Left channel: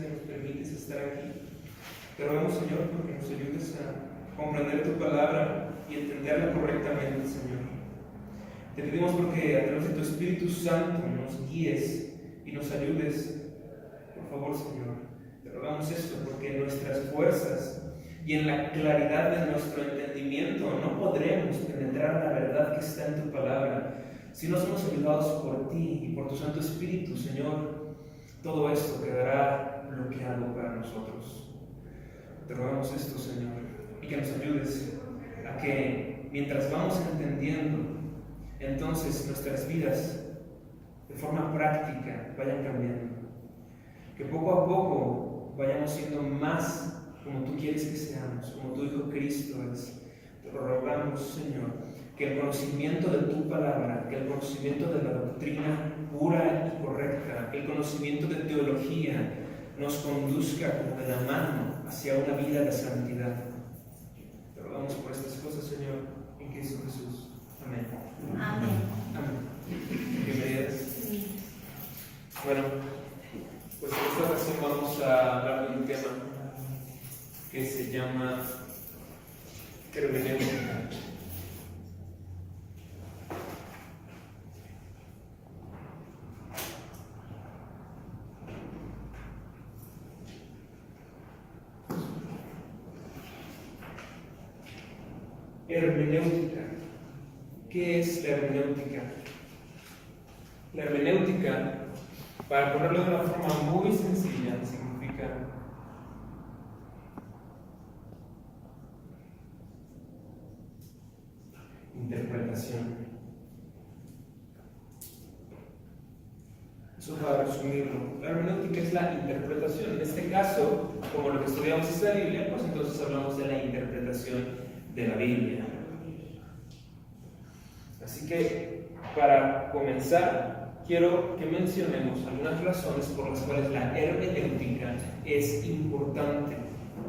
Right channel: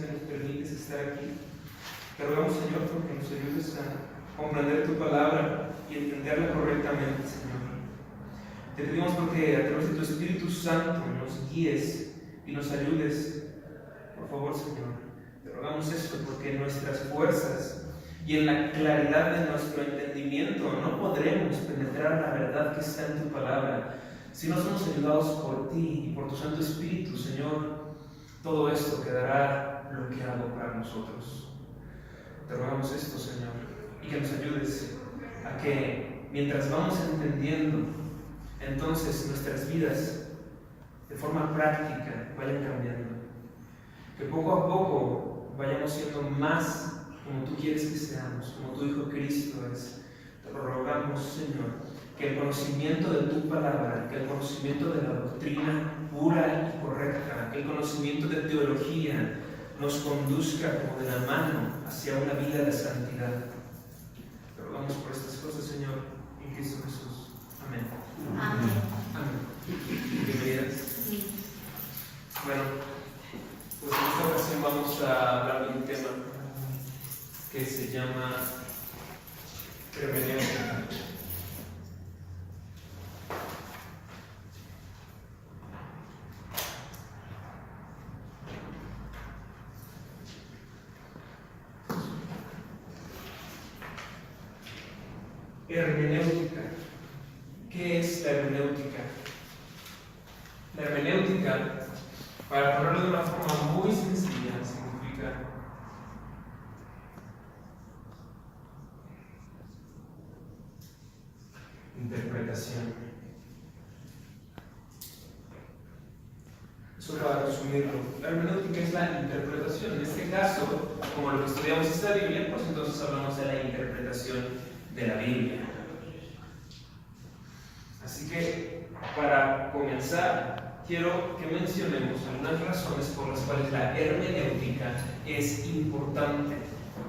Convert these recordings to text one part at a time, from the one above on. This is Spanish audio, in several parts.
que nos permites estar aquí. Te rogamos, Señor, porque nos ayudes a comprender tu palabra y entenderla correctamente, Señor. Te pedimos porque a través de tu Espíritu Santo nos guíes y nos ayudes, por favor, Señor. Te rogamos esto porque en nuestras fuerzas y en la claridad de nuestro entendimiento no podremos penetrar la verdad que está en tu palabra. Si no somos ayudados por ti y por tu Santo Espíritu, Señor, todo esto quedará bloqueado para nosotros. Te rogamos esto, Señor, y que nos ayudes a que mientras vamos entendiendo, entonces nuestras vidas de forma práctica vayan cambiando. Que poco a poco vayamos siendo más como tú quieres que seamos, como tu Hijo Cristo es. Te rogamos, Señor, que el conocimiento de tu palabra, que el conocimiento de la doctrina pura y correcta, que el conocimiento de teología nos conduzca como de la mano hacia una vida de santidad. Te rogamos por estas cosas, Señor, en Cristo Jesús. Amén. Amén. Amén. Bienvenidas. Sí. Bueno, pues en esta ocasión vamos a hablar de un tema que se llama hermenéutica. Hermenéutica. ¿Qué es la hermenéutica? La hermenéutica, para ponerlo de una forma muy sencilla, significa interpretación. Eso para resumirlo. La hermenéutica es la interpretación. En este caso, como lo que estudiamos es la Biblia, pues entonces hablamos de la interpretación de la Biblia. Así que, para comenzar, quiero que mencionemos algunas razones por las cuales la hermenéutica es importante,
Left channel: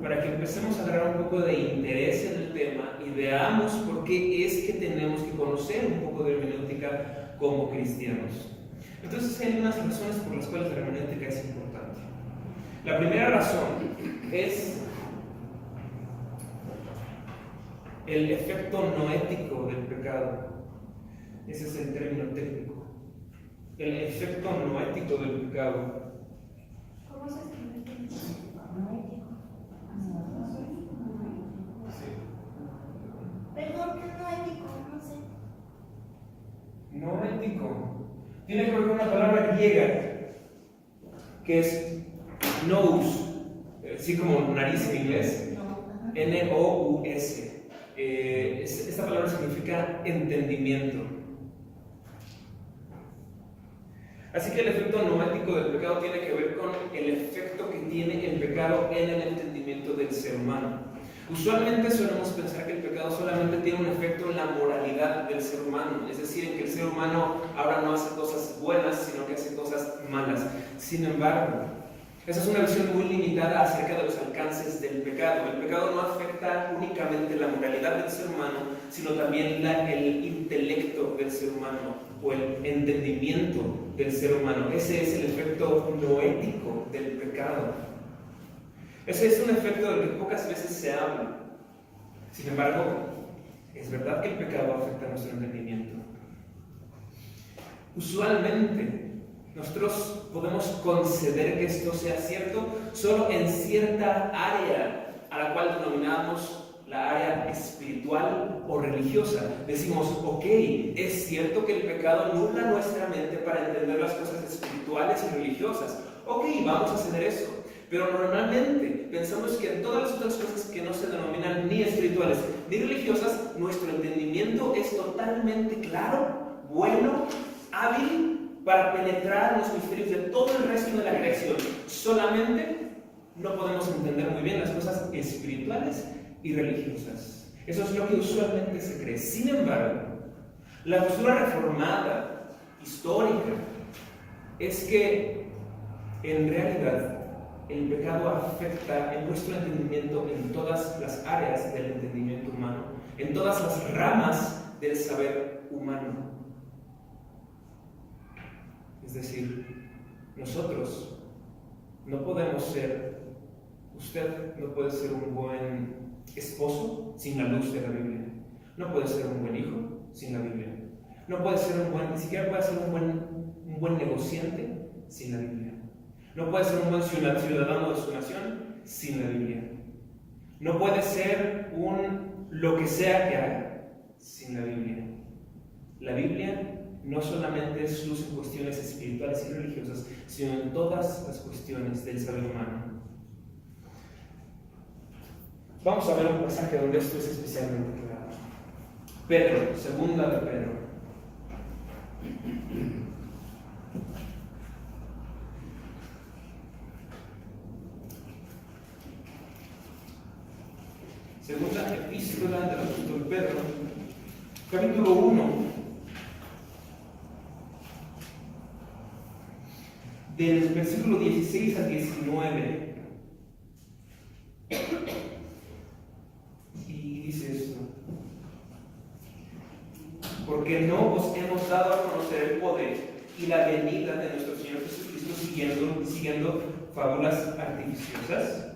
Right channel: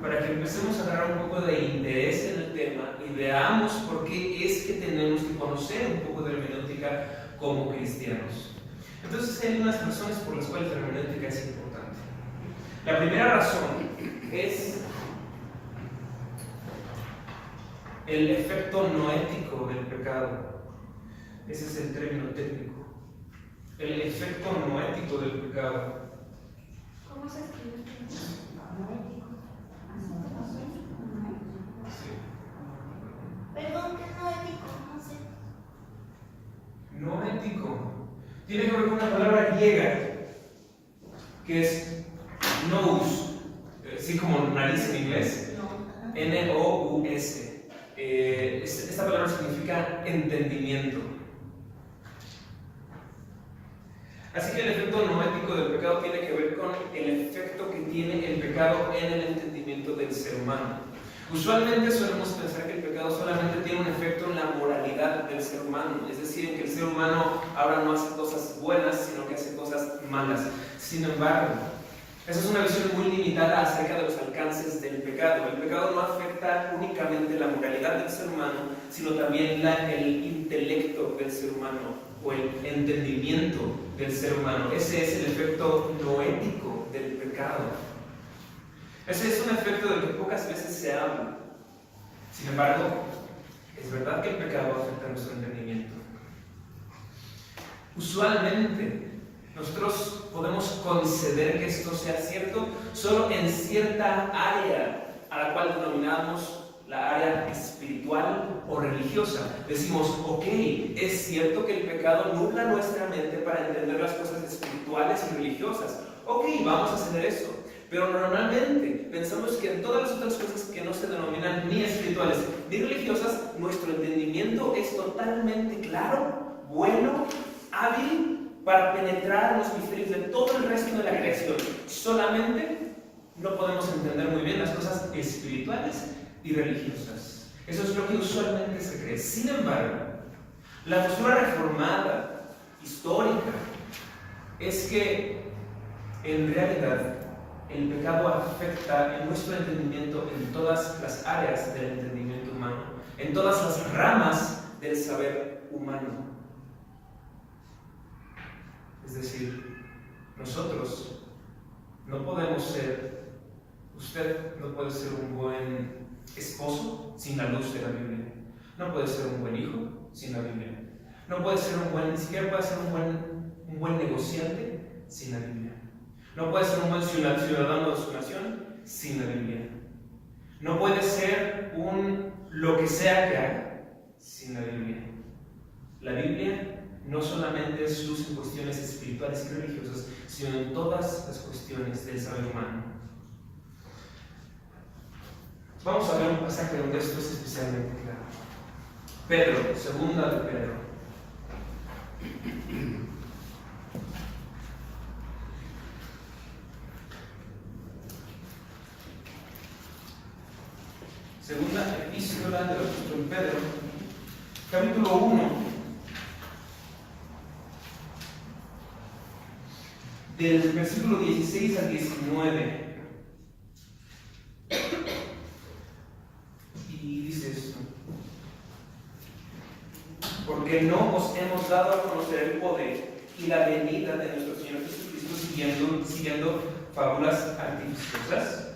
para que empecemos a agarrar un poco de interés en el tema y veamos por qué es que tenemos que conocer un poco de hermenéutica como cristianos. Entonces, hay unas razones por las cuales la hermenéutica es importante. La primera razón es el efecto noético del pecado. Ese es el término técnico. El efecto noético del pecado. ¿Cómo se escribe? Sí. Perdón, ¿qué es noético? No sé. Noético. Tiene que ver con una palabra griega que es nous, así como nariz en inglés. N-O-U-S. Esta palabra significa entendimiento. Así que el efecto noético del pecado tiene que ver con el efecto que tiene el pecado en el entendimiento del ser humano. Usualmente solemos pensar que el pecado solamente tiene un efecto en la moralidad del ser humano, es decir, que el ser humano ahora no hace cosas buenas, sino que hace cosas malas. Sin embargo, esa es una visión muy limitada acerca de los alcances del pecado. El pecado no afecta únicamente la moralidad del ser humano, sino también el intelecto del ser humano o el entendimiento del ser humano. Ese es el efecto noético del pecado. Ese es un efecto del que pocas veces se habla. Sin embargo, es verdad que el pecado afecta a nuestro entendimiento. Usualmente, nosotros podemos conceder que esto sea cierto solo en cierta área a la cual denominamos la área espiritual o religiosa. Decimos, ok, es cierto que el pecado nubla nuestra mente para entender las cosas espirituales y religiosas. Ok, vamos a hacer eso. Pero normalmente pensamos que en todas las otras cosas que no se denominan ni espirituales ni religiosas, nuestro entendimiento es totalmente claro, bueno, hábil para penetrar en los misterios de todo el resto de la creación. Solamente no podemos entender muy bien las cosas espirituales y religiosas. Eso es lo que usualmente se cree. Sin embargo, la postura reformada, histórica, es que en realidad el pecado afecta en nuestro entendimiento en todas las áreas del entendimiento humano, en todas las ramas del saber humano. Es decir, nosotros Usted no puede ser un buen esposo sin la luz de la Biblia. No puede ser un buen hijo sin la Biblia. No puede ser ni siquiera puede ser un buen negociante sin la Biblia. No puede ser un buen ciudadano de su nación sin la Biblia. No puede ser lo que sea que haga sin la Biblia. La Biblia no solamente es luz en cuestiones espirituales y religiosas, sino en todas las cuestiones del saber humano. Vamos a ver un pasaje donde esto es especialmente claro. Pedro, segunda de Pedro. Segunda epístola del apóstol Pedro, capítulo 1, del versículo 16 al 19. Y dice esto: porque no os hemos dado a conocer el poder y la venida de nuestro Señor Jesucristo siguiendo fábulas artificiosas,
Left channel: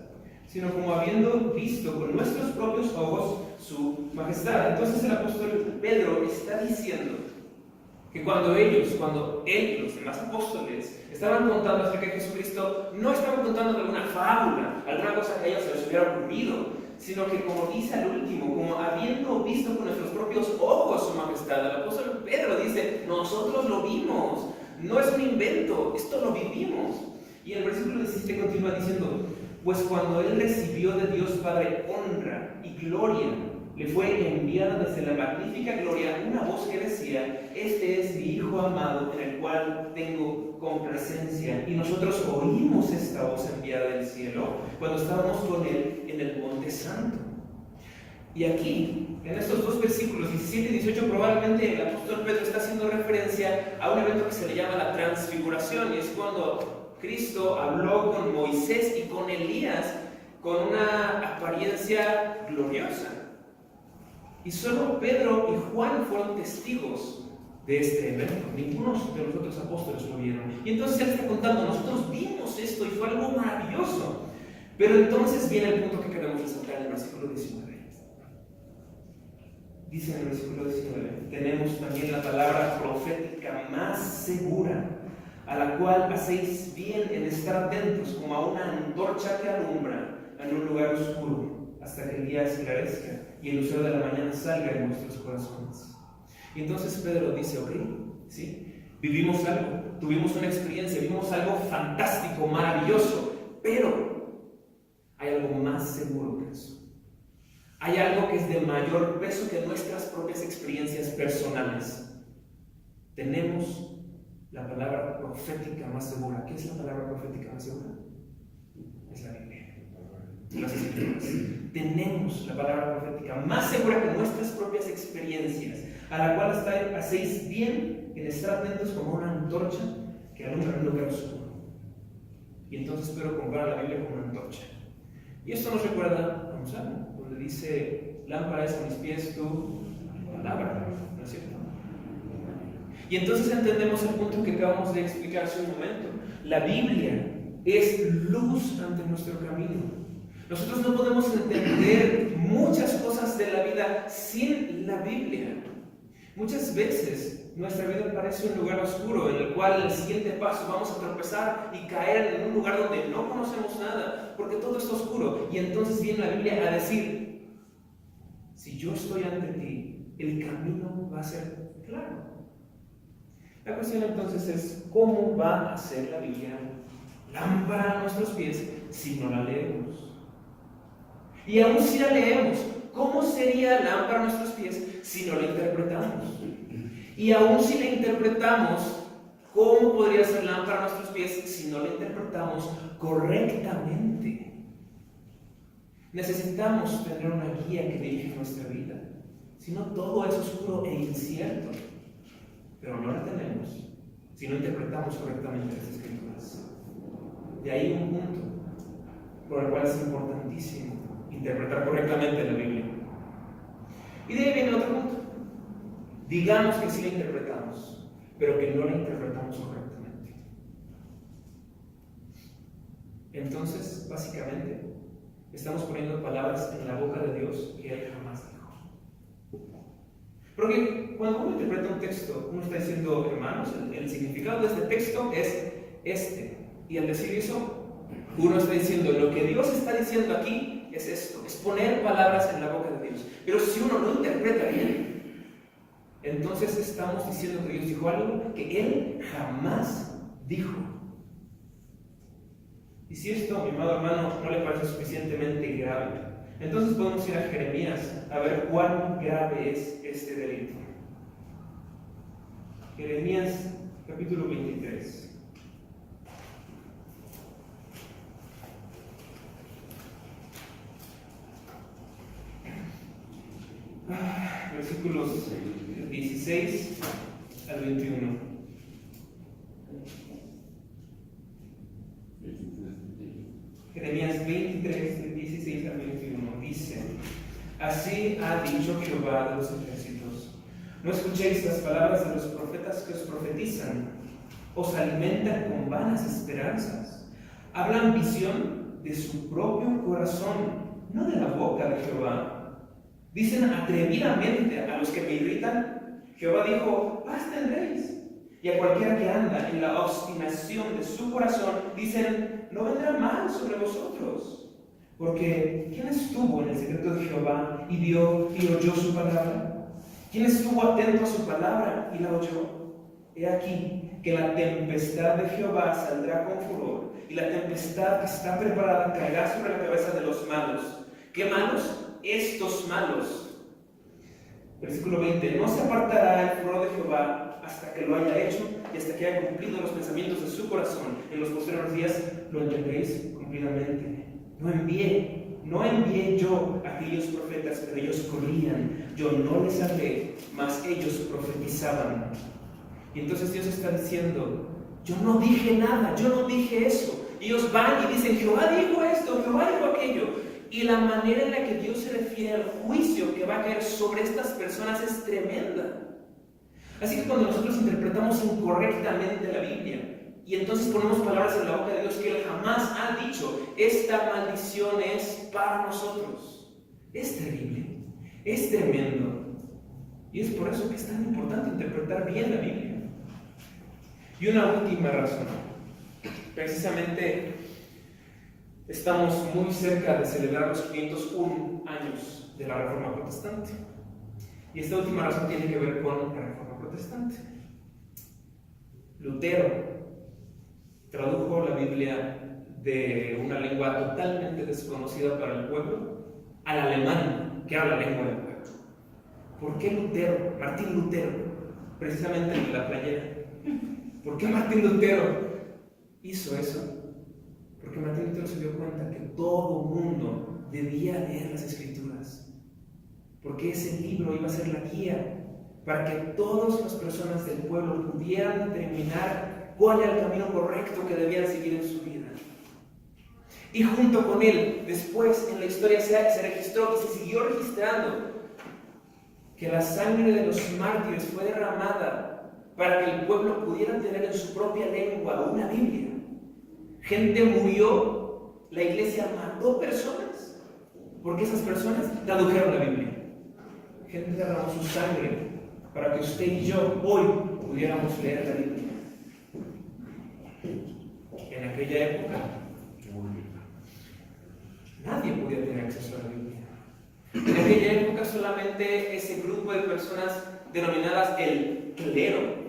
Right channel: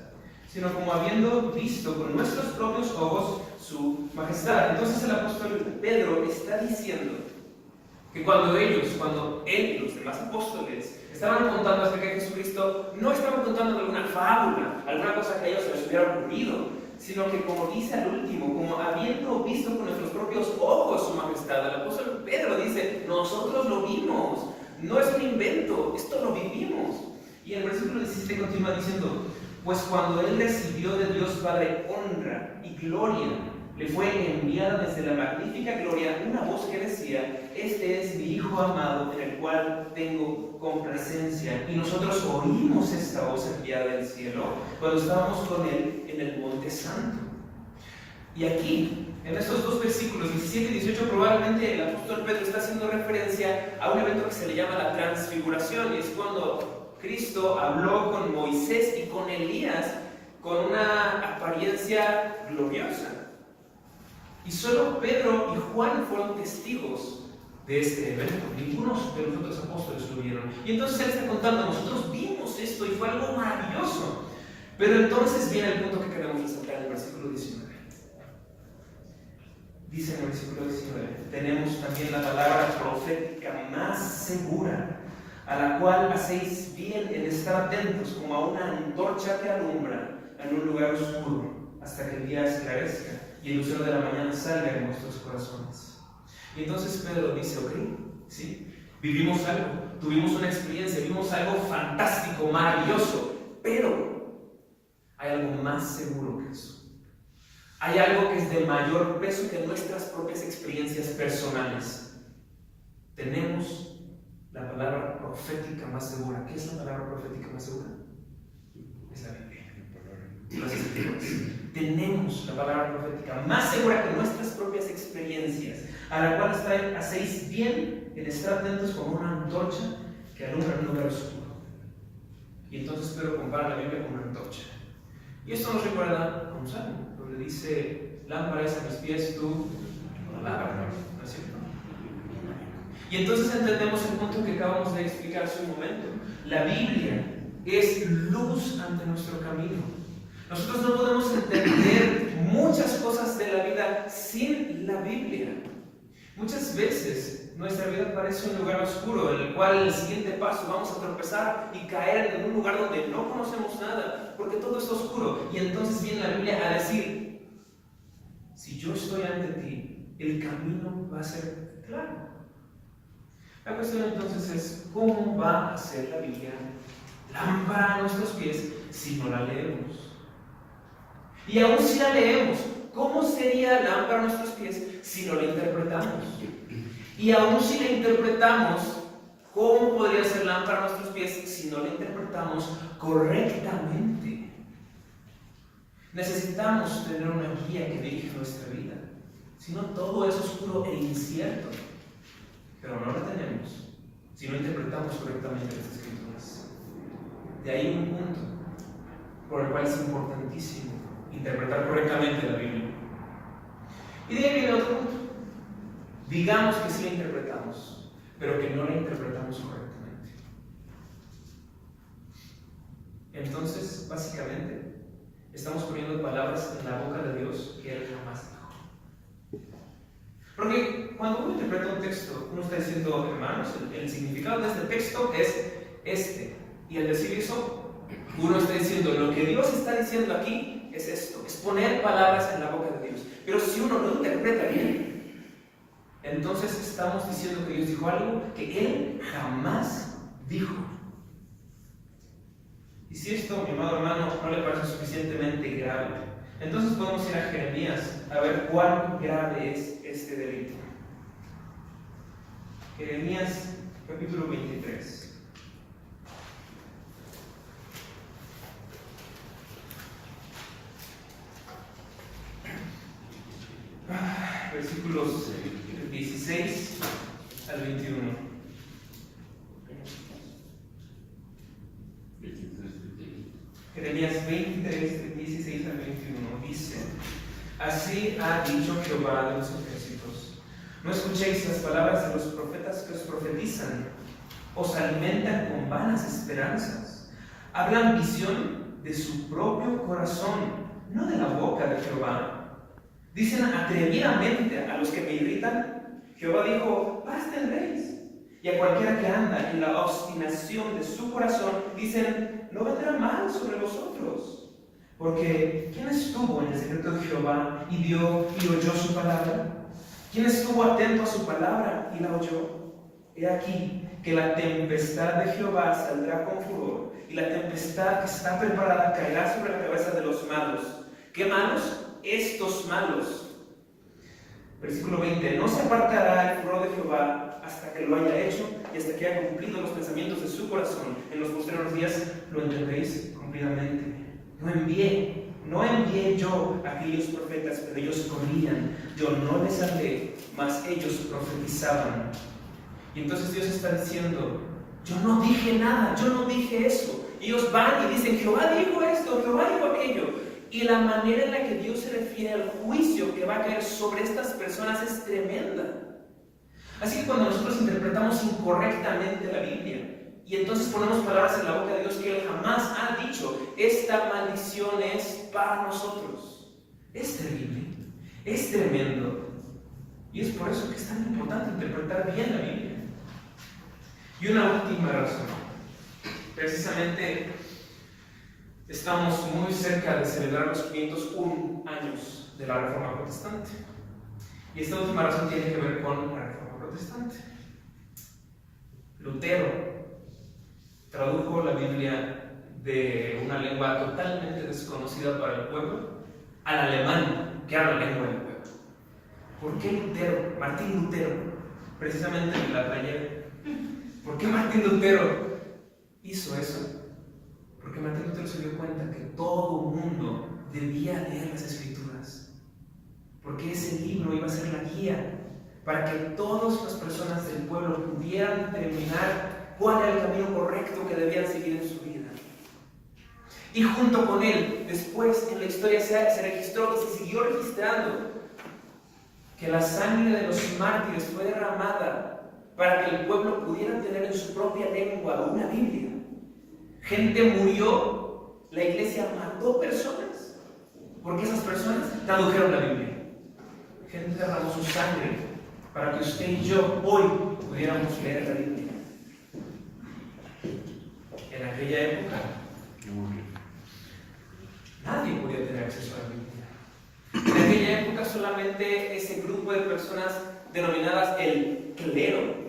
sino como habiendo visto con nuestros propios ojos su majestad. Entonces el apóstol Pedro está diciendo que cuando ellos, los demás apóstoles, estaban contando acerca de Jesucristo, no estaban contando alguna fábula, alguna cosa que a ellos se les hubiera ocurrido, sino que, como dice al último, como habiendo visto con nuestros propios ojos su majestad. El apóstol Pedro dice: nosotros lo vimos, no es un invento, esto lo vivimos. Y el versículo 17 continúa diciendo: pues cuando él recibió de Dios Padre honra y gloria, le fue enviada desde la magnífica gloria una voz que decía: este es mi Hijo amado, en el cual tengo complacencia. Y nosotros oímos esta voz enviada del cielo cuando estábamos con él en el Monte Santo. Y aquí, en estos dos versículos 17 y 18, probablemente el apóstol Pedro está haciendo referencia a un evento que se le llama la transfiguración, y es cuando Cristo habló con Moisés y con Elías con una apariencia gloriosa. Y solo Pedro y Juan fueron testigos de este evento. Ninguno de los otros apóstoles lo vieron. Y entonces él está contando: nosotros vimos esto y fue algo maravilloso. Pero entonces viene el punto que queremos resaltar en el versículo 19. Dice en el versículo 19: tenemos también la palabra profética más segura, a la cual hacéis bien en estar atentos como a una antorcha que alumbra en un lugar oscuro, hasta que el día esclarezca y el lucero de la mañana salga en nuestros corazones. Y entonces Pedro dice: ok, ¿sí? Vivimos algo, tuvimos una experiencia, vimos algo fantástico, maravilloso, pero hay algo más seguro que eso. Hay algo que es de mayor peso que nuestras propias experiencias personales. Tenemos la palabra profética más segura. ¿Qué es la palabra profética más segura? Es la Biblia. Las Escrituras. Tenemos la palabra profética más segura que nuestras propias experiencias, a la cual hacéis bien en estar atentos como una antorcha que alumbra en un lugar oscuro. Y entonces Pedro compara la Biblia con una antorcha. Y esto nos recuerda a un salmo, donde dice: lámpara es a mis pies tu palabra, ¿no es cierto? Y entonces entendemos el punto que acabamos de explicar hace un momento. La Biblia es luz ante nuestro camino. Nosotros no podemos entender muchas cosas de la vida sin la Biblia. Muchas veces nuestra vida parece un lugar oscuro en el cual el siguiente paso vamos a tropezar y caer en un lugar donde no conocemos nada, porque todo está oscuro. Y entonces viene la Biblia a decir: si yo estoy ante ti, el camino va a ser claro. La cuestión entonces es: ¿cómo va a ser la Biblia lámpara a nuestros pies si no la leemos? Y aún si la leemos, ¿cómo sería lámpara a nuestros pies si no la interpretamos? Y aún si la interpretamos, ¿cómo podría ser lámpara a nuestros pies si no la interpretamos correctamente? Necesitamos tener una guía que dirija nuestra vida. Si no, todo es oscuro e incierto. Pero no la tenemos si no interpretamos correctamente las Escrituras. De ahí un punto por el cual es importantísimo interpretar correctamente la Biblia. Y de ahí viene otro punto. Digamos que sí la interpretamos, pero que no la interpretamos correctamente. entonces, básicamente, estamos poniendo palabras en la boca de Dios que Él jamás dijo. Porque cuando uno interpreta un texto, uno está diciendo, hermanos, el significado de este texto es este. Y al decir eso, uno está diciendo, lo que Dios está diciendo aquí es esto, es poner palabras en la boca de Dios. Pero si uno no interpreta bien, entonces estamos diciendo que Dios dijo algo que Él jamás dijo. Y si esto, mi amado hermano, no le parece suficientemente grave, entonces podemos ir a Jeremías a ver cuán grave es este delito. Jeremías capítulo 23. Versículos 16 al 21. Jeremías 23, de 16 al 21, dice: Así ha dicho Jehová de los ejércitos: No escuchéis las palabras de los profetas que os profetizan, os alimentan con vanas esperanzas, hablan visión de su propio corazón, no de la boca de Jehová. Dicen atrevidamente a los que me irritan: Jehová dijo, paz tendréis. Y a cualquiera que anda en la obstinación de su corazón, dicen, no vendrá mal sobre vosotros. Porque ¿quién estuvo en el secreto de Jehová y vio y oyó su palabra? ¿Quién estuvo atento a su palabra y la oyó? He aquí que la tempestad de Jehová saldrá con furor, y la tempestad que está preparada caerá sobre la cabeza de los malos. ¿Qué malos? Estos malos. Versículo 20: No se apartará el furor de Jehová hasta que lo haya hecho y hasta que haya cumplido los pensamientos de su corazón. En los posteriores días lo entenderéis cumplidamente. No envié yo a aquellos profetas, pero ellos corrían. Yo no les hablé, mas ellos profetizaban. Y entonces Dios está diciendo, yo no dije nada, yo no dije eso. Y ellos van y dicen, Jehová dijo esto, Jehová dijo aquello. Y la manera en la que Dios se refiere al juicio que va a caer sobre estas personas es tremenda. Así que cuando nosotros interpretamos incorrectamente la Biblia y entonces ponemos palabras en la boca de Dios que Él jamás ha dicho, esta maldición es para nosotros. Es terrible, es tremendo. Y es por eso que es tan importante interpretar bien la Biblia. Y una última razón. Precisamente estamos muy cerca de celebrar los 501 años de la Reforma Protestante. Y esta última razón tiene que ver con la Reforma Protestante. Lutero tradujo la Biblia de una lengua totalmente desconocida para el pueblo al alemán, que habla la lengua del pueblo. ¿Por qué Lutero, Martín Lutero, precisamente en la playera? ¿Por qué Martín Lutero hizo eso? Porque Martín Lutero se dio cuenta que todo mundo debía leer las Escrituras. Porque ese libro iba a ser la guía para que todas las personas del pueblo pudieran determinar cuál era el camino correcto que debían seguir en su vida. Y junto con él, después en la historia se registró y se siguió registrando que la sangre de los mártires fue derramada para que el pueblo pudiera tener en su propia lengua una Biblia. Gente murió, la iglesia mató personas, porque esas personas tradujeron la Biblia. Gente derramó su sangre para que usted y yo hoy pudiéramos leer la Biblia. En aquella época, nadie podía tener acceso a la Biblia. En aquella época solamente ese grupo de personas denominadas el clero,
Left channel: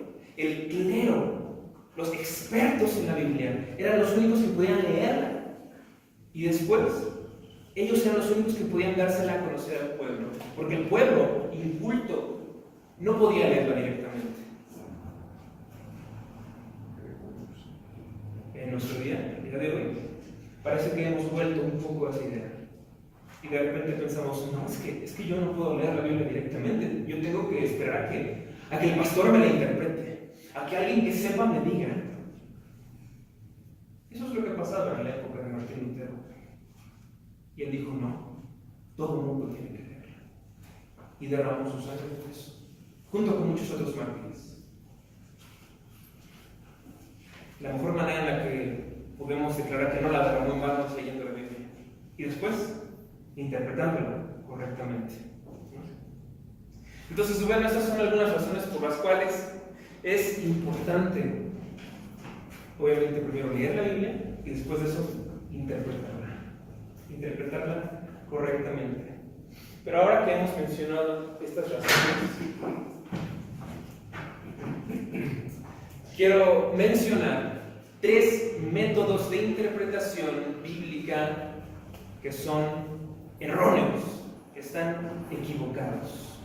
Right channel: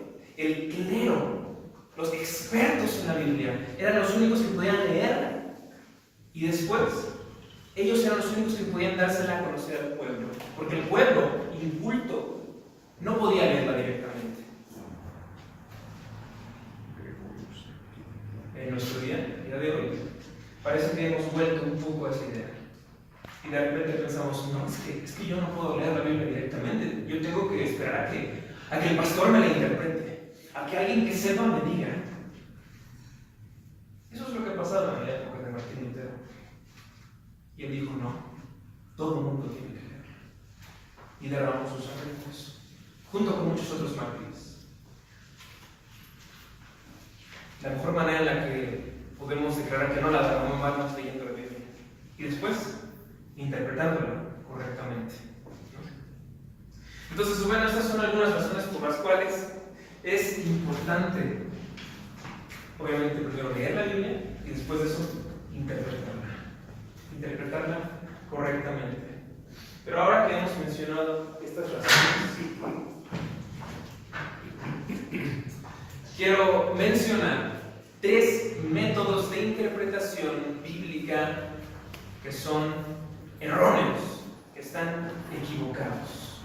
los expertos en la Biblia, eran los únicos que podían leerla. Y después, ellos eran los únicos que podían dársela a conocer al pueblo, porque el pueblo, inculto, no podía leerla directamente. En nuestro día de hoy, parece que hemos vuelto un poco a esa idea. Y de repente pensamos, no, es que yo no puedo leer la Biblia directamente, yo tengo que esperar a que el pastor me la interprete, a que alguien que sepa me diga. Eso es lo que pasaba en la época de Martín Lutero. Y él dijo, no, todo el mundo tiene que leerla. Y derramó su sangre por eso, junto con muchos otros mártires. La mejor manera en la que podemos declarar que no la derramó leyendo la Biblia. Y después, interpretándola correctamente, ¿no? Entonces, bueno, estas son algunas razones por las cuales es importante, obviamente, primero leer la Biblia y después de eso, interpretarla correctamente. Pero ahora que hemos mencionado estas razones, quiero mencionar 3 métodos de interpretación bíblica que son erróneos, que están equivocados.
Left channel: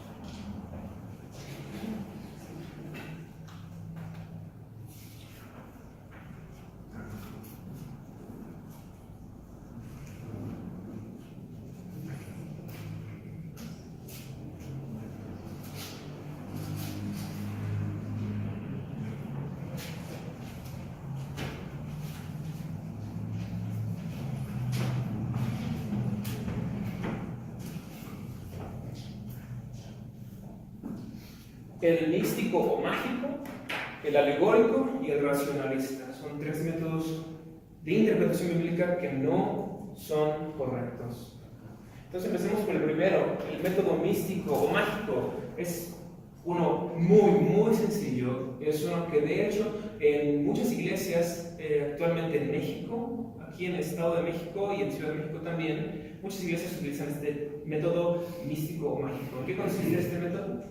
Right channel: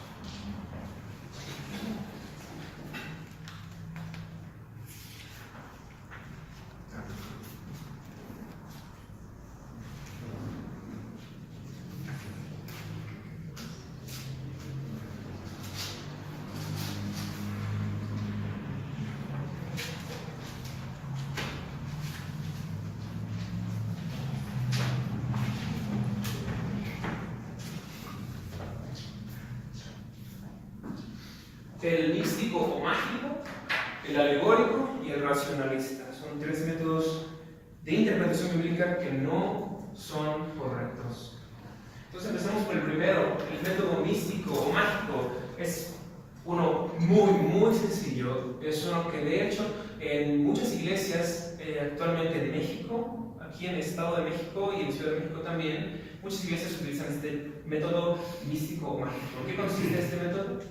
El místico o mágico, el alegórico y el racionalista. Son 3 métodos de interpretación bíblica que no son correctos. Entonces empecemos por el primero, el método místico o mágico. Es uno muy sencillo. Es uno que de hecho en muchas iglesias actualmente en México, aquí en el Estado de México y en Ciudad de México también, muchas iglesias utilizan este método místico o mágico. ¿En qué consiste este método?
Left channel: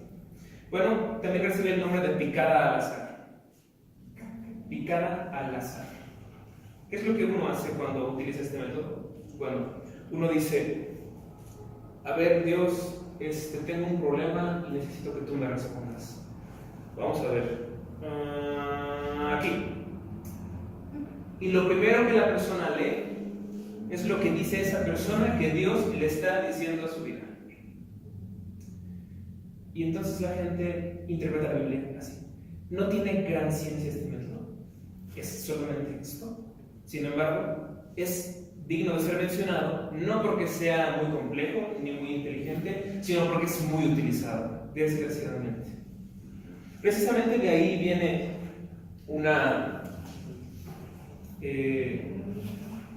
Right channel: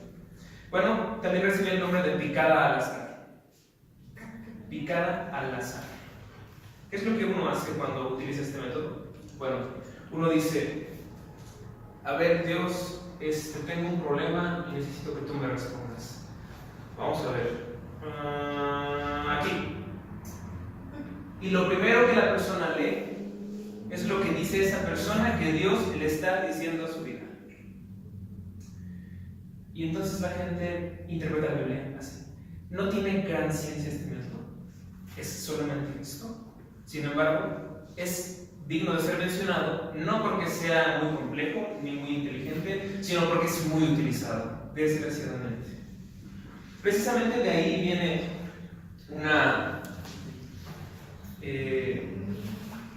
Bueno, también recibe el nombre de picada al azar. Picada al azar. ¿Qué es lo que uno hace cuando utiliza este método? Bueno, uno dice, a ver, Dios, tengo un problema y necesito que tú me respondas. Vamos a ver. Aquí. Y lo primero que la persona lee es lo que dice esa persona que Dios le está diciendo a su vida. Y entonces la gente interpreta la Biblia así. No tiene gran ciencia este método, es solamente esto. Sin embargo, es digno de ser mencionado, no porque sea muy complejo ni muy inteligente, sino porque es muy utilizado, desgraciadamente. Precisamente de ahí viene una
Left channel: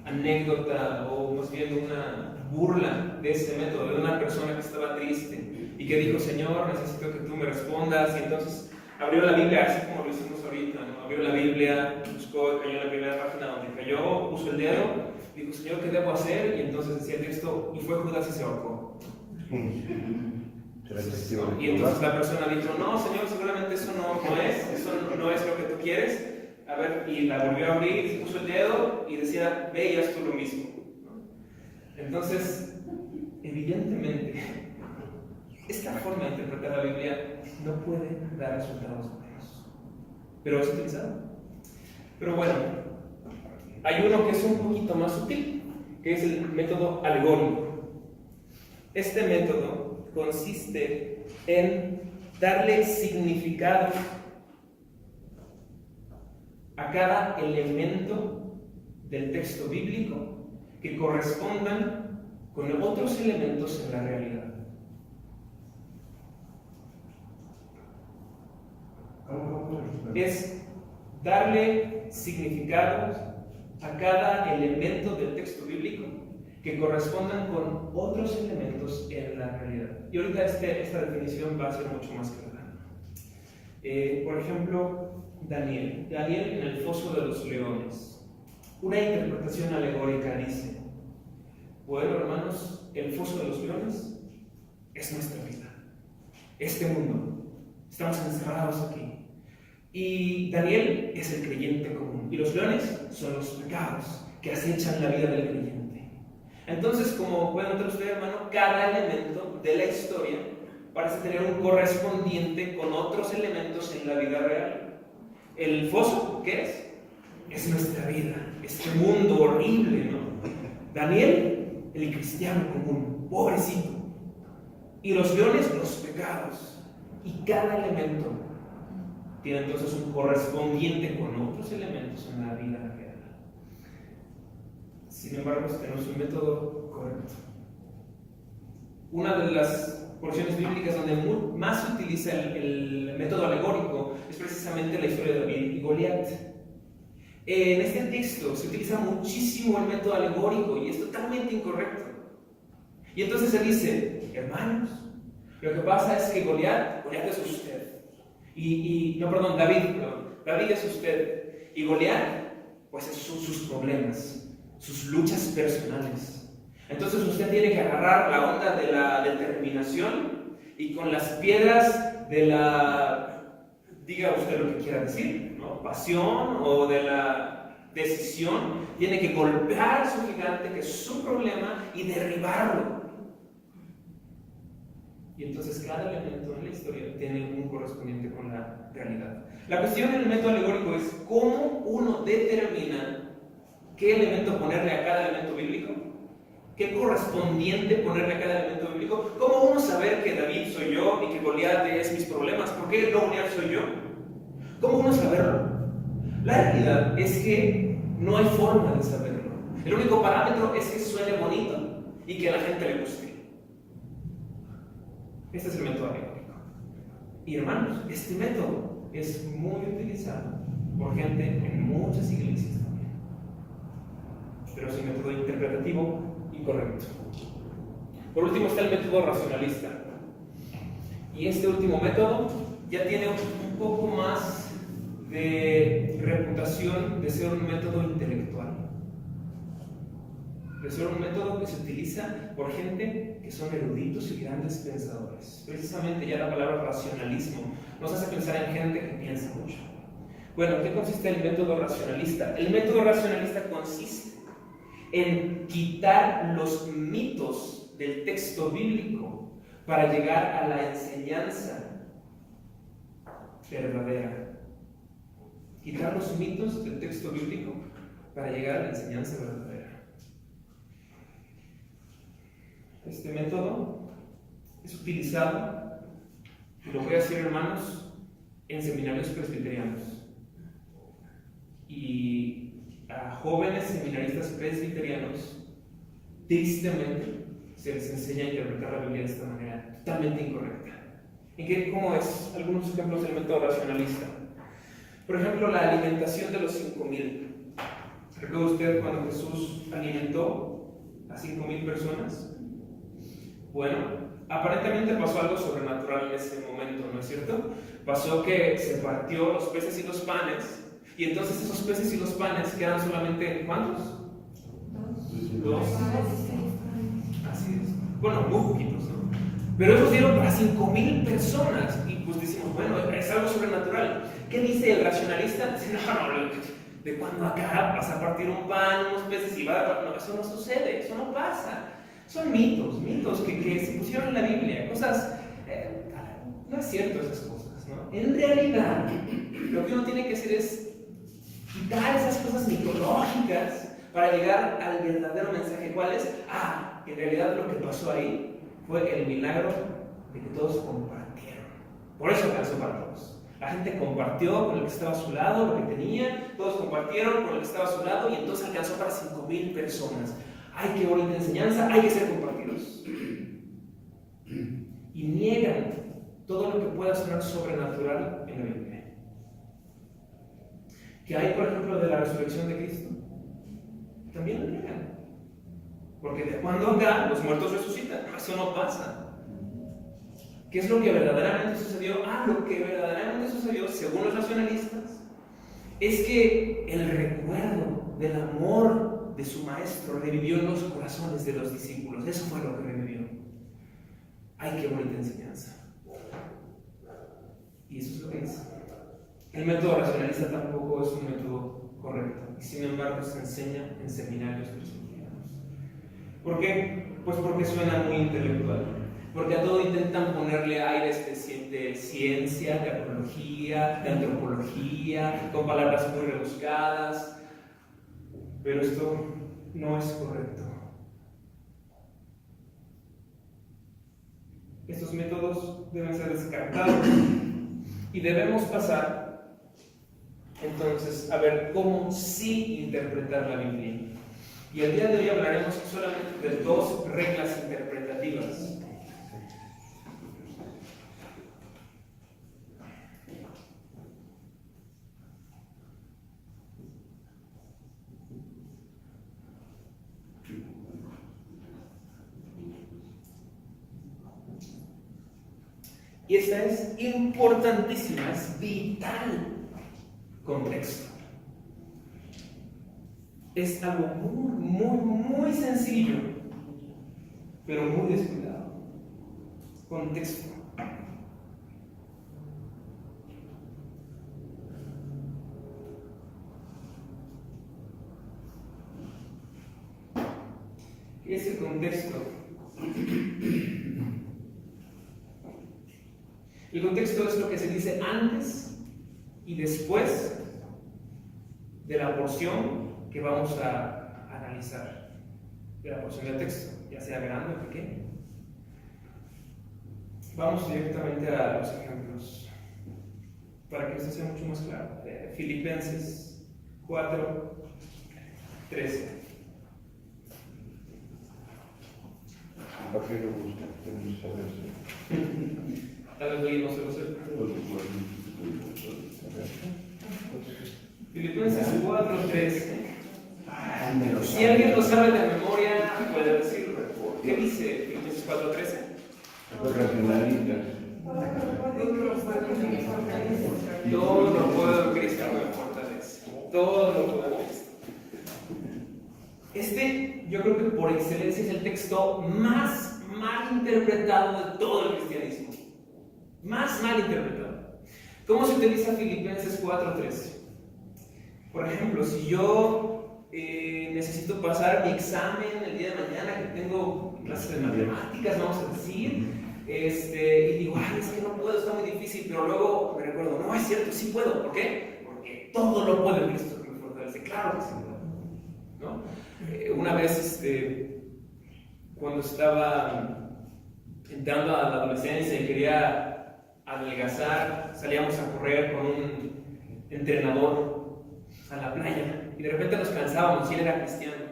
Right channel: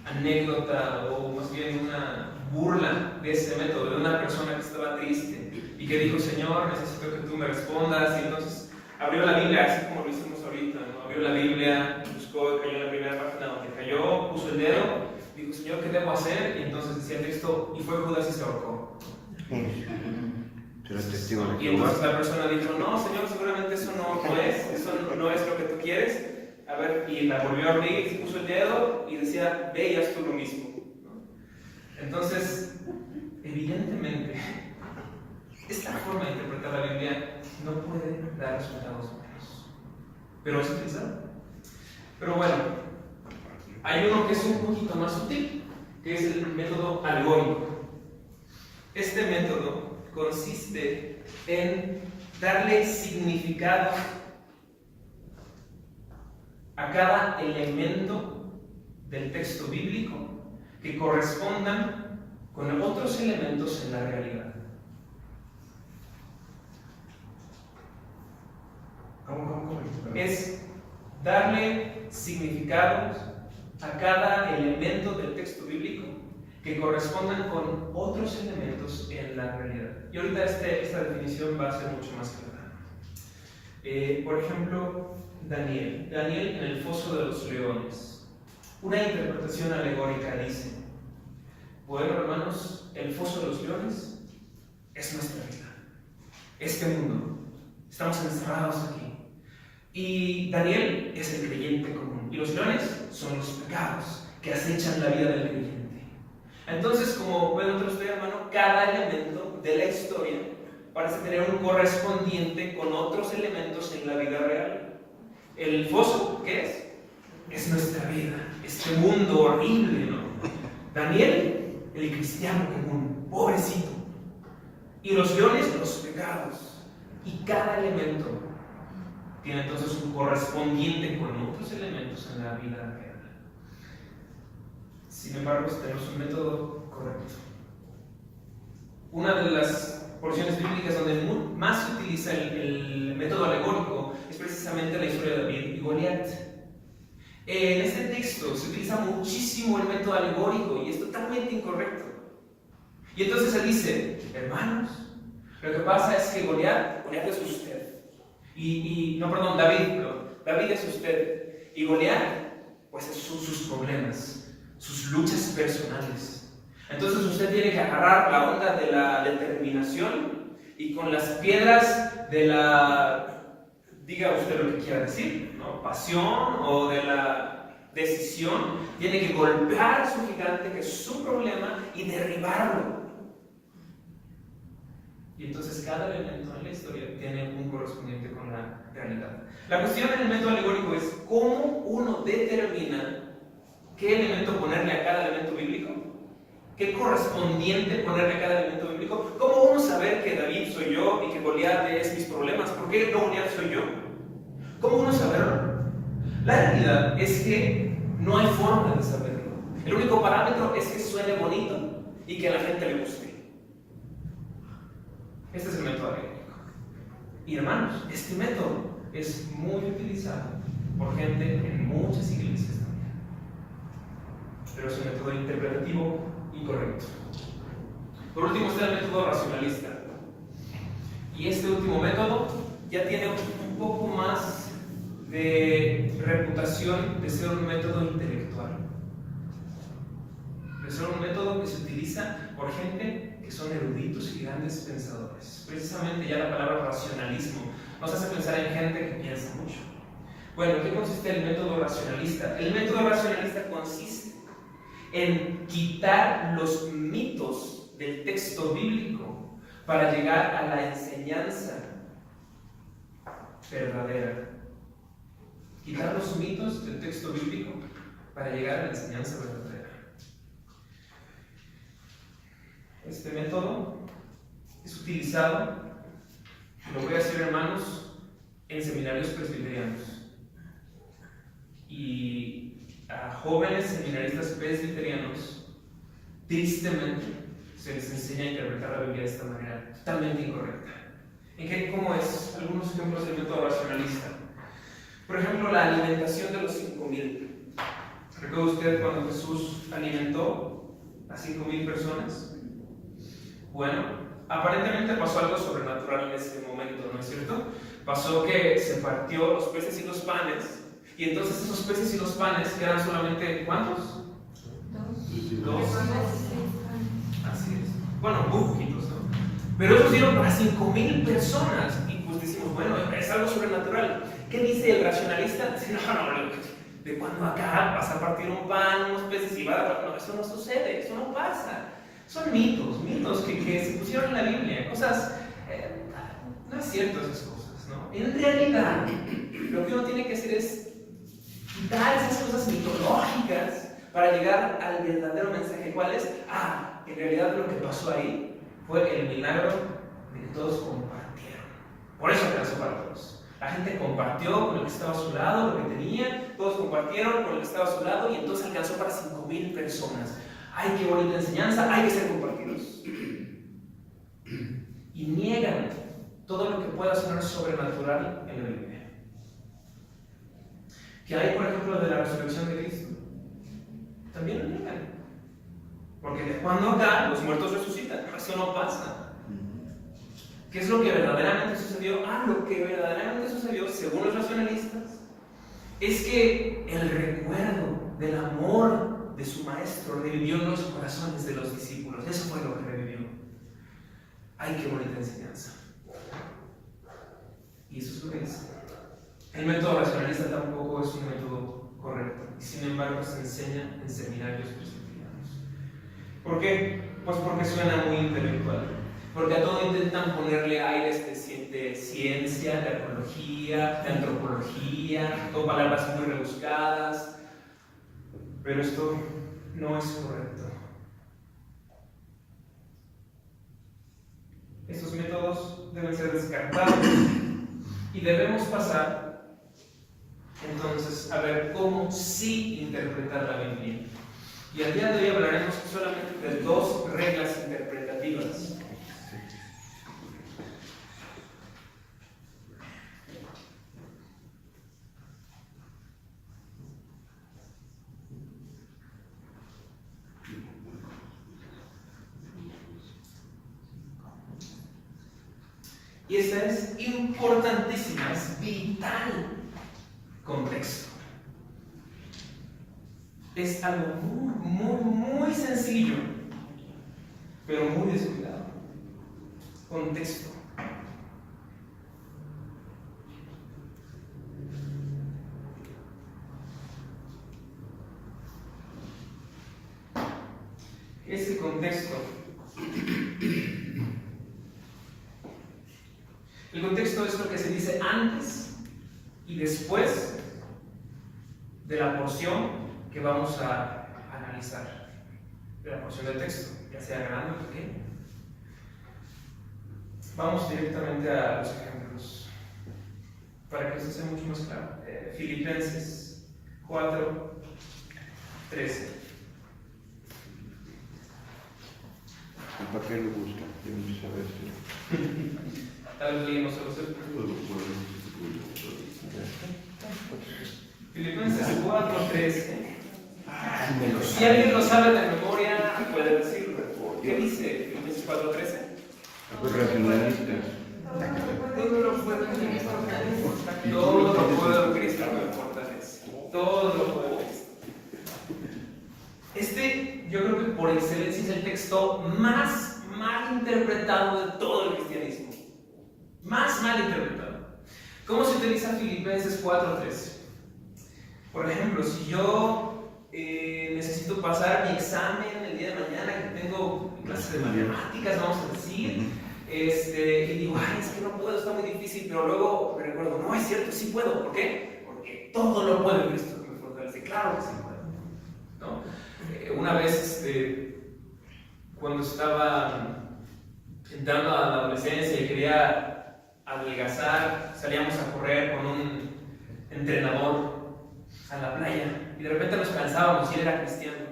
anécdota, o más bien una burla de ese método, de una persona que estaba triste y que dijo, Señor, necesito que tú me respondas. Y entonces abrió la Biblia, así como lo hicimos ahorita, ¿no? Abrió la Biblia, buscó y cayó en la primera página donde cayó, puso el dedo, dijo, Señor, ¿qué debo hacer? Y entonces decía el texto, y fue Judas y se ahorcó. Y entonces la persona dijo, no, Señor, seguramente eso no es lo que tú quieres. A ver, y la volvió a abrir, y puso el dedo y decía, ve y haz tú lo mismo, ¿no? Entonces, evidentemente, esta forma de interpretar la Biblia no puede dar resultados buenos, pero es utilizado. Pero bueno, hay uno que es un poquito más sutil, que es el método alegórico. Este método consiste en darle significado a cada elemento del texto bíblico que correspondan con otros elementos en la realidad. Es darle significados a cada elemento del texto bíblico que correspondan con otros elementos en la realidad. Y ahorita esta definición va a ser mucho más clara. Por ejemplo, Daniel en el foso de los leones. Una interpretación alegórica dice, bueno, hermanos, el foso de los leones es nuestra vida, este mundo, estamos encerrados aquí. Y Daniel es el creyente común, y los leones son los pecados que acechan la vida del creyente. Entonces, como pueden ustedes ver, hermano, cada elemento de la historia parece tener un correspondiente con otros elementos en la vida real. El foso, ¿qué es? Es nuestra vida, este mundo horrible, ¿no? Daniel, el cristiano común, pobrecito. Y los leones, los pecados. Y cada elemento tiene entonces un correspondiente con otros elementos en la vida real. Sin embargo, tenemos un método correcto. Una de las porciones bíblicas donde más se utiliza el método alegórico es precisamente la historia de David y Goliat. En este texto se utiliza muchísimo el método alegórico y es totalmente incorrecto. Y entonces se dice, hermanos, lo que pasa es que Goliat es usted. David es usted. Y Goliat, pues son sus problemas, sus luchas personales. Entonces usted tiene que agarrar la onda de la determinación y con las piedras de diga usted lo que quiera decir, ¿no? Pasión o de la decisión, tiene que golpear a su gigante, que es su problema, y derribarlo. Y entonces cada elemento en la historia tiene un correspondiente con la realidad. La cuestión en el método alegórico es cómo uno determina qué elemento ponerle a cada elemento bíblico, qué correspondiente ponerle a cada elemento bíblico, cómo uno saber que David soy yo y que Goliat es mis problemas, ¿por qué Goliat soy yo? ¿Cómo uno saberlo? La realidad es que no hay forma de saberlo. El único parámetro es que suene bonito y que a la gente le guste. Este es el método alegórico. Y hermanos, este método es muy utilizado por gente en muchas iglesias también. Pero es un método interpretativo y correcto. Por último está el método racionalista. Y este último método ya tiene un poco más de reputación de ser un método intelectual. De ser un método que se utiliza por gente que son eruditos y grandes pensadores. Precisamente ya la palabra racionalismo nos hace pensar en gente que piensa mucho. Bueno, ¿en qué consiste el método racionalista? El método racionalista consiste en quitar los mitos del texto bíblico para llegar a la enseñanza verdadera. Quitar los mitos del texto bíblico para llegar a la enseñanza verdadera. Este método es utilizado, y lo voy a decir, hermanos, en seminarios presbiterianos. Y a jóvenes seminaristas presbiterianos, tristemente, se les enseña a interpretar la Biblia de esta manera, totalmente incorrecta. ¿Cómo es? Algunos ejemplos del método racionalista. Por ejemplo, la alimentación de los 5,000. ¿Recuerda usted cuando Jesús alimentó a 5,000 personas? Bueno, aparentemente pasó algo sobrenatural en ese momento, ¿no es cierto? Pasó que se partió los peces y los panes, y entonces esos peces y los panes quedan solamente, ¿cuántos? Dos. Así es. Bueno, muy poquitos, ¿no? Pero esos dieron para 5,000 personas, y pues decimos, bueno, es algo sobrenatural. ¿Qué dice el racionalista? Dice, no, de cuando acá vas a partir un pan, unos peces y va a dar. No, eso no sucede, eso no pasa. Son mitos que se pusieron en la Biblia, cosas. No es cierto esas cosas, ¿no? En realidad, lo que uno tiene que hacer es quitar esas cosas mitológicas para llegar al verdadero mensaje. ¿Cuál es? En realidad lo que pasó ahí fue el milagro de que todos compartieron. Por eso alcanzó para todos. La gente compartió con el que estaba a su lado, lo que tenía, todos compartieron con el que estaba a su lado y entonces alcanzó para 5,000 personas. ¡Ay, qué bonita enseñanza! Hay que ser compartidos. Y niegan todo lo que pueda sonar sobrenatural en la Biblia. ¿Qué hay, por ejemplo, de la resurrección de Cristo? También lo niegan. Porque de cuando acá los muertos resucitan. Eso no pasa. ¿Qué es lo que verdaderamente sucedió? Lo que verdaderamente sucedió, según los racionalistas, es que el recuerdo del amor de su maestro revivió en los corazones de los discípulos. Eso fue lo que revivió. ¡Ay, qué bonita enseñanza! Y eso es lo que es. El método racionalista tampoco es un método correcto, y sin embargo se enseña en seminarios presbiterianos. ¿Por qué? Pues porque suena muy intelectual. Porque a todo intentan ponerle aires de ciencia, de arqueología, de antropología, con palabras muy rebuscadas. Pero esto no es correcto. Estos métodos deben ser descartados y debemos pasar entonces a ver cómo sí interpretar la Biblia. Y el día de hoy hablaremos solamente de 2 reglas interpretativas. Y esta es importantísima, es vital. Contexto. Es algo muy sencillo, pero muy descuidado. Contexto. ¿Qué es el contexto? El contexto es lo que se dice antes y después de la porción que vamos a analizar, de la porción del texto, ya sea grande o pequeña. Vamos directamente a los ejemplos para que esto sea mucho más claro. Filipenses 4:13. ¿Para qué lo buscan? Queremos saber si Tal vez hoy no se lo sepa. Filipenses 4:13. Si alguien lo sabe de memoria, puede decirlo. ¿Qué dice Filipenses 4:13? racionalistas. Todo lo puedo en Cristo que me fortalece. Todo lo puedo en Cristo. Yo creo que por excelencia es el texto más mal interpretado de todo el cristianismo. Más mal interpretado. ¿Cómo se utiliza Filipenses 4:13? Por ejemplo, si yo necesito pasar mi examen el día de mañana, que tengo clases de matemáticas, vamos a decir, y digo, ay, es que no puedo, está muy difícil, pero luego me recuerdo, no, es cierto, sí puedo. ¿Por qué? Porque todo lo puedo en Cristo que me fortalece. Claro que sí puedo, ¿no? Una vez, cuando estaba entrando a la adolescencia y quería adelgazar, salíamos a correr con un entrenador a la playa y de repente nos cansábamos y él era cristiano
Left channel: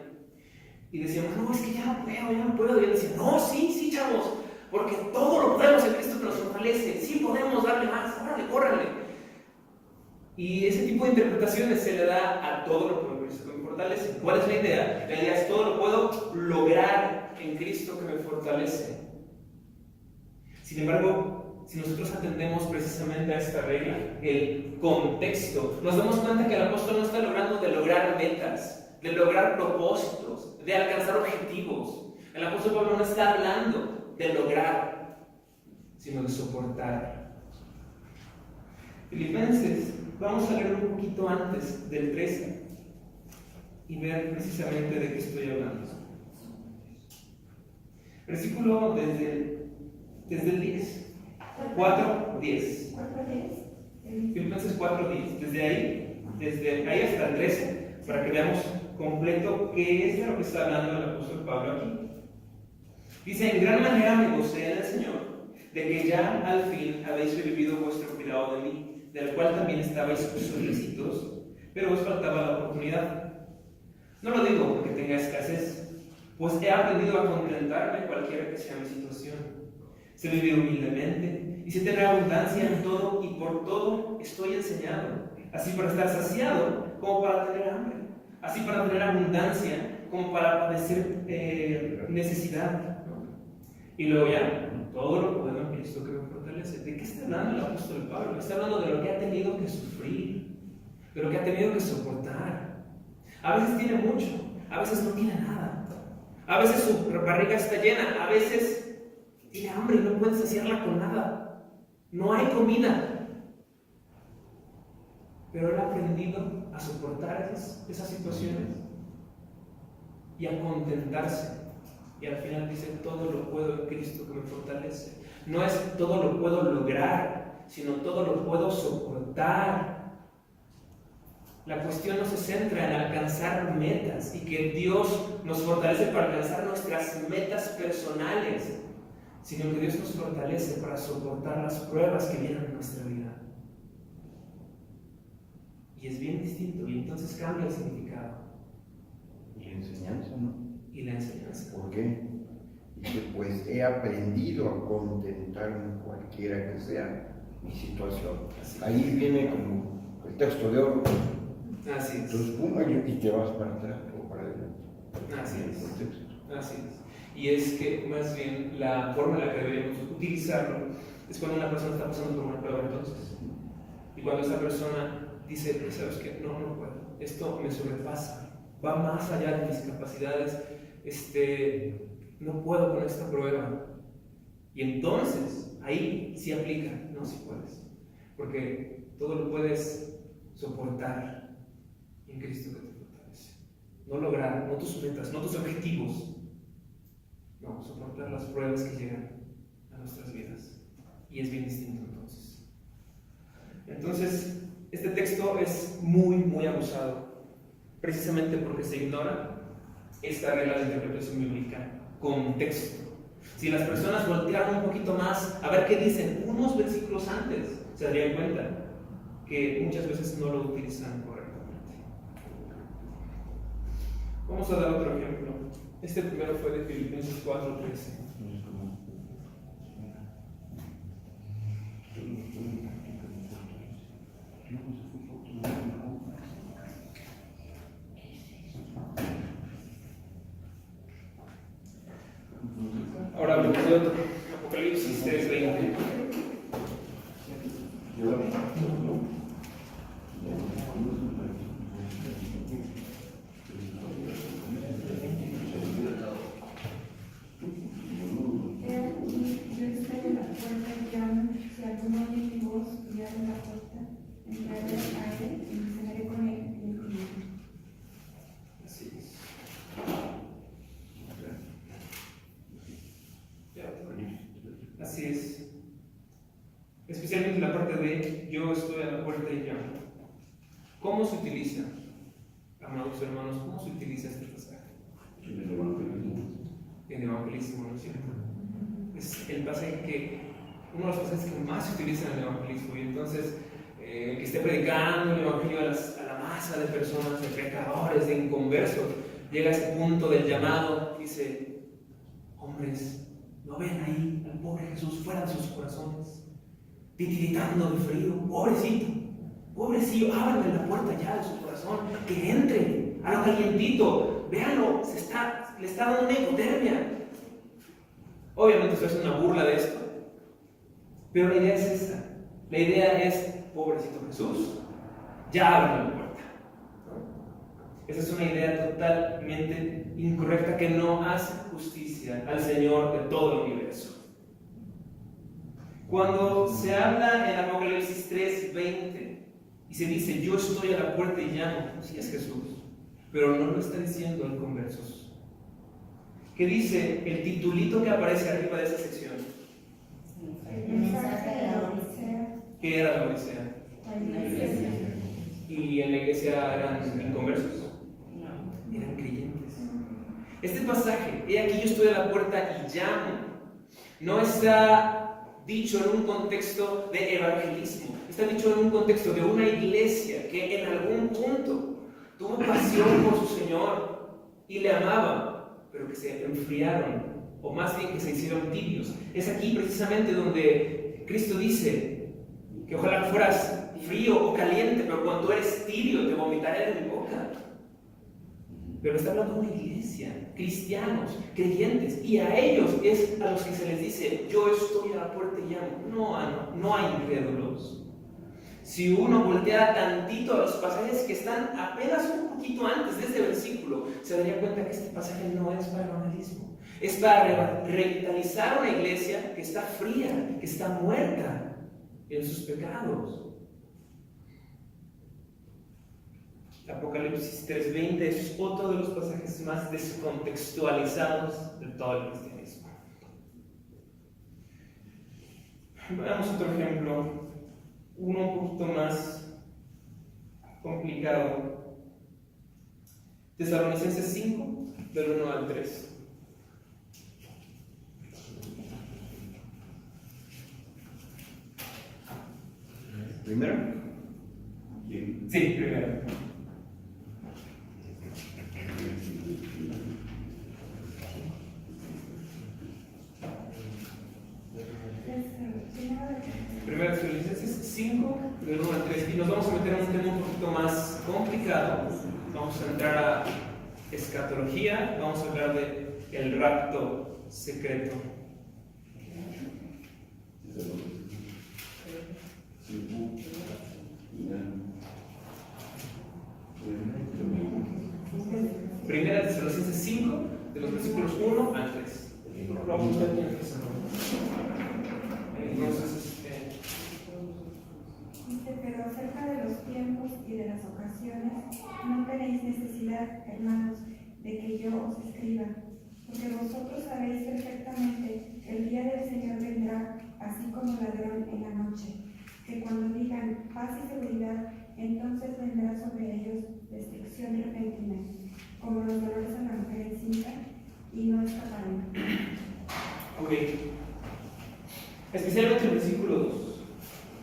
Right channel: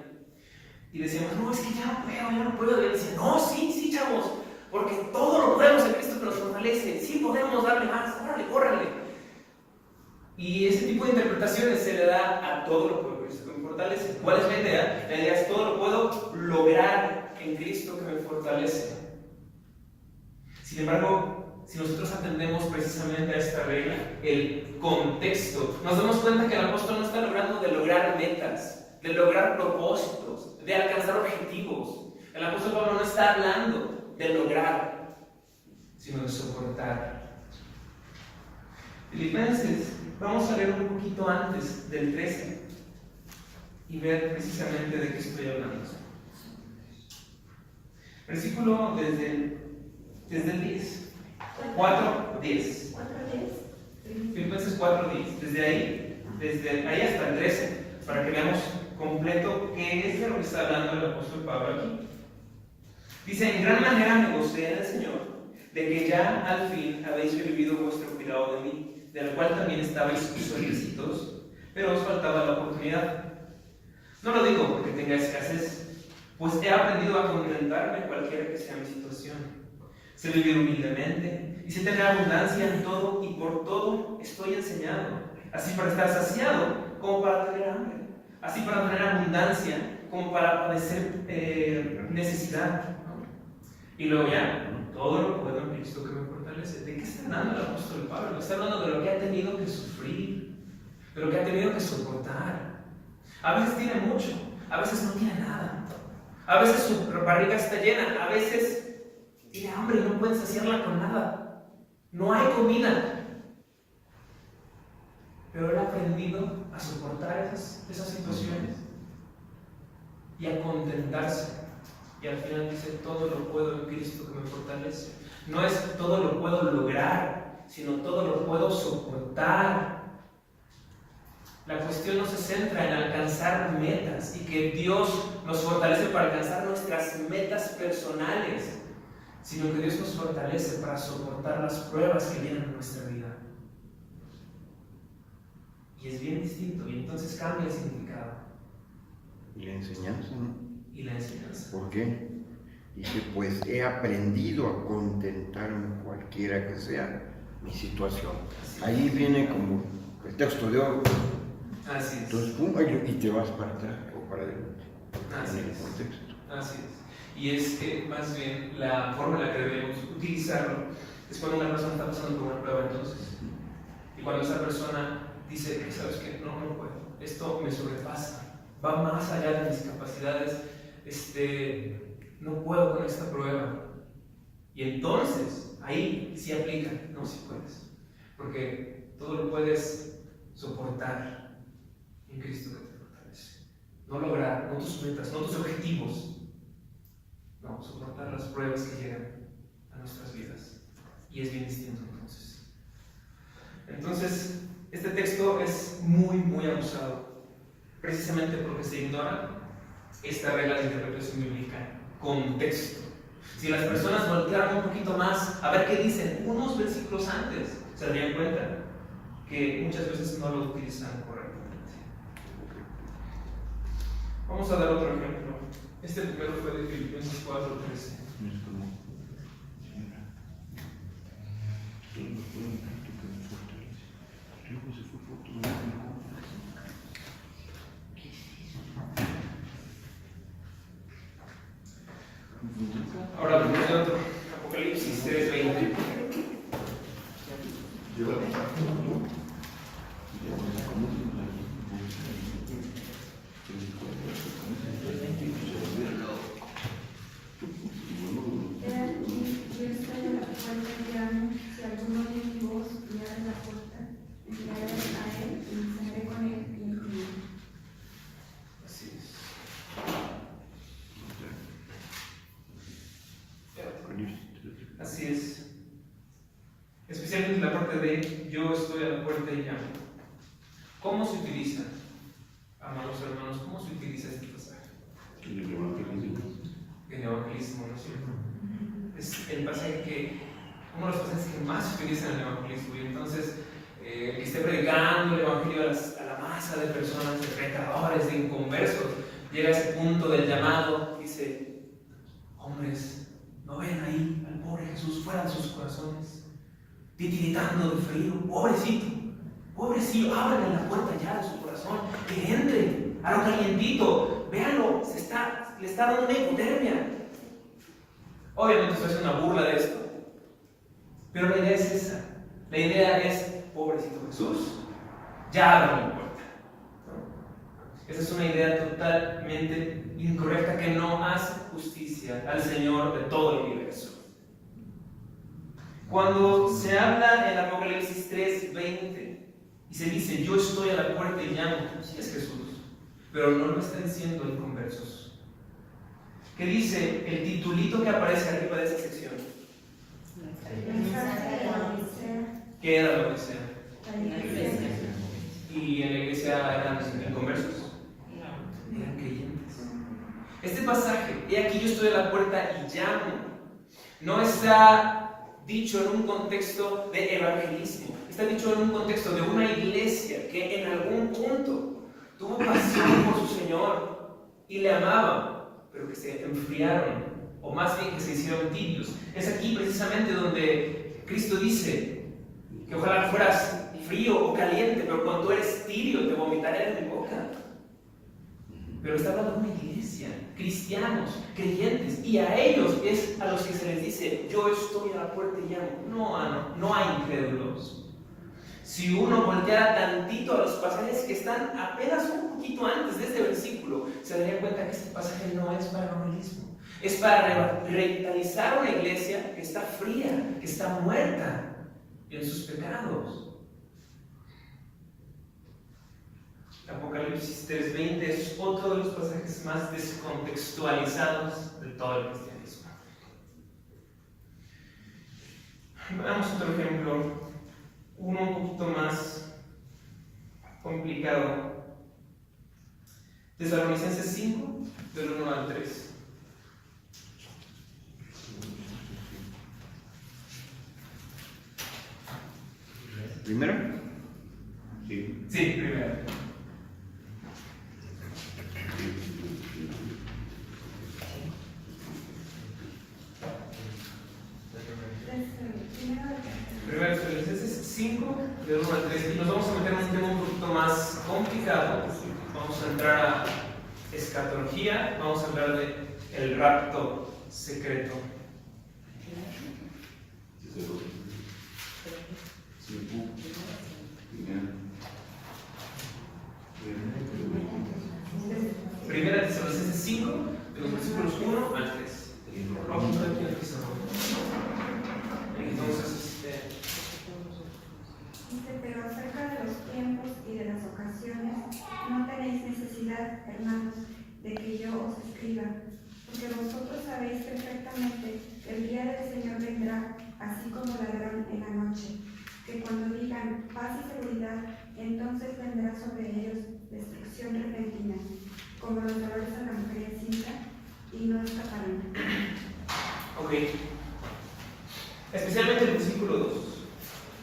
y decíamos, no, es que ya no puedo, y él decía, no, sí, chavos, porque todo lo podemos en Cristo que nos fortalece, sí podemos darle más, órale, córranle. Y ese tipo de interpretaciones se le da a todo lo que me fortalece. ¿Cuál es la idea? La idea es todo lo puedo lograr en Cristo que me fortalece. Sin embargo, si nosotros atendemos precisamente a esta regla, el contexto, nos damos cuenta que el apóstol no está logrando de lograr metas, de lograr propósitos, de alcanzar objetivos. El apóstol Pablo no está hablando de lograr, sino de soportar. Filipenses, vamos a leer un poquito antes del 13 y ver precisamente de qué estoy hablando. Versículo desde el 10. 4:10. Filipenses 4:10. Desde ahí hasta el 13, para que veamos completo qué es de lo que está hablando el apóstol Pablo aquí. Dice, en gran manera me gocé en el Señor, de que ya al fin habéis revivido vuestro cuidado de mí, del cual también estabais solicitados, pero os faltaba la oportunidad. No lo digo porque tenga escasez, pues he aprendido a contentarme cualquiera que sea mi situación. Sé vivir humildemente y sé tener abundancia en todo, y por todo estoy enseñado, así para estar saciado como para tener hambre, así para tener abundancia como para padecer necesidad. Y luego ya, todo lo puedo en Cristo que me fortalece. ¿De qué está hablando el apóstol Pablo? Está hablando de lo que ha tenido que sufrir, de lo que ha tenido que soportar. A veces tiene mucho, a veces no tiene nada. A veces su barriga está llena, a veces tiene hambre y no puede saciarla con nada. No hay comida. Pero él ha aprendido a soportar esas situaciones y a contentarse. Y al final dice, todo lo puedo en Cristo que me fortalece. No es todo lo puedo lograr, sino todo lo puedo soportar. La cuestión no se centra en alcanzar metas y que Dios nos fortalece para alcanzar nuestras metas personales, sino que Dios nos fortalece para soportar las pruebas que vienen en nuestra vida. Y es bien distinto, y entonces cambia el significado. Y la enseñanza, ¿no? Y la enseñanza. ¿Por qué? Dice, pues he aprendido a contentarme cualquiera que sea mi situación. Ahí viene como el texto de oro. Así es. Entonces, pum, y te vas para atrás o para adelante. Así es. El contexto. Así es. Y es que más bien la forma en la que debemos utilizarlo Es cuando una persona está pasando por una prueba entonces. Y cuando esa persona dice, ¿sabes qué? No, no puedo. Esto me sobrepasa. Va más allá de mis capacidades. No puedo con esta prueba. Y entonces, ahí sí aplica. No, sí puedes. Porque todo lo puedes soportar en Cristo que te fortalece. No lograr, no tus metas, no tus objetivos. No, soportar las pruebas que llegan a nuestras vidas. Y es bien distinto entonces. Entonces, este texto es muy, muy abusado. Precisamente porque se ignora esta regla de interpretación bíblica, contexto. Si las personas voltearan un poquito más a ver qué dicen unos versículos antes, se darían cuenta que muchas veces no lo utilizan correctamente. Vamos a dar otro ejemplo. Este primero fue de Filipenses 4:13. Ahora hablemos de otro. Apocalipsis 3:20. Así es. Especialmente en la parte de yo estoy a la puerta y llamo. ¿Cómo se utiliza, amados hermanos, cómo se utiliza este pasaje? En el evangelismo. En el evangelismo, ¿no es cierto? Es el pasaje que, uno de los pasajes que más se utiliza en el evangelismo. Y entonces, el que esté predicando el evangelio a la masa de personas, de pecadores, de inconversos, llega a ese punto del llamado, dice: hombres, ¿no ven ahí al pobre Jesús fuera de sus corazones, titiritando de frío? Pobrecillo, ábranle la puerta ya de su corazón, que entre a lo calientito. Véanlo, le está dando una hipotermia. Obviamente esto es una burla de esto, pero la idea es esa. La idea es: pobrecito Jesús, ya ábranle la puerta. Esa es una idea totalmente incorrecta que no hace justicia al Señor de todo el universo. Cuando se habla en Apocalipsis 3:20 y se dice yo estoy a la puerta y llamo, sí es Jesús, pero no lo está diciendo en conversos. ¿Qué dice el titulito que aparece arriba de esa sección? ¿Qué era la Odisea? ¿Y en la iglesia eran inconversos? Eran creyentes. Este pasaje, he aquí yo estoy a la puerta y llamo, no está dicho en un contexto de evangelismo, está dicho en un contexto de una iglesia que en algún punto tuvo pasión por su Señor y le amaban, pero que se enfriaron, o más bien que se hicieron tibios. Es aquí precisamente donde Cristo dice que ojalá fueras frío o caliente, pero cuando eres tibio te vomitaré de mi boca. Pero está hablando de una iglesia, cristianos, creyentes, y a ellos es a los que se les dice yo estoy a la puerta y llamo, no hay incrédulos. Si uno volteara tantito a los pasajes que están apenas un poquito antes de este versículo, se daría cuenta que este pasaje no es para evangelismo, es para revitalizar una iglesia que está fría, que está muerta en sus pecados. Apocalipsis 3:20 es otro de los pasajes más descontextualizados de todo el cristianismo. Veamos otro ejemplo, uno un poquito más complicado. Tesalonicenses 5, del 1 al 3. ¿Primero? Sí, primero. Primero Tesalonicenses 5, del 1 al 3. Y nos vamos a meter en un tema un poquito más complicado. Vamos a entrar a escatología, vamos a hablar de el rapto secreto. Sí, Primera de Tesalonicenses 5, de los versículos 1 al 3. Entonces, Dice, pero acerca de los tiempos y de las ocasiones, no tenéis necesidad, hermanos, de que yo os escriba, porque vosotros sabéis perfectamente que el día del Señor vendrá, así como ladrón en la noche, que cuando digan paz y seguridad, entonces vendrá sobre ellos destrucción repentina, como los dolores de la mujer encinta, y no escaparán. ok. Especialmente el versículo 2,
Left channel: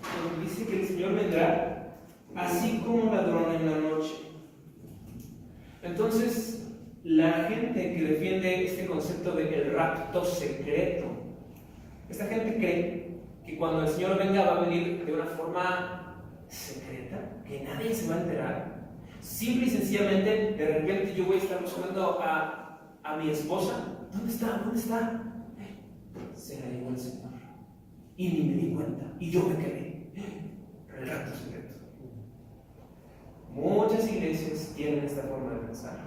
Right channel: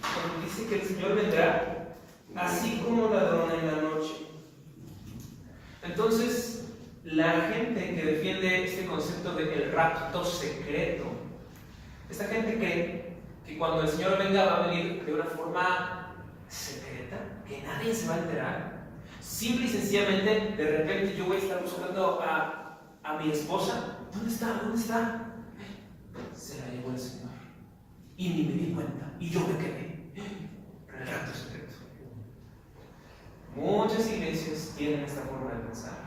cuando dice que el Señor vendrá así como ladrón en la noche. Entonces, la gente que defiende este concepto de el rapto secreto, esta gente cree que cuando el Señor venga va a venir de una forma secreta, que nadie se va a enterar. Simple y sencillamente, de repente yo voy a estar buscando a mi esposa. ¿Dónde está? ¿Dónde está? Se la llevó el Señor. Y ni me di cuenta. Y yo me quedé. El rapto secreto. Muchas iglesias tienen esta forma de pensar,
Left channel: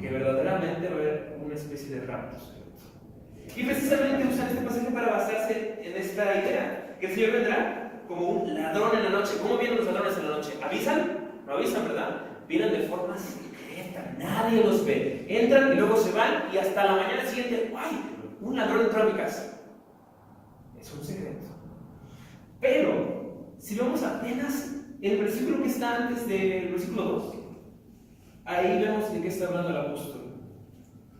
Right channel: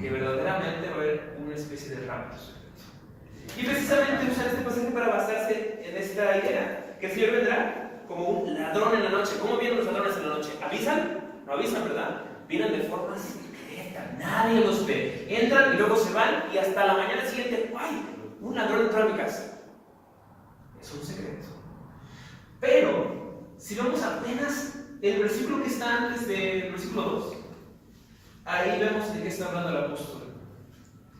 que verdaderamente va a haber una especie de rapto secreto. Y precisamente usan este pasaje para basarse en esta idea, que el Señor vendrá como un ladrón en la noche. ¿Cómo vienen los ladrones en la noche? ¿Avisan? No avisan, ¿verdad? Vienen de forma secreta, nadie los ve. Entran y luego se van y hasta la mañana siguiente, ¡ay! Un ladrón entró a mi casa. Es un secreto. Pero, si vemos apenas el versículo que está antes del versículo 2, ahí vemos de qué está hablando el apóstol.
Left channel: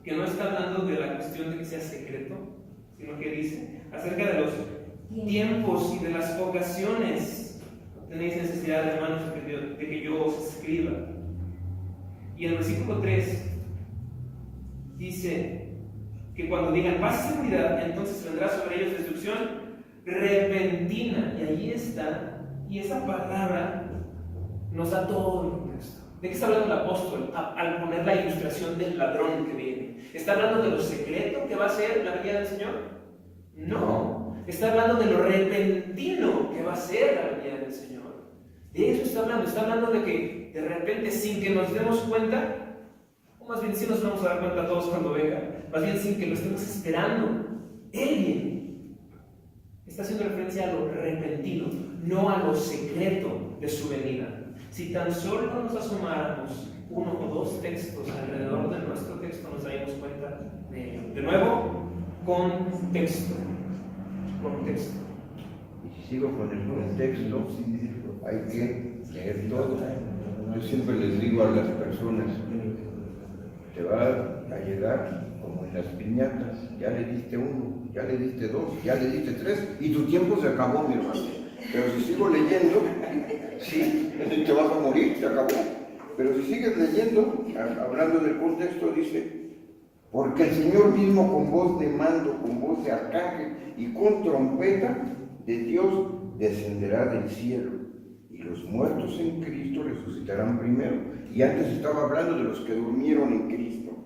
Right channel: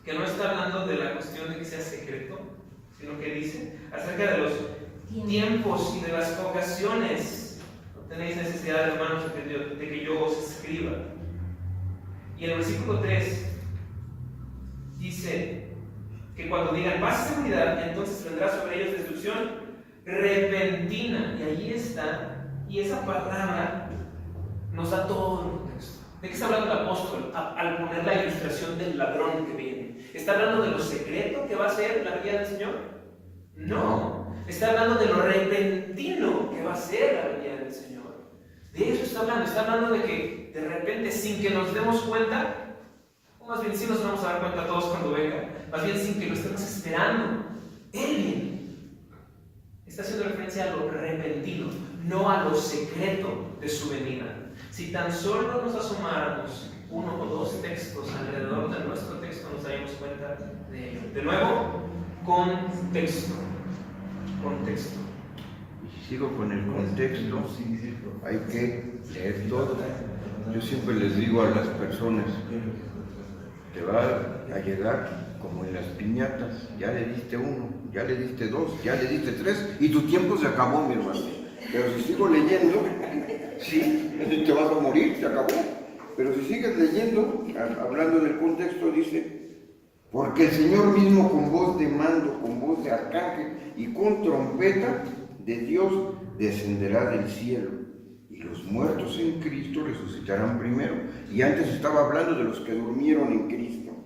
Que no está hablando de la cuestión de que sea secreto, sino que dice acerca de los tiempos y de las ocasiones. No tenéis necesidad, hermanos, de que yo os escriba. Y el versículo 3 dice que cuando digan paz y seguridad, entonces vendrá sobre ellos destrucción repentina. Y ahí está. Y esa palabra nos da todo el contexto. ¿De qué está hablando el apóstol al poner la ilustración del ladrón que viene? ¿Está hablando de lo secreto que va a ser la venida del Señor? No. Está hablando de lo repentino que va a ser la venida del Señor. De eso está hablando. Está hablando de que de repente, sin que nos demos cuenta, o más bien sí nos vamos a dar cuenta todos cuando venga, más bien sin que lo estemos esperando, Él viene. Está haciendo referencia a lo repentino, no a lo secreto de su venida. Si tan solo nos asomáramos uno o dos textos alrededor de nuestro texto, nos daríamos cuenta de ello. De nuevo, contexto. Contexto. Y si sigo con el contexto, hay que leer todo. Yo siempre les digo a las personas, te va a llegar como en las piñatas, ya le diste uno, ya le diste dos, ya le diste tres, y tu tiempo se acabó, mi hermano. Pero si sigo leyendo, sí, te vas a morir, se acabó. Pero si sigues leyendo, hablando en el contexto, dice, porque el Señor mismo con voz de mando, con voz de arcángel y con trompeta de Dios descenderá del cielo, y los muertos en Cristo resucitarán primero. Y antes estaba hablando de los que durmieron en Cristo.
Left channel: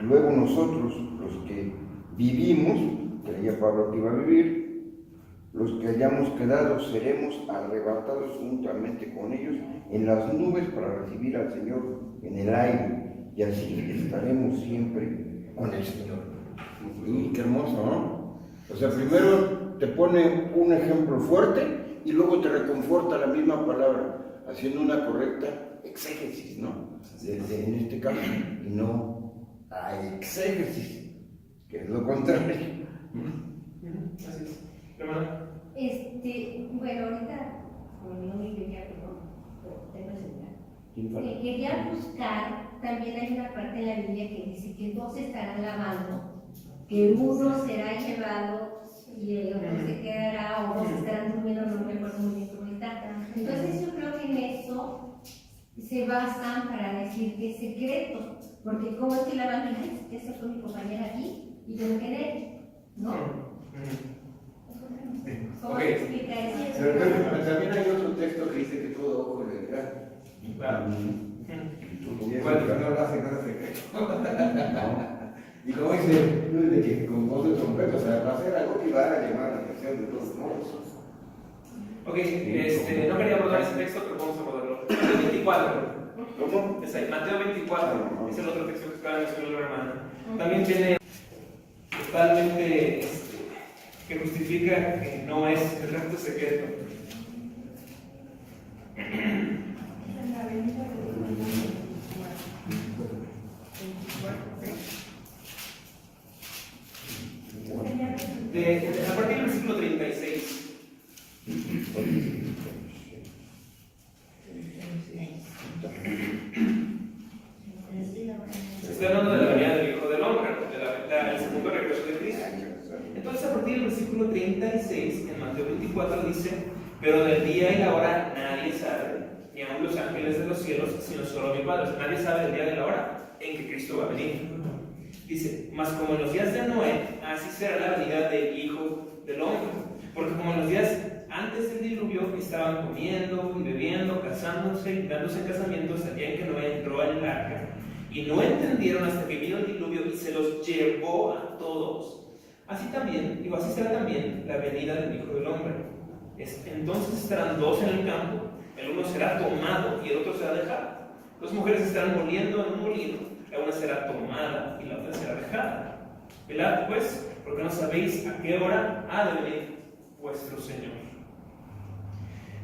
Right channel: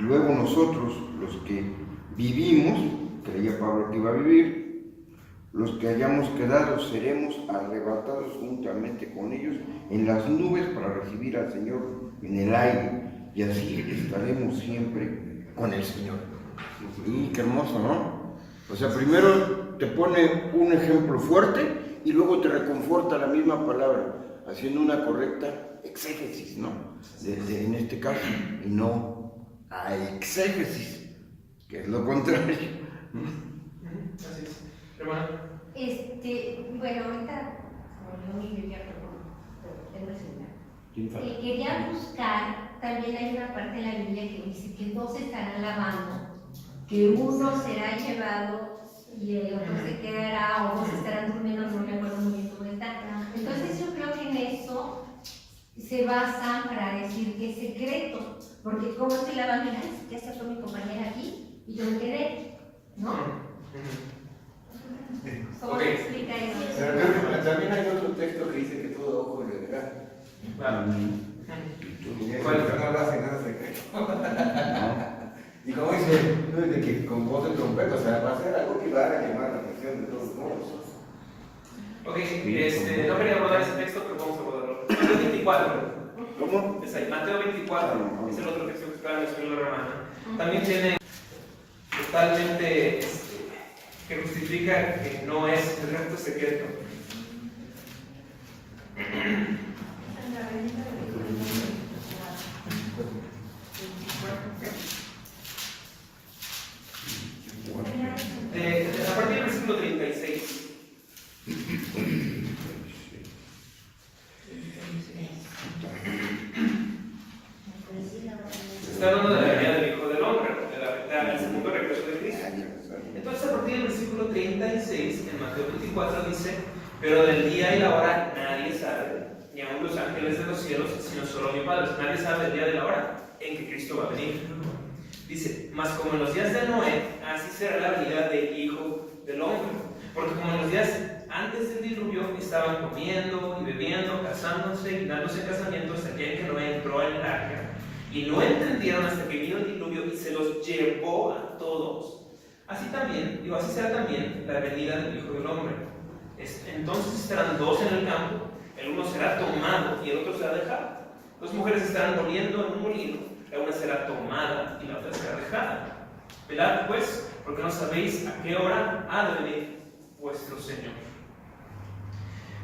Luego nosotros, los que vivimos, creía Pablo que iba a vivir, los que hayamos quedado seremos arrebatados juntamente con ellos en las nubes para recibir al Señor en el aire, y así estaremos siempre con el Señor. Y qué hermoso, ¿no? O sea, primero te pone un ejemplo fuerte y luego te reconforta la misma palabra, haciendo una correcta exégesis, ¿no? En este caso, y no a exégesis, que es lo contrario. Así es. Hermana. Bueno, ahorita, como yo mi Biblia, pero tengo el celular. Quería buscar, también hay una parte de la Biblia que dice que dos estarán lavando, que uno será llevado y el otro se quedará, o dos estarán durmiendo, no me acuerdo muy bien cómo está. Entonces yo creo que en eso se basan para decir que es secreto, porque como estoy lavando, ya se fue mi compañera aquí y yo me quedé, ¿no? ¿Cómo se explica eso? Pero también hay otro texto que dice que todo ojo vendrá. Claro. Y eso no hace nada secreto. Y como dice, de que con voz de trompeta, o sea, va a ser algo que va a llamar la atención de todos modos. Ok, no quería abordar ese texto, pero vamos a abordarlo. Mateo 24. ¿Cómo? Es ahí, Mateo 24, es el otro texto que estaba mencionando la hermana. También tiene totalmente que justifica que no es el rapto secreto. A partir del versículo 36. Se está hablando de la venida del Hijo del Hombre, del segundo regreso de Cristo. Entonces, a partir del versículo 36, en Mateo 24 dice: pero del día y la hora nadie sabe, ni aun los ángeles de los cielos, sino solo mi Padre. Nadie sabe el día y la hora en que Cristo va a venir. Dice: mas como en los días de Noé, así será la venida del Hijo del Hombre. Porque como en los días antes del diluvio estaban comiendo y bebiendo, casándose y dándose casamientos el día en que Noé entró en el arca, y no entendieron hasta que vino el diluvio y se los llevó a todos. Así también, y así será también la venida del Hijo del Hombre. Entonces estarán dos en el campo, el uno será tomado y el otro será dejado. Dos mujeres estarán moliendo en un molino, la una será tomada y la otra será dejada. Velad pues, porque no sabéis a qué hora ha de venir vuestro Señor.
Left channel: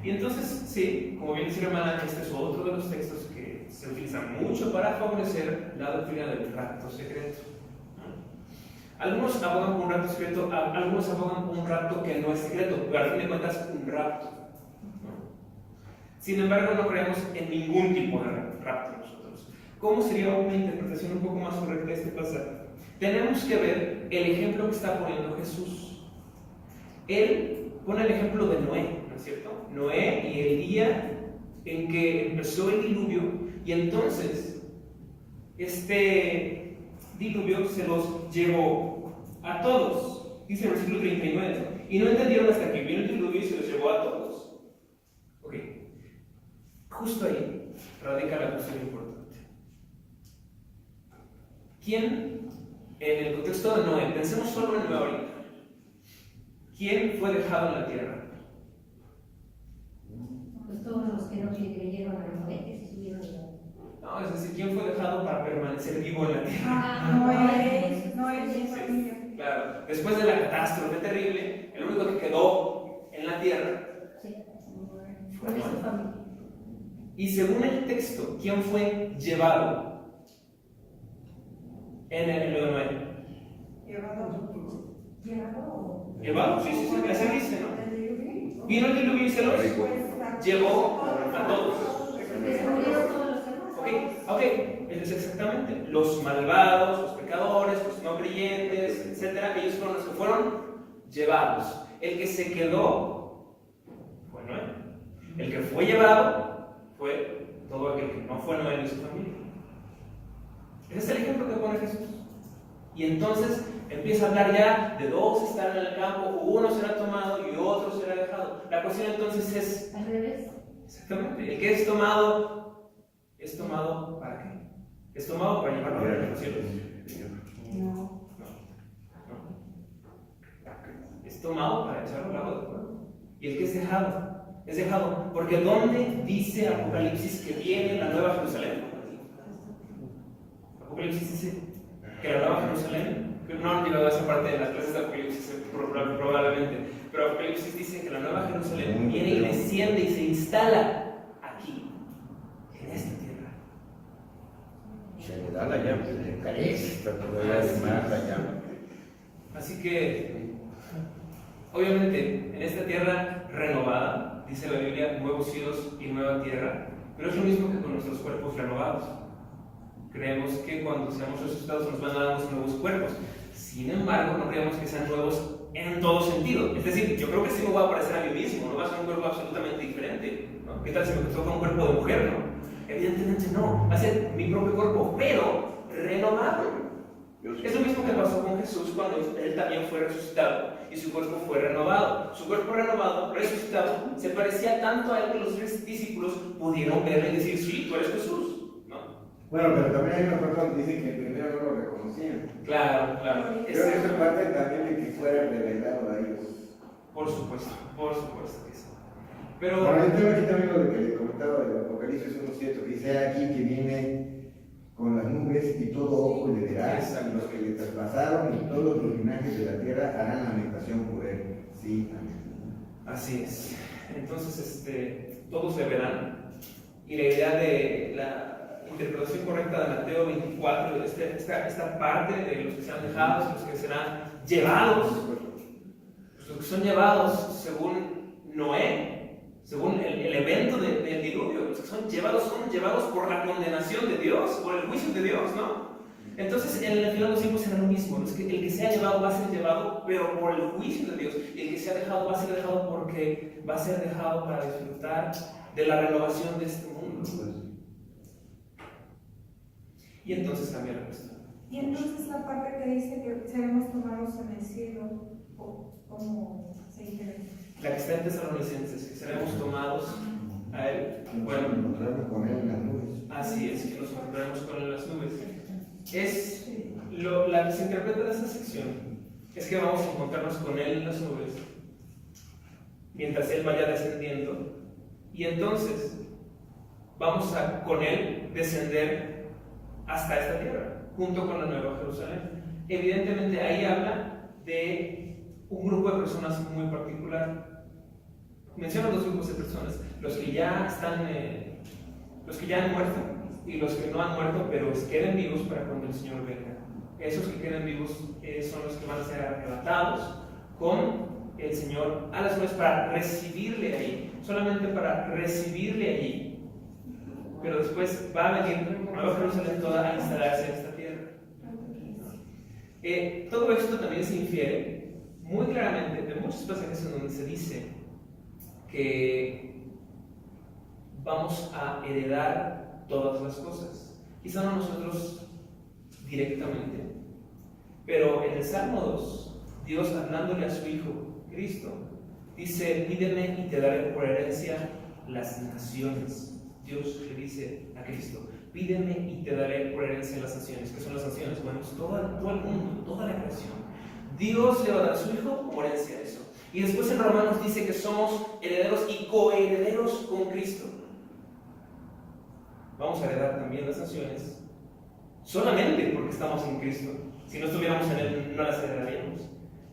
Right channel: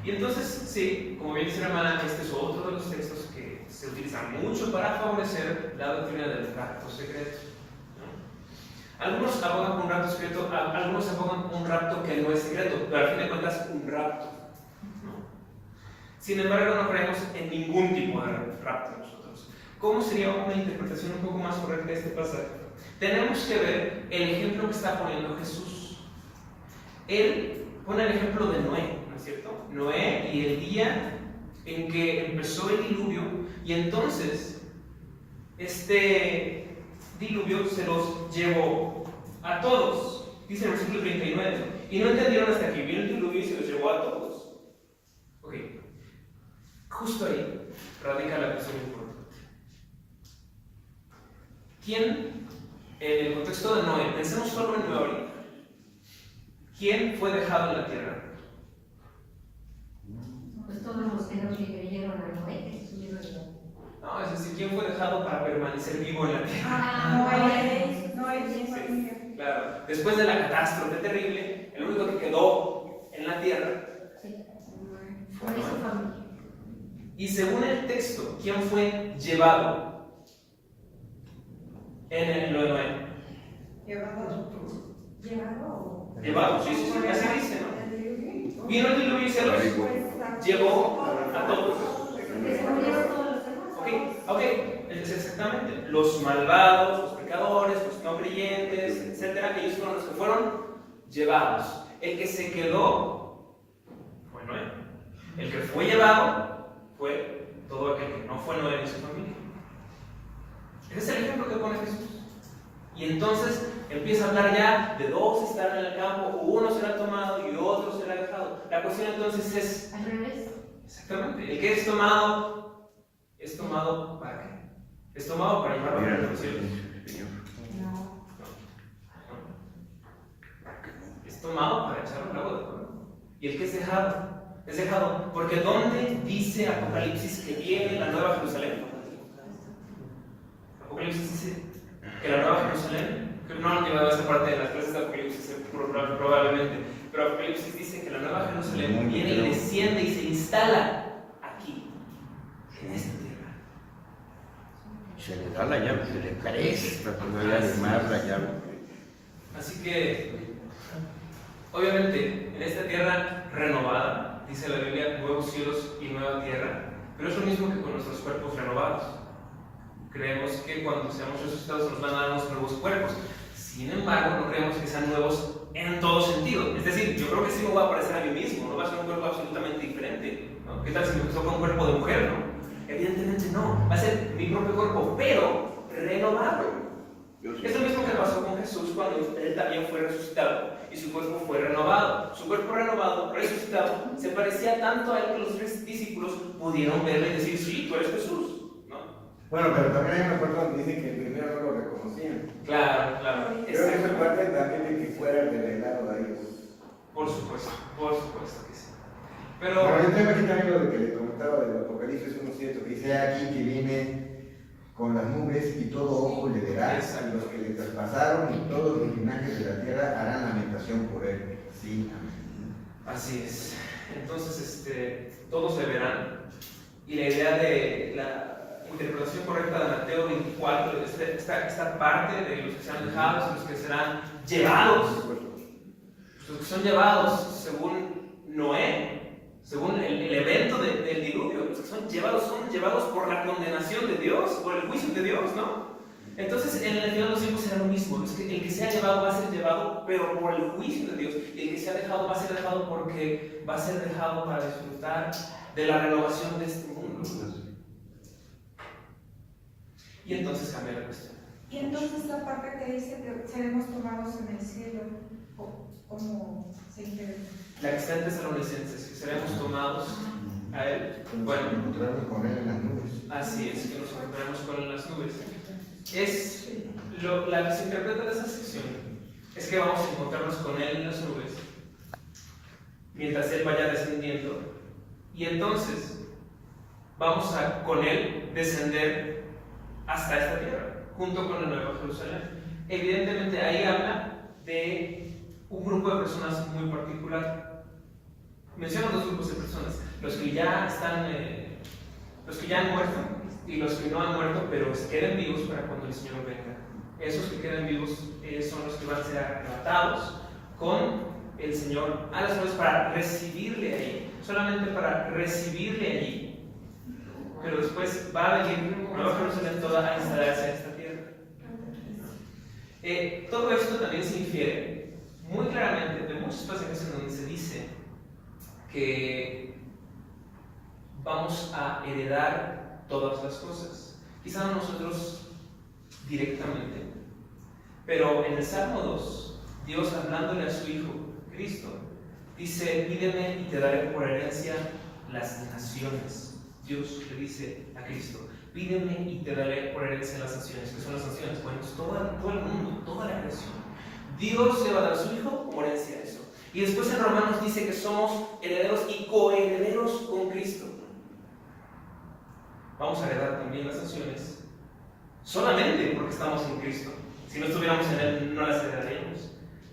Y entonces, sí, como bien dice la hermana, este es otro de los textos que se utilizan mucho para favorecer la doctrina del rapto secreto. Algunos abogan por un rapto secreto, algunos abogan por un rapto que no es secreto, pero al fin de cuentas un rapto. Sin embargo, no creemos en ningún tipo de rapto nosotros. ¿Cómo sería una interpretación un poco más correcta de este pasaje? Tenemos que ver el ejemplo que está poniendo Jesús. Él pone el ejemplo de Noé, ¿no es cierto? Noé y el día en que empezó el diluvio, y entonces este diluvio se los llevó a todos. Dice en el versículo 39, y no entendieron hasta que vino el diluvio y se los llevó a todos. Ok, justo ahí radica la cuestión importante. ¿Quién, en el contexto de Noé, pensemos solo en Noé ahorita, quién fue dejado en la tierra? Pues todos los que no le creyeron a Noé, que se subieron a la... No, es decir, ¿quién fue dejado para permanecer vivo en la tierra? Noé. Claro, después de la catástrofe terrible, el único que quedó en la tierra fue Por eso Noé. familia. Y según el texto, ¿quién fue llevado en lo de Noé? Llevado, sí, así dice, ¿no? Vino el diluvio y se los llevó a todos. Que se murieron todos los demás. Ok, es exactamente. Los malvados, los pecadores, los no creyentes, etcétera, ellos fueron los que fueron llevados. El que se quedó fue Noé. El que fue llevado fue todo aquel que no fue Noé ni su familia. Ese es el ejemplo que pone Jesús. Y entonces empieza a hablar ya de dos estarán en el campo, uno será tomado y otro será dejado. La cuestión entonces es... Al revés. Exactamente. El que es tomado ¿para qué? Es tomado para llevarlo a los cielos. No. Es tomado para echarlo al lago de fuego. Y el que es dejado porque ¿dónde dice Apocalipsis que viene la nueva Jerusalén? Apocalipsis dice que la nueva Jerusalén, que no han llevado esa parte de las clases de Apocalipsis probablemente, pero Apocalipsis dice que la nueva Jerusalén viene y desciende y se instala aquí, en esta tierra. Se le da la llave, se le presta todavía además la llave. Así que, obviamente, en esta tierra renovada, dice la Biblia, nuevos cielos y nueva tierra, pero es lo mismo que con nuestros cuerpos renovados. Creemos que cuando seamos resucitados nos van a dar unos nuevos cuerpos. Sin embargo, no creemos que sean nuevos en todo sentido. Es decir, yo creo que sí me voy a parecer a mí mismo, no va a ser un cuerpo absolutamente diferente, ¿no? ¿Qué tal si me toca un cuerpo de mujer, no? Evidentemente no, va a ser mi propio cuerpo, pero renovado. Es lo mismo que pasó con Jesús cuando él también fue resucitado y su cuerpo fue renovado. Su cuerpo renovado, resucitado, se parecía tanto a él que los tres discípulos pudieron verle y decir, sí, tú eres Jesús. Bueno, pero también hay una parte donde dice que el primero no lo reconocían. Claro. Creo que esa parte también de que fuera revelado a ellos. Por supuesto que sí. Pero bueno, yo tengo aquí también lo de que le comentaba del Apocalipsis 1:7, que dice aquí que viene con las nubes y todo ojo le verá, y los que le traspasaron y todos los linajes de la tierra harán lamentación por él. Sí, amén. así es. Entonces, todos le verán. Y la idea de la interpretación correcta de Mateo 24, esta parte de los que serán dejados, los que serán llevados, los que son llevados según Noé, según el evento del diluvio, los que son llevados por la condenación de Dios, por el juicio de Dios, ¿no? Entonces, en el final de los tiempos será lo mismo. El que sea llevado va a ser llevado, pero por el juicio de Dios. El que sea dejado va a ser dejado porque va a ser dejado para disfrutar de la renovación de este mundo. Y entonces cambia la cuestión. Y entonces la parte que dice que seremos tomados en el cielo, ¿cómo se interpreta? La que está en Tesalonicenses, que seremos tomados a Él. Bueno, encontrarnos con él en las nubes. así es, que nos encontraremos con Él en las nubes. La que se interpreta de esa sección es que vamos a encontrarnos con Él en las nubes mientras Él vaya descendiendo, y entonces vamos a con Él descender hasta esta tierra, junto con la Nueva Jerusalén. Evidentemente ahí habla de un grupo de personas muy particular. Menciona dos grupos de personas: los que ya están, los que ya han muerto y los que no han muerto, pero queden vivos para cuando el Señor venga. Esos que queden vivos son los que van a ser arrebatados con el Señor a las nubes para recibirle allí, solamente para recibirle allí. Pero después va a venir Nueva Jerusalén toda a instalarse en esta tierra. Todo esto también se infiere muy claramente de muchos pasajes en donde se dice que vamos a heredar todas las cosas. Quizá no nosotros directamente, pero en el Salmo 2, Dios hablándole a su Hijo Cristo, dice: pídeme y te daré por herencia las naciones. Dios le dice a Cristo: pídeme y te daré por herencia las naciones. ¿Qué son las naciones? Bueno, es todo el mundo, toda la creación. Dios le va a dar a su Hijo por herencia eso. Y después en Romanos dice que somos herederos y coherederos con Cristo. Vamos a heredar también las naciones solamente porque estamos en Cristo. Si no estuviéramos en Él, no las heredaríamos.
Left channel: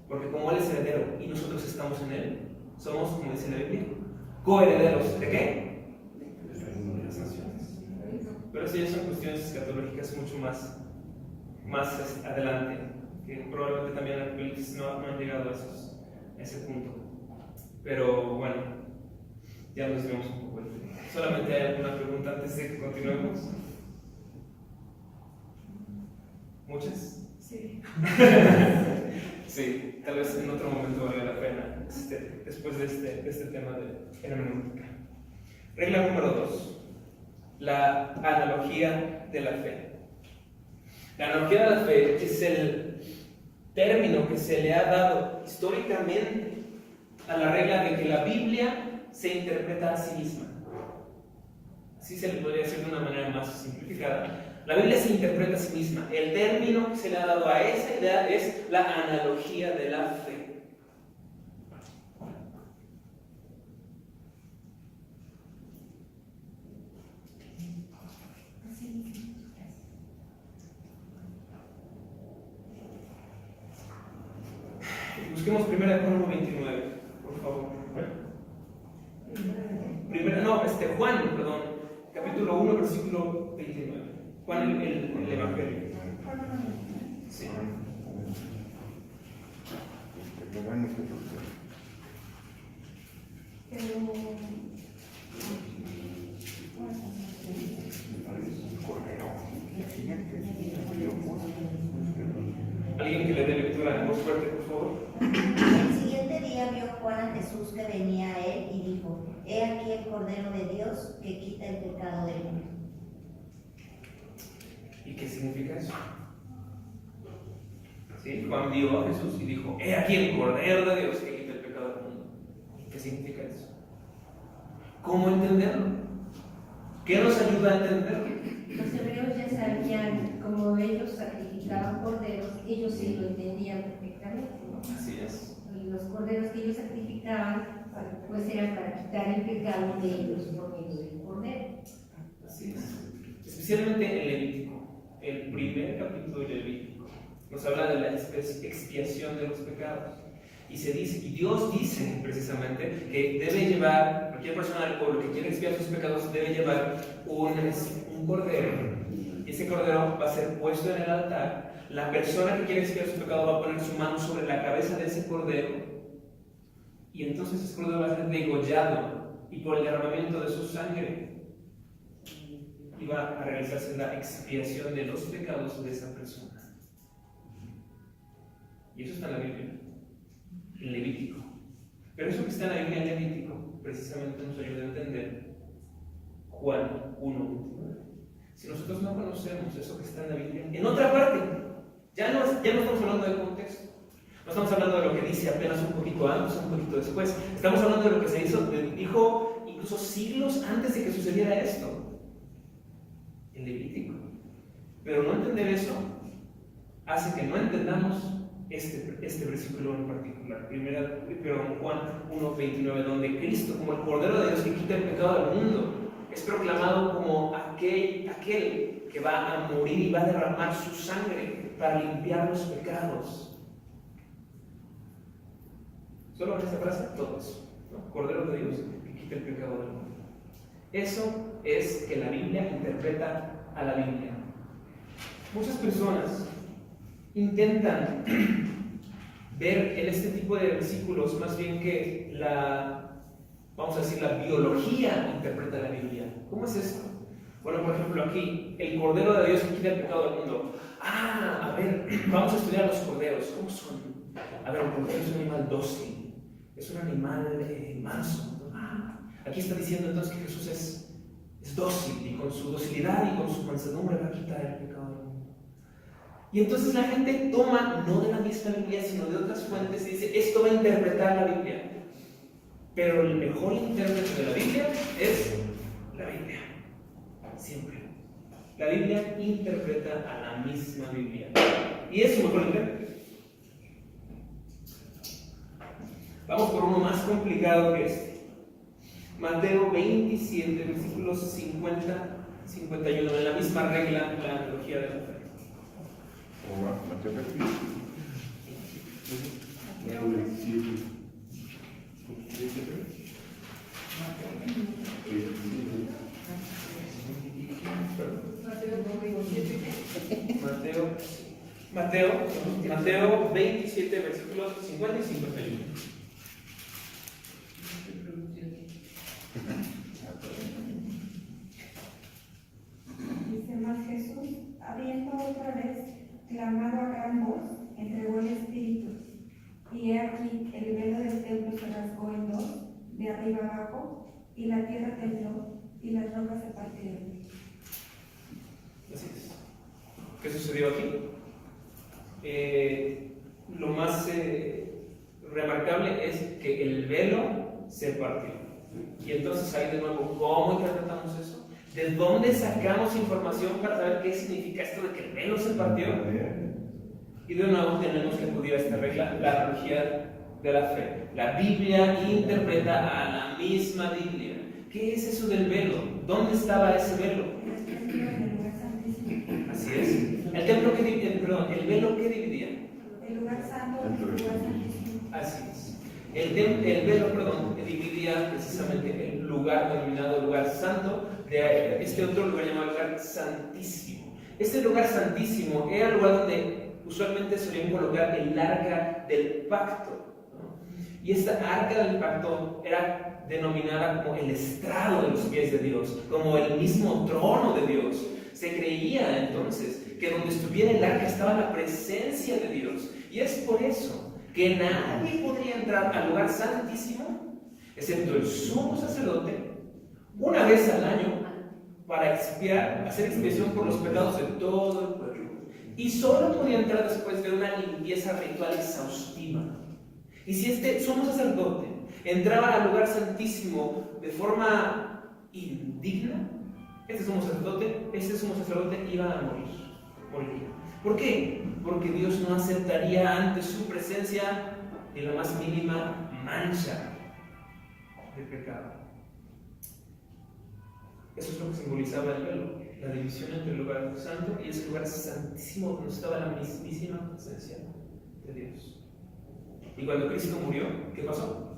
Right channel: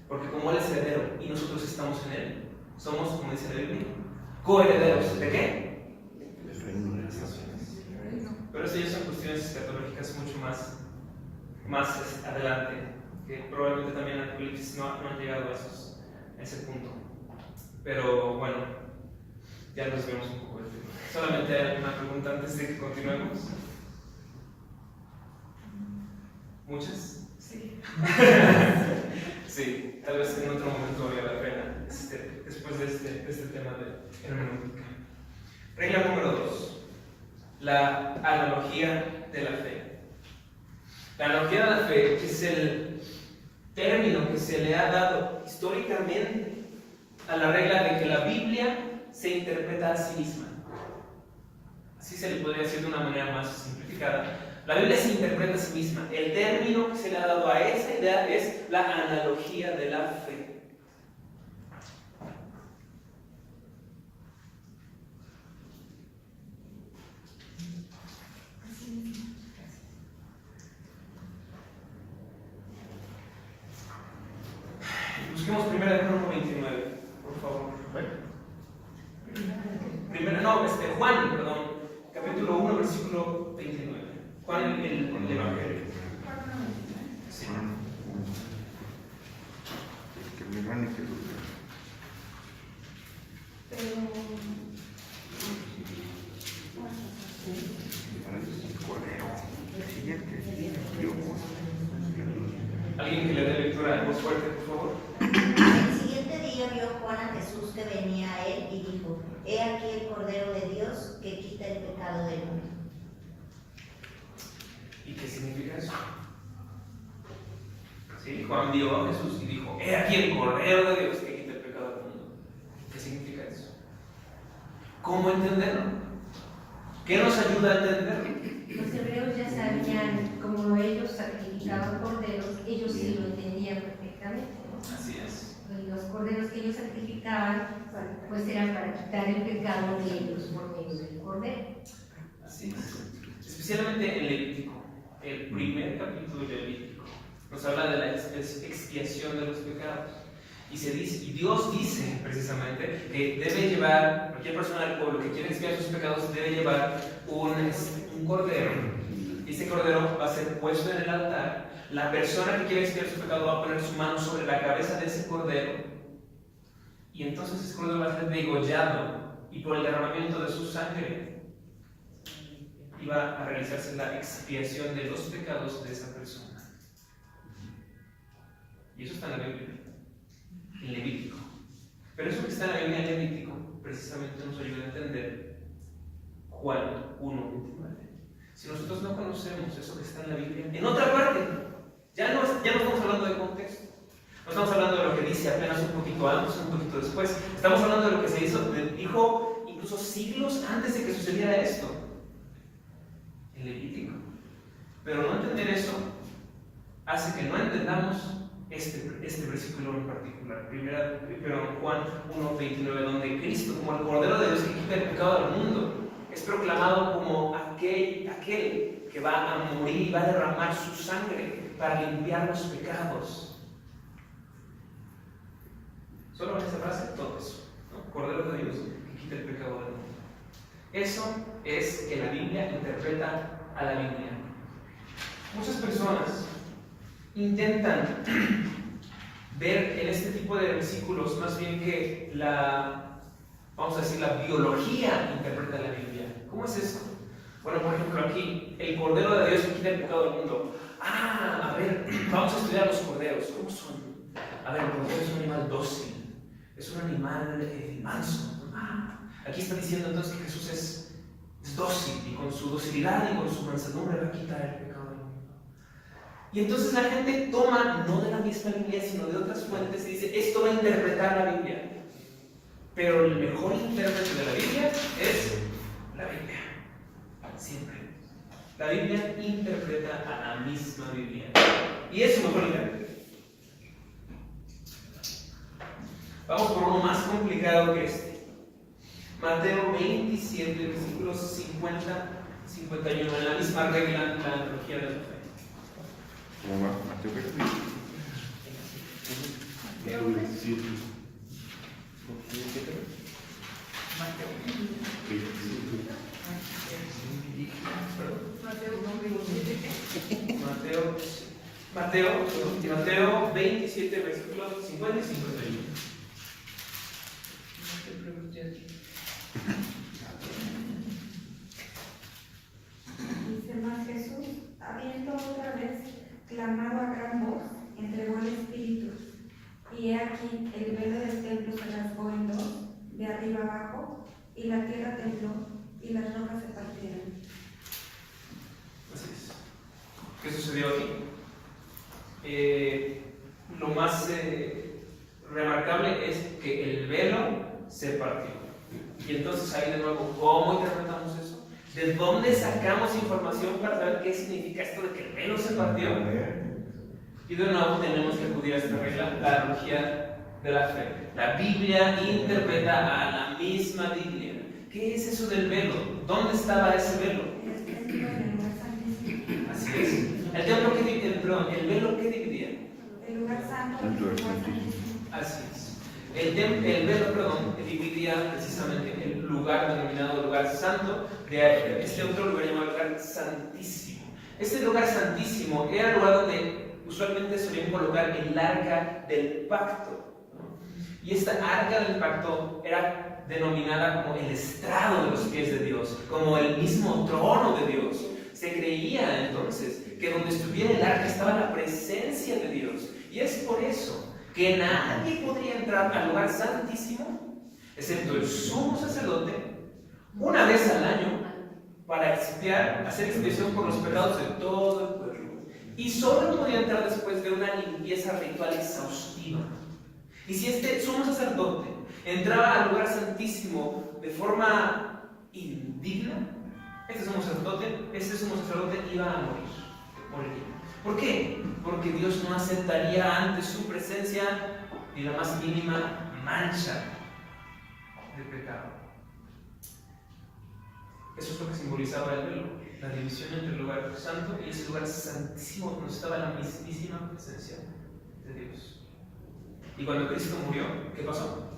Porque como Él es heredero y nosotros estamos en Él, somos, como dice la Biblia, coherederos. ¿De qué? Pero eso ya son cuestiones escatológicas mucho más adelante, que probablemente también en Apocalipsis no han llegado a ese punto. Pero bueno, ya nos vemos un poco el tema. ¿Solamente hay alguna pregunta antes de que continuemos? ¿Muchas? Sí. Sí, tal vez en otro momento valga la pena, después de este tema de hermenéutica. Regla número 2. La analogía de la fe. La analogía de la fe es el término que se le ha dado históricamente a la regla de que la Biblia se interpreta a sí misma. Así se le podría decir de una manera más simplificada. La Biblia se interpreta a sí misma. El término que se le ha dado a esa idea es la analogía de la fe. Busquemos 1 Crónicas 29, por favor. Juan, capítulo 1, versículo 29. Juan, el Evangelio. Sí. ¿Alguien que le dé lectura en voz fuerte, por favor? El siguiente día vio Juan a Jesús que venía a él y dijo: He aquí el Cordero de Dios que quita el pecado del mundo. ¿Y qué significa eso? ¿Sí? Juan vio a Jesús y dijo: He aquí el Cordero de Dios que quita el pecado del mundo. ¿Qué significa eso? ¿Cómo entenderlo? ¿Qué nos ayuda a entenderlo? Los hebreos ya sabían, como ellos sacrificaban corderos, ellos sí lo entendían perfectamente, ¿no? Así es. Y los corderos que ellos sacrificaban, pues eran para para quitar el pecado de ellos por medio del Cordero. Así es. Especialmente en Levítico, el primer capítulo de Levítico, nos habla de la expiación de los pecados. Y Dios dice precisamente que debe llevar, cualquier persona del pueblo que quiere expiar sus pecados debe llevar un cordero. Y ese cordero va a ser puesto en el altar. La persona que quiere expiar su pecado va a poner su mano sobre la cabeza de ese cordero. Y entonces ese cordero va a ser degollado y por el derramamiento de su sangre iba a realizarse la expiación de los pecados de esa persona. Y eso está en la Biblia, en Levítico. Pero eso que está en la Biblia en Levítico precisamente nos ayuda a entender Juan 1:29. Si nosotros no conocemos eso que está en la Biblia, en otra parte, ya no estamos hablando de contexto. No estamos hablando de lo que dice apenas un poquito antes, un poquito después. Estamos hablando de lo que se dijo incluso siglos antes de que sucediera esto. En Levítico. Pero no entender eso hace que no entendamos este versículo en particular. Juan 1:29, donde Cristo, como el Cordero de Dios que quita el pecado del mundo, es proclamado como aquel que va a morir y va a derramar su sangre para limpiar los pecados. Solo en esa frase, todo eso, ¿no? Cordero de Dios que quita el pecado del mundo. Eso es que la Biblia interpreta a la Biblia. Muchas personas intentan ver en este tipo de versículos más bien que vamos a decir, la biología interpreta la Biblia. ¿Cómo es eso? Bueno, por ejemplo, aquí, el Cordero de Dios que quita el pecado del mundo. A ver, vamos a estudiar los corderos. ¿Cómo son? A ver, el cordero es un animal dócil, es un animal manso. Aquí está diciendo entonces que Jesús es dócil, y con su docilidad y con su mansedumbre va a quitar el pecado del mundo. Y entonces la gente toma, no de la misma Biblia, sino de otras fuentes, y dice, esto va a interpretar la Biblia. Pero el mejor intérprete de la Biblia es la Biblia. Siempre. La Biblia interpreta a la misma Biblia. Y es su mejor intérprete. Vamos por uno más complicado que este. Mateo 27, versículos 50, 51, en la misma regla, la analogía de la fe. ¿Cómo va? Mateo Mateo 27. Mateo 27, versículos 50 y 51. Dice más Jesús, habiendo otra vez clamado a gran voz, entregó el Espíritu. Y he aquí, el velo del templo se rasgó en dos, de arriba abajo, y la tierra tembló, y las rocas se partieron. Así es. ¿Qué sucedió aquí? Lo más remarcable es que el velo se partió. Y entonces ahí de nuevo, ¿cómo interpretamos eso? ¿De dónde sacamos información para saber qué significa esto de que el velo se partió? Y de nuevo tenemos que acudir a esta regla, la analogía de la fe. La Biblia interpreta a la misma Biblia. ¿Qué es eso del velo? ¿Dónde estaba ese velo? Así es. El velo que dividía. El lugar santo del lugar santísimo. Así es. El velo, dividía precisamente el lugar denominado lugar santo de este otro lugar llamado lugar santísimo. Este lugar santísimo era el lugar donde usualmente solían colocar el arca del pacto, ¿no? Y esta arca del pacto era denominada como el estrado de los pies de Dios, como el mismo trono de Dios. Se creía entonces que donde estuviera el arca estaba la presencia de Dios. Y es por eso que nadie podría entrar al lugar santísimo, excepto el sumo sacerdote, una vez al año, para hacer expiación por los pecados de todo el pueblo. Y solo podía entrar después de una limpieza ritual exhaustiva. Y si este sumo sacerdote entraba al lugar santísimo de forma indigna, este sumo sacerdote iba a morir. ¿Por qué? Porque Dios no aceptaría ante su presencia ni la más mínima mancha. de pecado. Eso es lo que simbolizaba el velo, la división entre el lugar santo y ese lugar santísimo donde estaba la mismísima presencia de Dios. Y cuando Cristo murió, ¿qué pasó?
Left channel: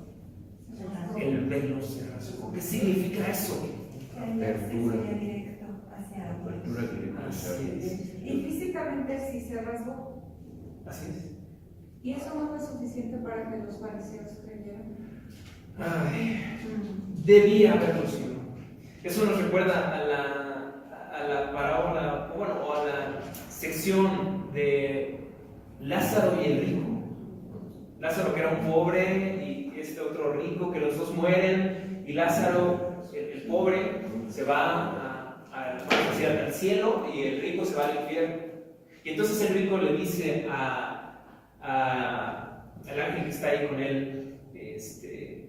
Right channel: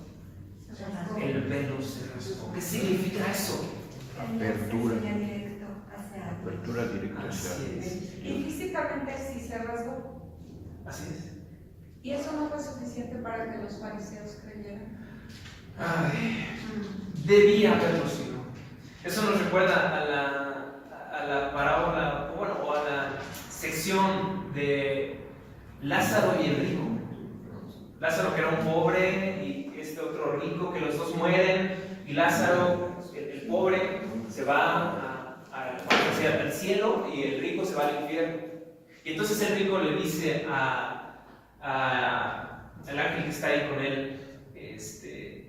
El velo se rasgó. ¿Qué significa eso? Apertura. Directo hacia Apertura directa hacia Así Dios. es. Y físicamente sí se rasgó. Así es. Y eso no fue suficiente para que los fariseos creyeran. Ay, debía haberlo sido. Eso nos recuerda a la parábola, o a la sección de Lázaro y el rico. Lázaro, que era un pobre, y este otro rico, que los dos mueren, y Lázaro, el pobre, se va hacia el cielo y el rico se va al infierno. Y entonces el rico le dice al ángel que está ahí con él,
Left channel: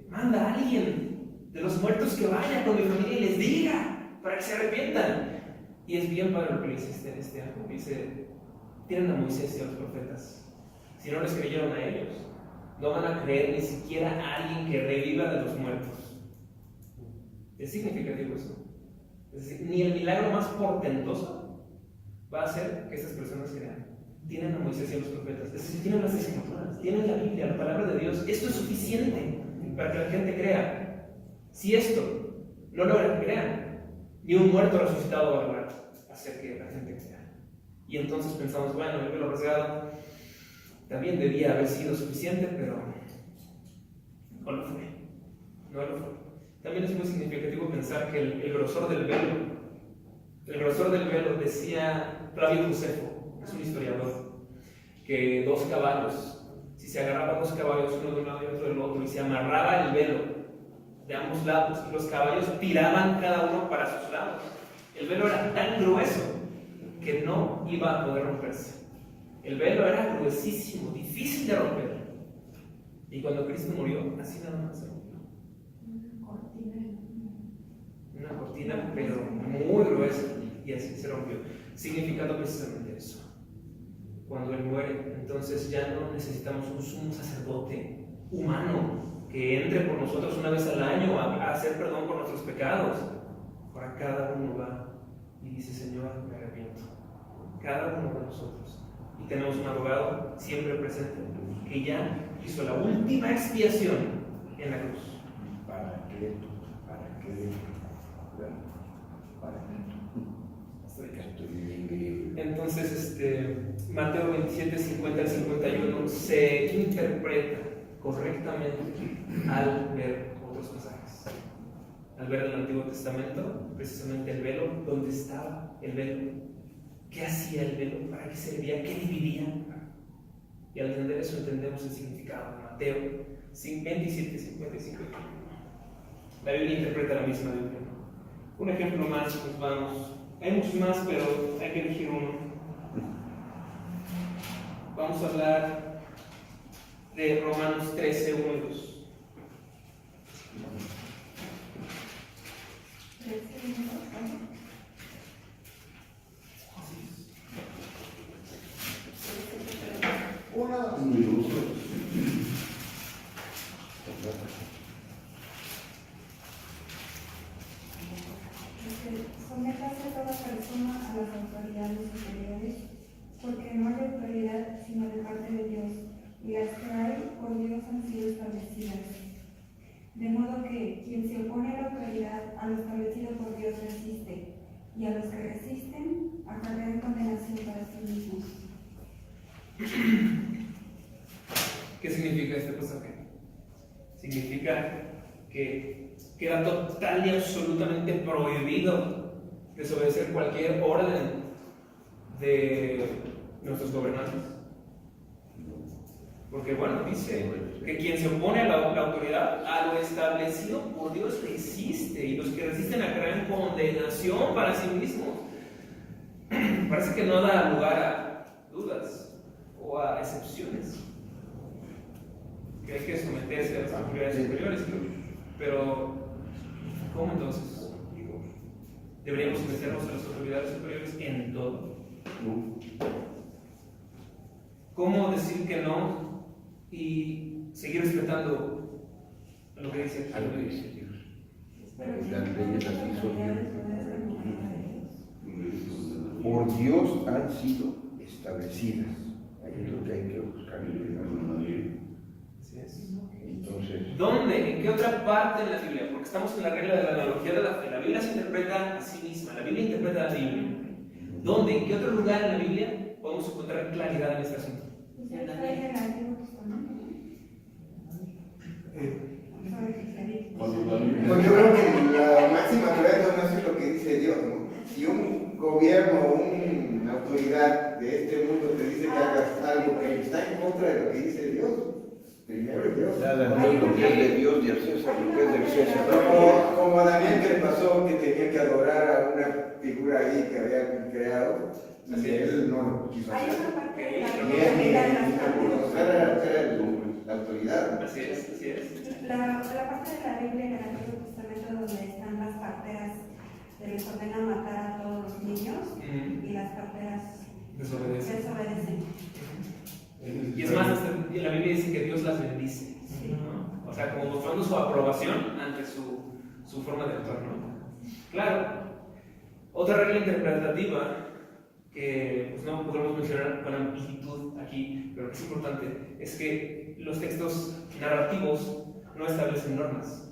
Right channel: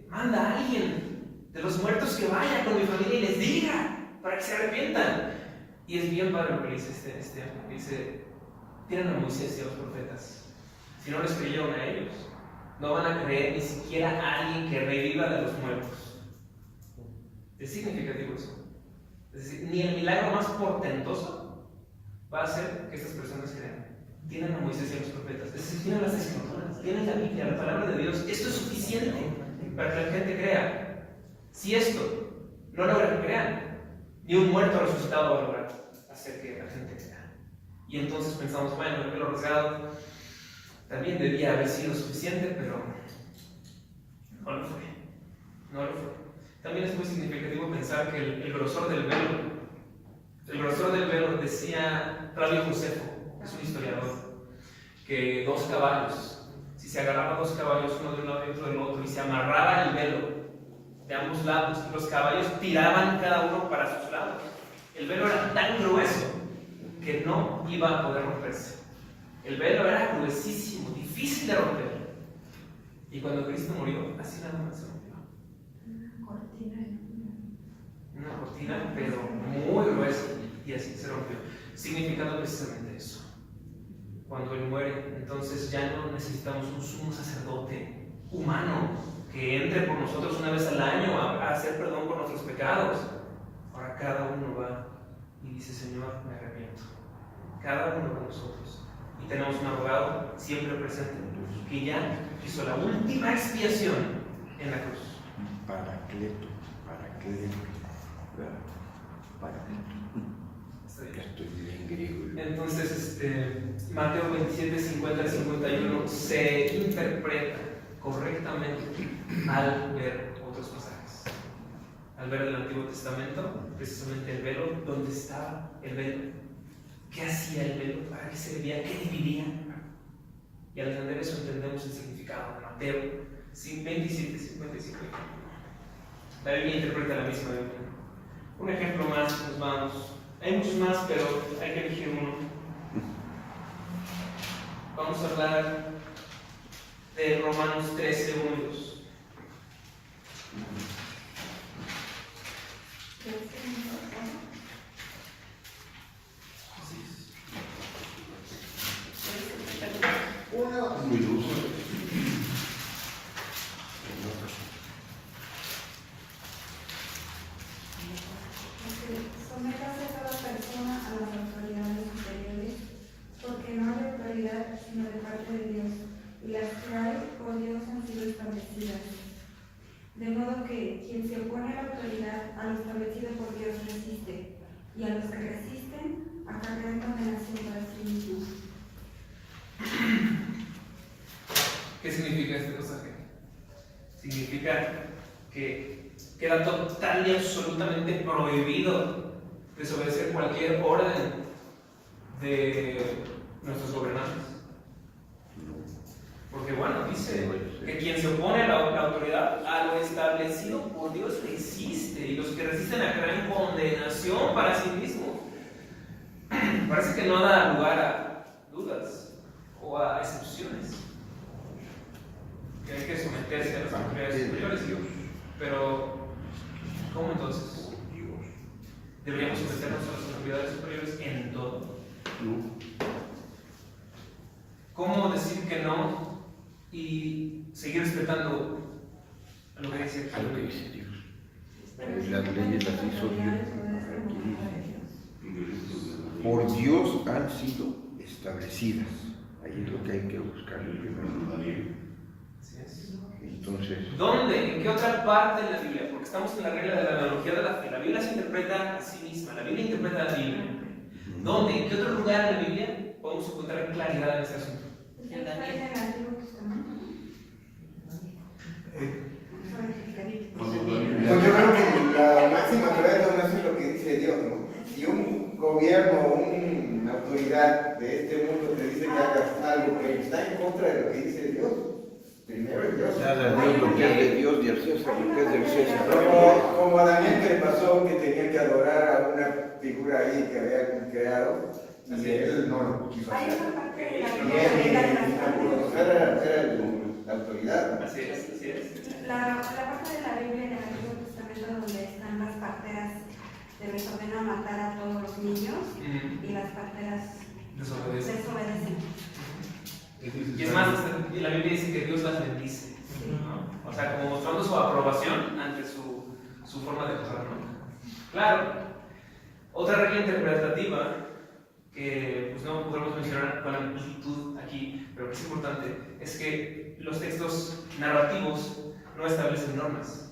manda a alguien de los muertos que vaya con mi familia y les diga para que se arrepientan. Y es bien padre lo que le dice este ángel, que dice: tienen a Moisés y a los profetas. Si no les creyeron a ellos, no van a creer ni siquiera a alguien que reviva de los muertos. Es significativo eso. Es decir, ni el milagro más portentoso va a hacer que estas personas crean. Tienen a Moisés y a los profetas, es decir, tienen las escrituras, tienen la Biblia, la palabra de Dios. Esto es suficiente para que la gente crea. Si esto no logra que crean, ni un muerto resucitado va a lograr hacer que la gente crea. Y entonces pensamos, bueno, el pelo rasgado también debía haber sido suficiente, pero no lo fue. No lo fue. También es muy significativo pensar que el grosor del velo, decía Flavio Josefo, es un historiador, que 2 caballos, si se agarraban 2 caballos uno de un lado y otro del otro y se amarraba el velo de ambos lados y los caballos tiraban cada uno para sus lados, el velo era tan grueso que no iba a poder romperse. El velo era gruesísimo, difícil de romper. Y cuando Cristo murió, así nada más se rompió. Una cortina, pero muy gruesa, y así se rompió, significando precisamente eso. Cuando Él muere, entonces ya no necesitamos un sumo sacerdote humano que entre por nosotros una vez al año a hacer perdón por nuestros pecados. Ahora cada uno va y dice: Señor, me arrepiento. Cada uno de nosotros. Y tenemos un abogado siempre presente que ya hizo la última expiación en la cruz. Paracleto. Ya estoy bien griego. Entonces, Mateo 27, 50 al 51 se interpreta correctamente al ver otros pasajes. Al ver el Antiguo Testamento, precisamente el velo, ¿dónde estaba el velo? ¿Qué hacía el velo? ¿Para qué servía? ¿Qué dividía? Y al entender eso entendemos el significado de Mateo 27, 55. La Biblia interpreta la misma Biblia. Un ejemplo más, nos vamos. Hay muchos más, pero hay que elegir uno. Vamos a hablar de Romanos 13, 1 y 2. Sométase toda persona a las autoridades superiores, porque no hay autoridad sino de parte de Dios, y las que hay por Dios han sido establecidas. De modo que quien se opone a la autoridad, a lo establecido por Dios resiste, y a los que resisten acarrean condenación para sí mismos. ¿Qué significa este pasaje? Significa que queda total y absolutamente prohibido desobedecer cualquier orden de nuestros gobernantes. Porque bueno, dice que quien se opone a la autoridad, a lo establecido por Dios resiste, y los que resisten acarrean condenación para sí mismos. Parece que no da lugar a dudas o a excepciones. Que hay que someterse a las autoridades superiores, pero ¿cómo entonces? ¿Deberíamos someternos a las autoridades superiores en todo? ¿Cómo decir que no y seguir respetando a lo que dice Dios? Las leyes las hizo Dios. Por Dios han sido establecidas. Ahí es lo que hay que buscar primero. Así es. Entonces, ¿Dónde? ¿En qué otra parte de la Biblia? Porque estamos en la regla de la analogía de la fe. La Biblia se interpreta a sí misma. La Biblia interpreta la Biblia. ¿Dónde? ¿En qué otro lugar en la Biblia podemos encontrar claridad en este asunto? ¿Usted está en el Antiguo Testamento? Pues yo creo que la máxima claridad es lo que dice Dios, ¿no? Si un gobierno o una autoridad de este mundo te dice que hagas algo que está en contra de lo que dice Dios, primero es Dios. nada, Dios lo que es de Dios y al César lo que es del César. Como a Daniel que le pasó que tenía que adorar a una figura ahí que había creado, y él no lo quiso Hay hacer. una parte de la Y Biblia era la autoridad. Así es, así es. la parte de la Biblia en el Antiguo Testamento donde están las parteras que les ordenan matar a todos los niños y las parteras desobedecen. Y es más, la Biblia dice que Dios las bendice, ¿no? O sea, como mostrando su aprobación ante su forma de actuar, ¿no? Claro, otra regla interpretativa que pues no podremos mencionar con amplitud aquí, pero que es importante, es que los textos narrativos no establecen normas.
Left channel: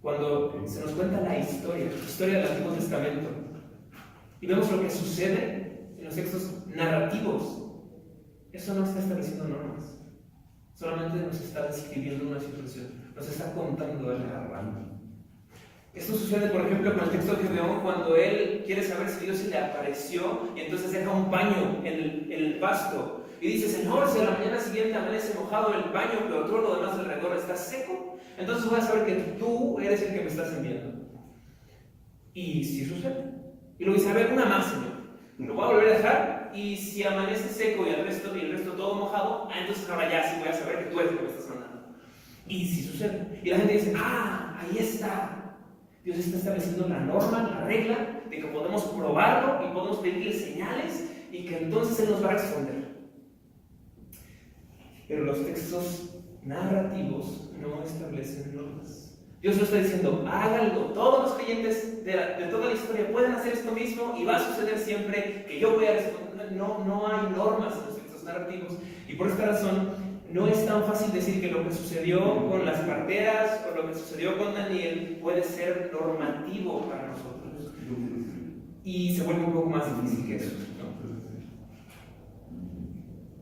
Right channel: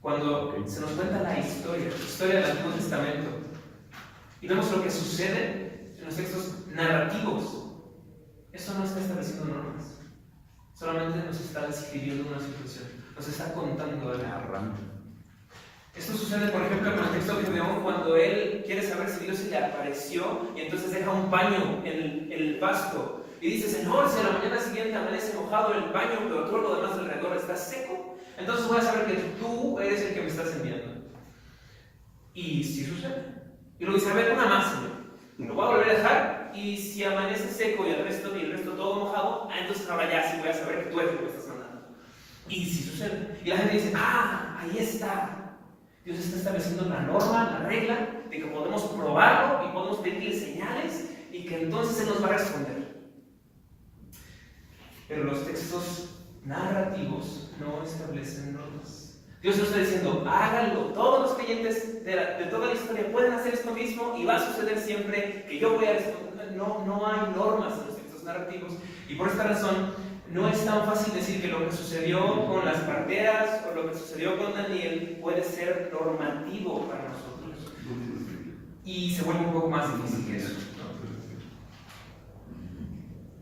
Cuando se nos cuenta la historia del Antiguo Testamento, y vemos lo que sucede en los textos narrativos, eso no está estableciendo normas, solamente nos está describiendo una situación, nos está contando algo. Esto sucede, por ejemplo, con el texto de Gedeón, cuando él quiere saber si Dios se le apareció y entonces deja un paño en el pasto y dice: Señor, si a la mañana siguiente amanece mojado el paño, pero todo lo demás alrededor está seco, entonces voy a saber que tú eres el que me estás enviando. Y si sucede. Y luego dice: a ver, una más, Señor. Lo voy a volver a dejar, y si amanece seco y el resto todo mojado, entonces ahora ya sí voy a saber que tú eres el que me estás sanando. Y si sucede. Y la gente dice: ahí está. Dios está estableciendo la norma, la regla, de que podemos probarlo y podemos pedirle señales y que entonces Él nos va a responder. Pero los textos narrativos no establecen normas. Dios no está diciendo: háganlo. Todos los creyentes de toda la historia pueden hacer esto mismo y va a suceder siempre que yo voy a responder. No hay normas en los textos narrativos. Y por esta razón, no es tan fácil decir que lo que sucedió con las parteras o lo que sucedió con Daniel puede ser normativo para nosotros. Y se vuelve un poco más difícil que eso, ¿no?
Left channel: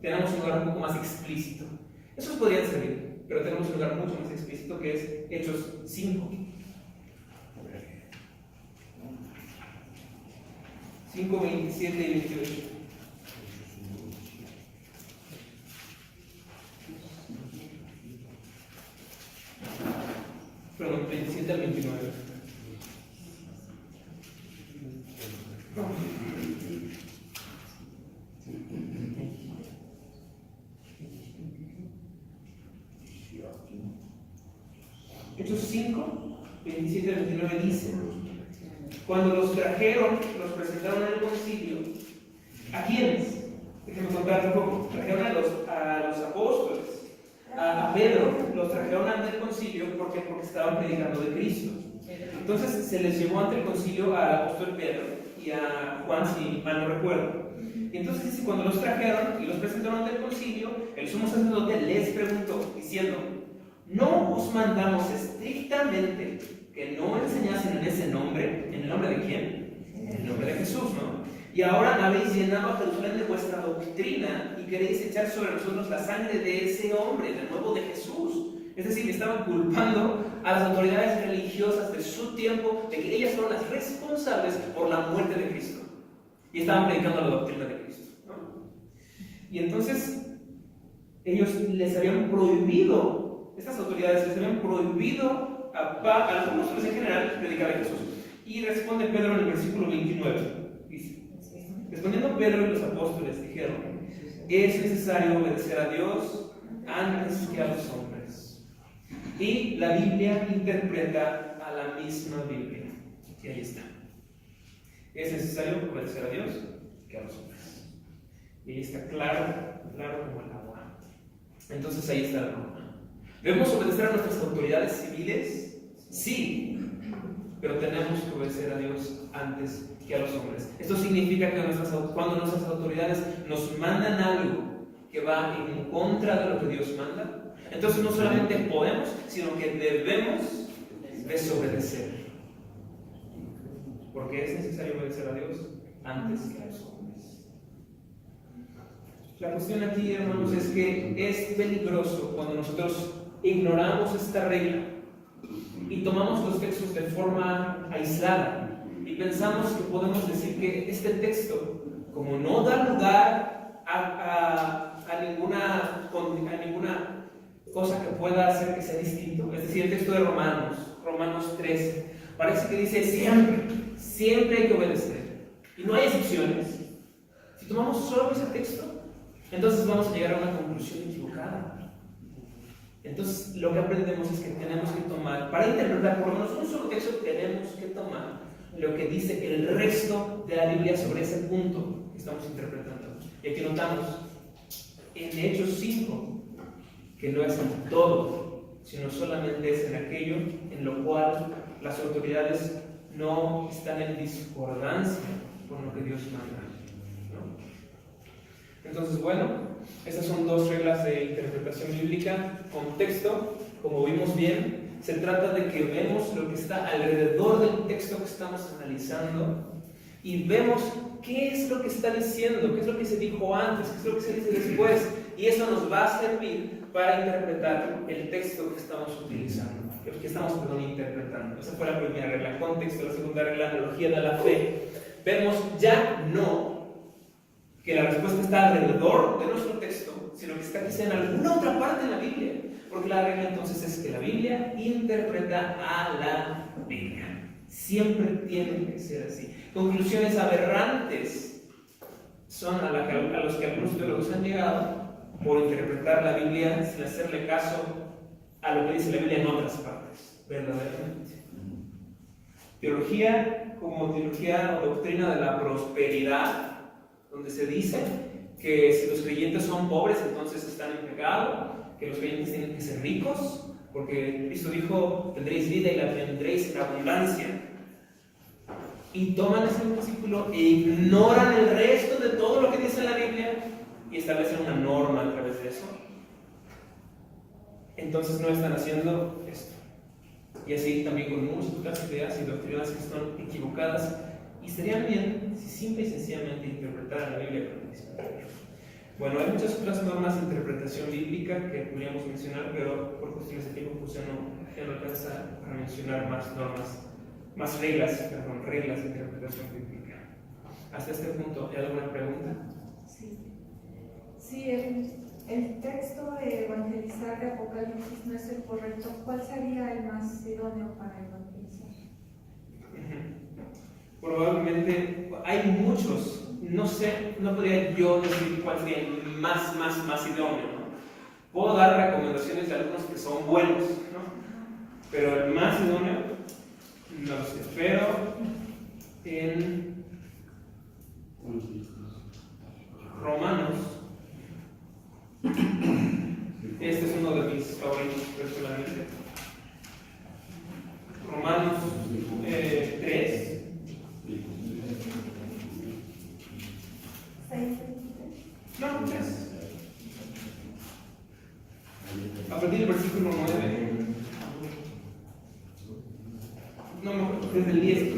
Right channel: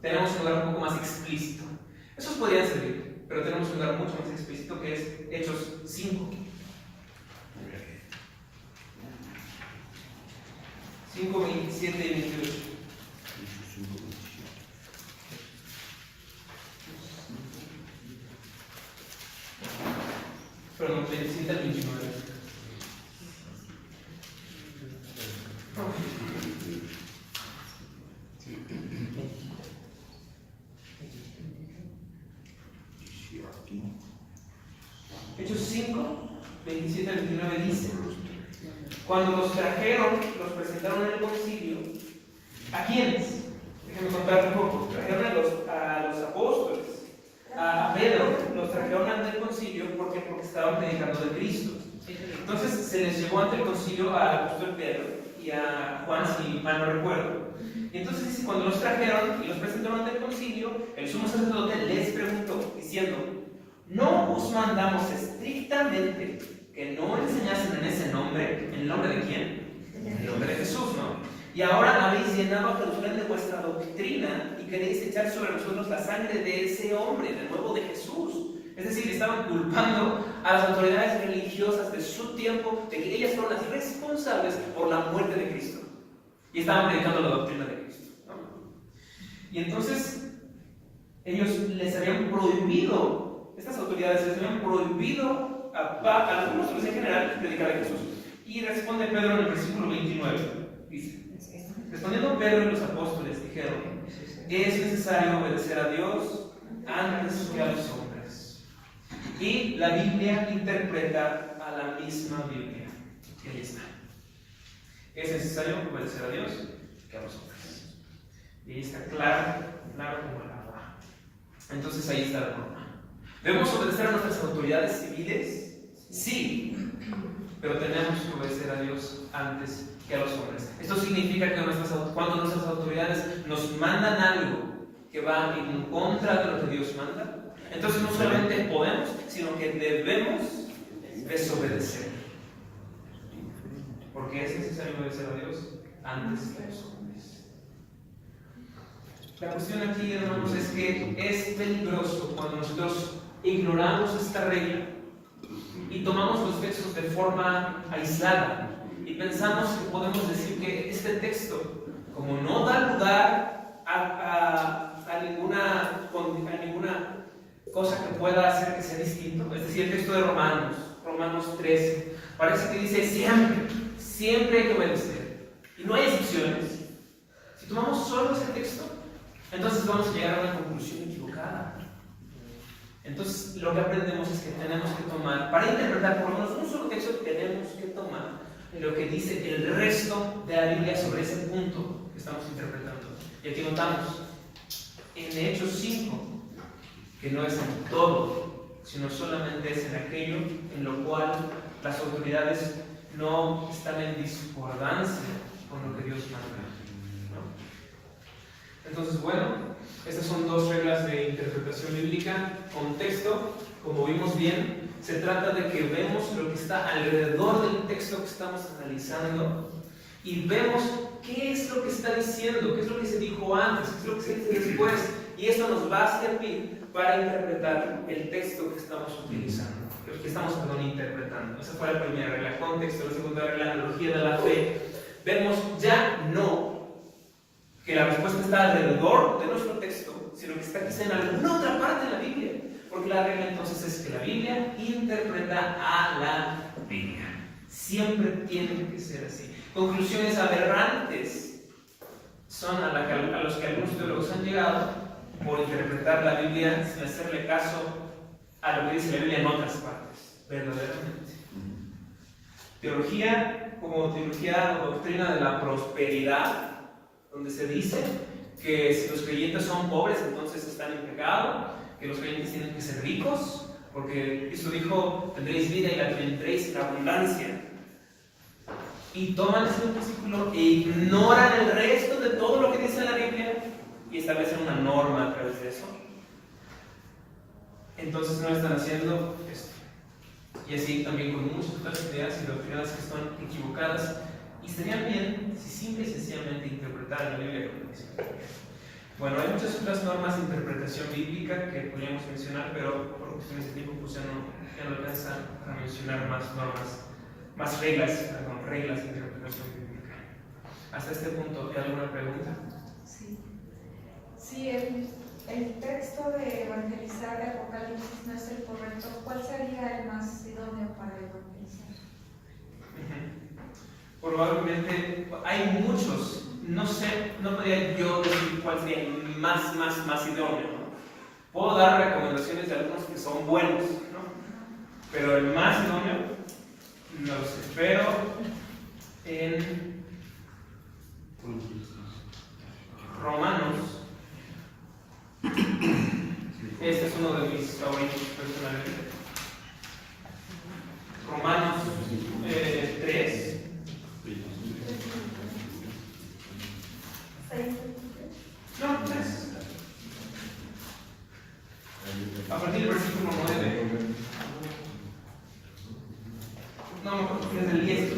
Tenemos un lugar un poco más explícito. Esos podrían servir, pero tenemos un lugar mucho más explícito que es Hechos 5. 5, 27 y 28. Perdón, 27 al 29. Hechos 5, 27 al 29 dice: cuando los trajeron, los presentaron en el concilio. ¿A quiénes? Déjenme contar un poco. Trajeron a los apóstoles. A Pedro los trajeron ante el concilio porque estaban predicando de Cristo. Entonces se les llevó ante el concilio al apóstol Pedro y a Juan, si mal no recuerdo. Y entonces dice: cuando los trajeron y los presentaron ante el concilio, el sumo sacerdote les preguntó, diciendo: ¿no os mandamos estrictamente que no enseñasen en ese nombre? ¿En el nombre de quién? En el nombre de Jesús, ¿no? Y ahora habéis llenado a Jerusalén de vuestra doctrina y queréis echar sobre nosotros la sangre de ese hombre, del cuerpo de Jesús. Es decir, estaban culpando a las autoridades religiosas de su tiempo de que ellas fueron las responsables por la muerte de Cristo. Y estaban predicando la doctrina de Cristo, ¿no? Y entonces ellos les habían prohibido, estas autoridades les habían prohibido a los apóstoles en general predicar a Jesús. Y responde Pedro en el versículo 29. Dice: respondiendo Pedro y los apóstoles dijeron: es necesario obedecer a Dios antes que a los hombres. Y la Biblia interpreta a la misma Biblia. Y ahí está. Es necesario obedecer a Dios que a los hombres. Y ahí está claro como el agua. Entonces ahí está la norma. ¿Debemos obedecer a nuestras autoridades civiles? Sí, pero tenemos que obedecer a Dios antes que a los hombres. Esto significa que cuando nuestras autoridades nos mandan algo que va en contra de lo que Dios manda, entonces no solamente podemos, sino que debemos desobedecer. Porque es necesario obedecer a Dios antes que a los hombres. La cuestión aquí, hermanos, es que es peligroso cuando nosotros ignoramos esta regla y tomamos los textos de forma aislada y pensamos que podemos decir que este texto, como no da lugar a ninguna cosa que pueda hacer que sea distinto, es decir, el texto de Romanos 13, parece que dice siempre hay que obedecer y no hay excepciones. Si tomamos solo ese texto, entonces vamos a llegar a una conclusión equivocada. Entonces lo que aprendemos es que tenemos que tomar, para interpretar por lo menos un solo texto, tenemos que tomar lo que dice el resto de la Biblia sobre ese punto que estamos interpretando. Y aquí notamos en Hechos 5 que no es en todo, sino solamente es en aquello en lo cual las autoridades no están en discordancia con lo que Dios manda, ¿no? Entonces, bueno, estas son dos reglas de interpretación bíblica. Contexto, como vimos bien, se trata de que vemos lo que está alrededor del texto que estamos analizando y vemos qué es lo que está diciendo, qué es lo que se dijo antes, qué es lo que se dice después, y eso nos va a servir para interpretar el texto que estamos utilizando, que estamos interpretando. Esa fue la primera regla, contexto. La segunda regla, analogía de la fe. Vemos ya no que la respuesta está alrededor de nuestro texto, sino que está quizá en alguna otra parte de la Biblia, porque la regla entonces es que la Biblia interpreta a la Biblia. Siempre tiene que ser así. Conclusiones aberrantes son a los que algunos teólogos han llegado por interpretar la Biblia sin hacerle caso a lo que dice la Biblia en otras partes, verdaderamente. Teología como teología o doctrina de la prosperidad, donde se dice que si los creyentes son pobres, entonces están en pecado, que los creyentes tienen que ser ricos, porque Cristo dijo, tendréis vida y la tendréis en abundancia. Y toman ese versículo e ignoran el resto de todo lo que dice la Biblia y establecen una norma a través de eso. Entonces no están haciendo esto. Y así también con muchas otras ideas y doctrinas que son equivocadas. Y estarían bien si simple y sencillamente interpretaran la Biblia como dice. Bueno, hay muchas otras normas de interpretación bíblica que podríamos mencionar, pero por cuestiones de tiempo pues ya no alcanza a mencionar más normas, más reglas de interpretación bíblica. Hasta este punto, ¿hay alguna pregunta? Sí. Sí, el texto de evangelizar de Apocalipsis no es el correcto. ¿Cuál sería el más idóneo para evangelizar? Probablemente hay muchos, no sé, no podría yo decir cuál sería el más idóneo, ¿no? Puedo dar recomendaciones de algunos que son buenos, ¿no? Pero el más idóneo, no lo sé, pero en Romanos, este es uno de mis favoritos personalmente, Romanos 3. No, 3. A partir del versículo 9. No, desde el 10.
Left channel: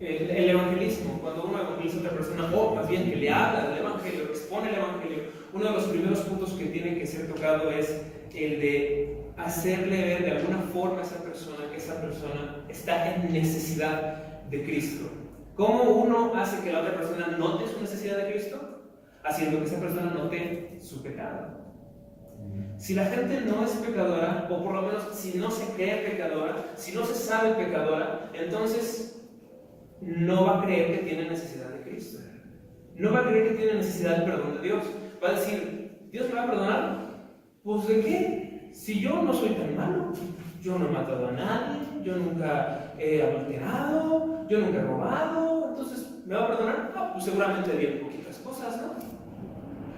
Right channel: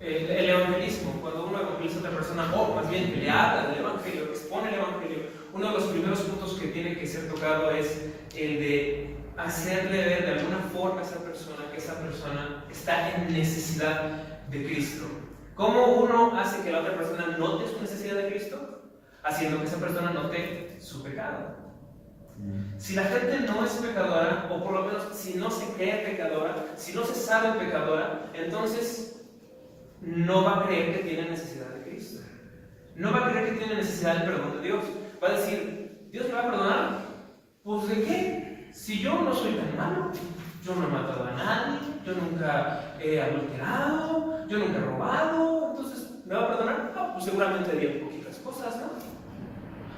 El evangelismo, cuando uno evangeliza a otra persona, o más bien le habla del evangelio, expone el evangelio, uno de los primeros puntos que tiene que ser tocado es el de hacerle ver de alguna forma a esa persona que esa persona está en necesidad de Cristo. ¿Cómo uno hace que la otra persona note su necesidad de Cristo? Haciendo que esa persona note su pecado. Si la gente no es pecadora, o por lo menos si no se cree pecadora, si no se sabe pecadora, entonces no va a creer que tiene necesidad de Cristo. No va a creer que tiene necesidad del perdón de Dios. Va a decir, ¿Dios me va a perdonar? Pues ¿de qué? Si yo no soy tan malo, yo no he matado a nadie, yo nunca he adulterado, yo nunca he robado, entonces ¿me va a perdonar? No, pues seguramente bien poquitas cosas, ¿no?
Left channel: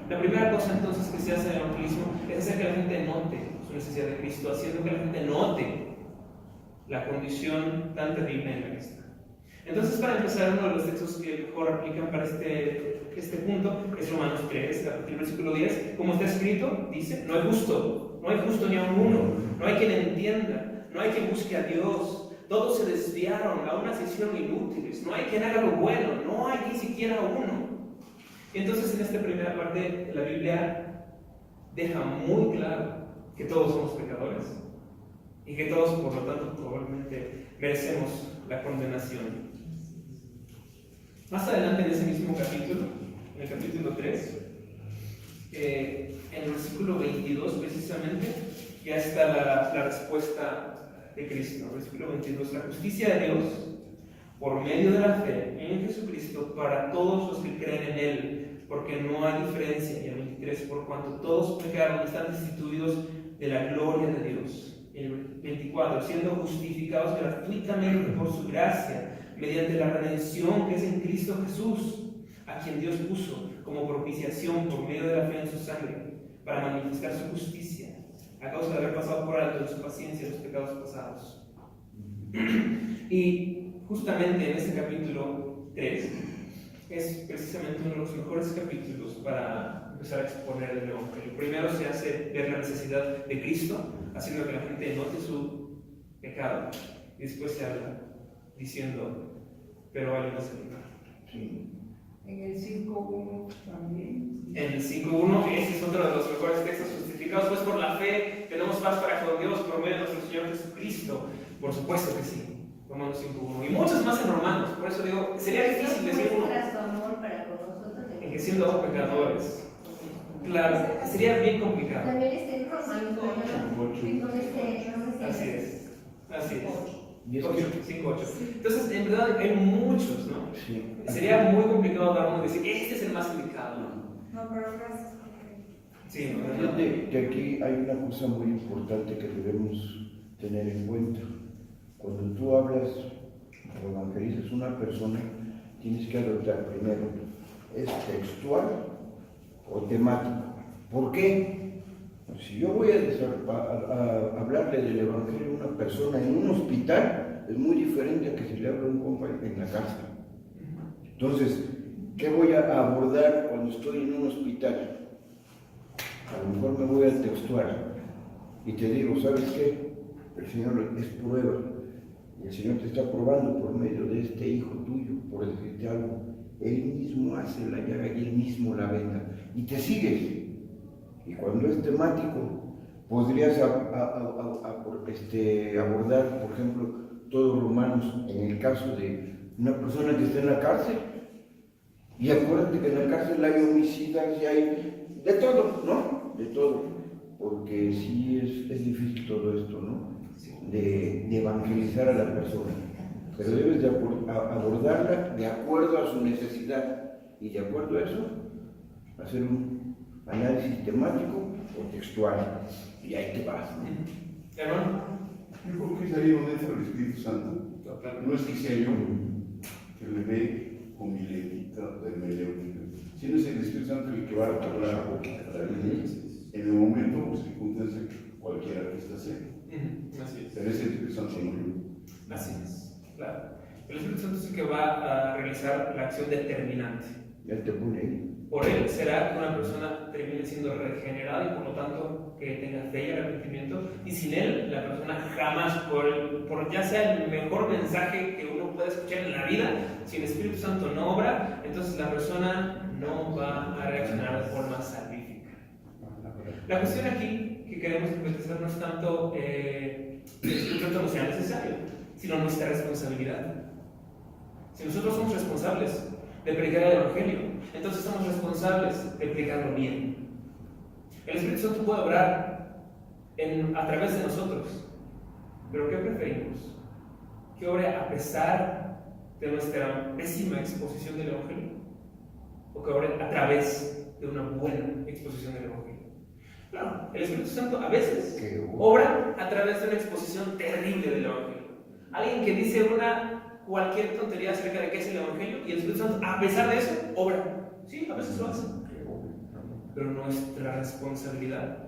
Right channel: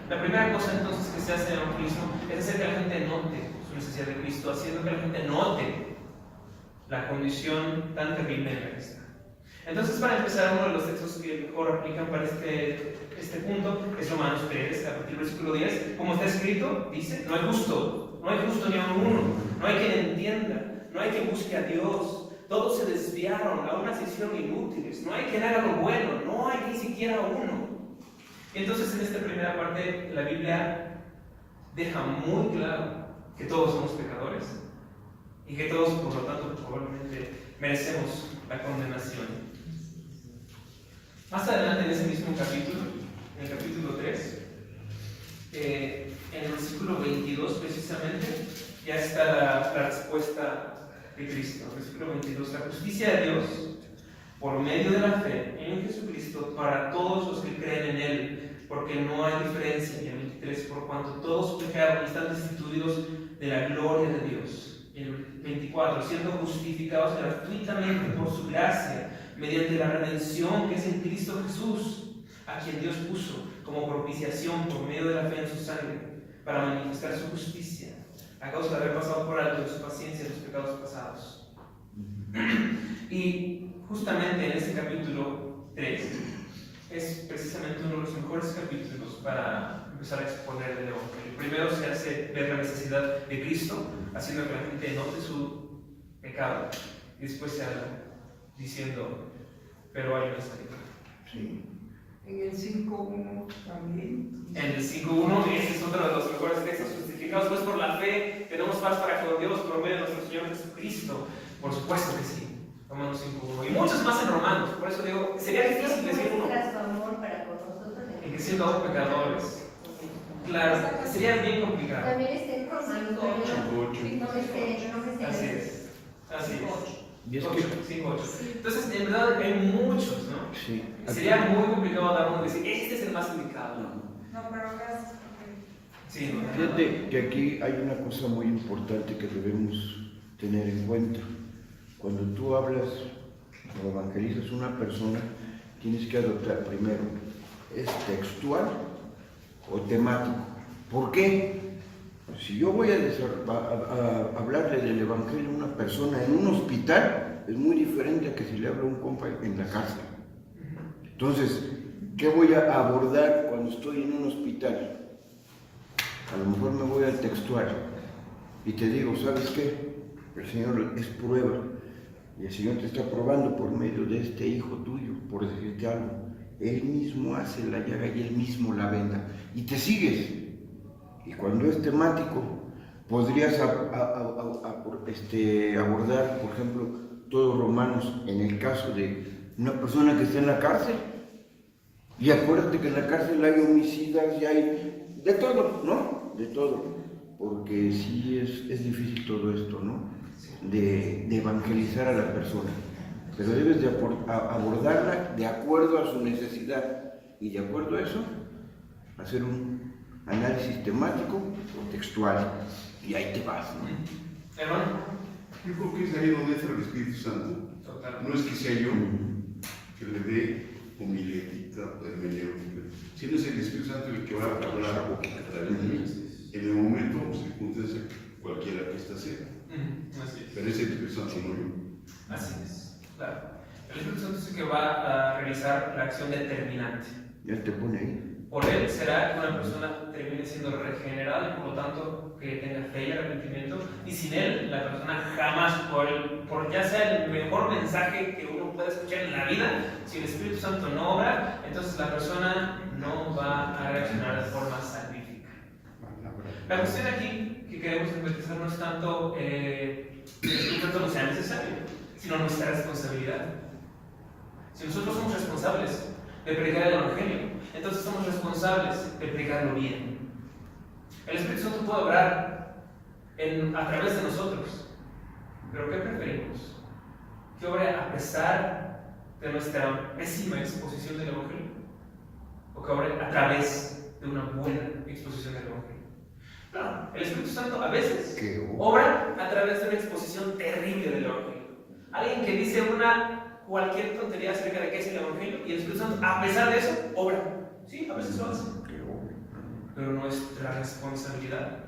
La primera cosa entonces que se hace en el evangelismo es hacer que la gente note su necesidad de Cristo, haciendo que la gente note la condición tan terrible en la que está. Entonces, para empezar, uno de los textos que mejor aplican para este punto es Romanos 3, a partir del versículo 10. Como está escrito, dice: no hay justo ni aun uno, no hay quien entienda, no hay quien busque a Dios. Todos se desviaron, a una se hicieron inútiles, no hay quien haga lo bueno, no hay ni siquiera uno. Y entonces, en esta primera parte, la Biblia deja muy claro que todos somos pecadores y que todos, por lo tanto, probablemente merecemos la condenación. Más adelante en ese mismo capítulo, en el capítulo 3, en el versículo 22 precisamente, ya está la respuesta de Cristo. Versículo 22: la justicia de Dios por medio de la fe en Jesucristo para todos los que creen en Él, porque no hay diferencia. En el 23: por cuanto todos pecaron y están destituidos de la gloria de Dios. En el 24: siendo justificados gratuitamente por su gracia, mediante la redención que es en Cristo Jesús, a quien Dios puso como propiciación por medio de la fe en su sangre, para manifestar su justicia, a causa de haber pasado por alto en su paciencia los pecados pasados. Y justamente en este capítulo 3 es precisamente uno de los mejores capítulos para empezar a exponer el Evangelio. Primero se hace ver la necesidad de Cristo, haciendo que la gente note su pecado, y después se habla diciendo: pero hay una salida. Sí. En el 5.1 también. En el 5.1, y este es otro de los mejores textos: justificados pues por la fe, tenemos paz para con Dios por medio de nuestro Señor Jesucristo. Por supuesto que sí. Romanos 5.1. Y muchos más en Romanos. Por eso digo, sería difícil decir uno. En que siendo aún pecadores. Claro, sería bien complicado. También está en Romanos, Así es. Así es. 5.8. Sí. Entonces, en verdad hay muchos, ¿no? Sí. Sería muy complicado dar uno y decir: este es el más indicado. No, pero gracias. Sí, ¿no? Fíjate que aquí hay una cosa muy importante que debemos tener en cuenta. Cuando tú hablas o evangelizas a una persona, tienes que adoptar primero: ¿es textual o temático? ¿Por qué? Pues si yo voy a hablarle del evangelio a una persona en un hospital, es muy diferente a que si le hablo a un compa en la cárcel. Entonces, ¿qué voy a abordar cuando estoy en un hospital? A lo mejor me voy al textual y te digo: ¿sabes qué? El Señor es prueba, y el Señor te está probando por medio de este hijo tuyo, por decirte algo. Él mismo hace la llaga y Él mismo la venda, y te sigues. Y cuando es temático, podrías abordar, por ejemplo, todos Romanos, en el caso de una persona que está en la cárcel. Y acuérdate que en la cárcel hay homicidas y hay de todo, ¿no? De todo. Porque sí es difícil todo esto, ¿no? De evangelizar a la persona. Pero debes de abordarla de acuerdo a su necesidad. Y de acuerdo a eso, hacer un análisis temático o textual. Y ahí te vas, ¿no? Hermano. Yo creo que es ahí donde entra el Espíritu Santo. No es que sea yo que le dé homilética, hermenéutica, sino es el Espíritu Santo el que va a hablar a través de mí en el momento o circunstancia cualquiera que está cerca. Así es. Pero es el Espíritu Santo, no yo. Así es, claro. El Espíritu Santo es el que va a realizar la acción determinante. Ya te pone ahí. Por él será que una persona termine siendo regenerada y por lo tanto que tenga fe y arrepentimiento, y sin él la persona jamás, por ya sea el mejor mensaje que uno pueda escuchar en la vida, si el Espíritu Santo no obra, entonces la persona no va a reaccionar de forma salvífica. La cuestión aquí que queremos enfatizar no es tanto que el Espíritu Santo no sea necesario, sino nuestra responsabilidad. Si nosotros somos responsables de predicar el Evangelio, entonces somos responsables de predicarlo bien. El Espíritu Santo puede obrar a través de nosotros, pero ¿qué preferimos? ¿Que obre a pesar de nuestra pésima exposición del Evangelio? ¿O que obre a través de una buena exposición del Evangelio? Claro, el Espíritu Santo a veces obra a través de una exposición terrible del Evangelio. Alguien que dice cualquier tontería acerca de qué es el Evangelio, y el Espíritu Santo, a pesar de eso, obra. Sí, a veces lo hace. pero nuestra responsabilidad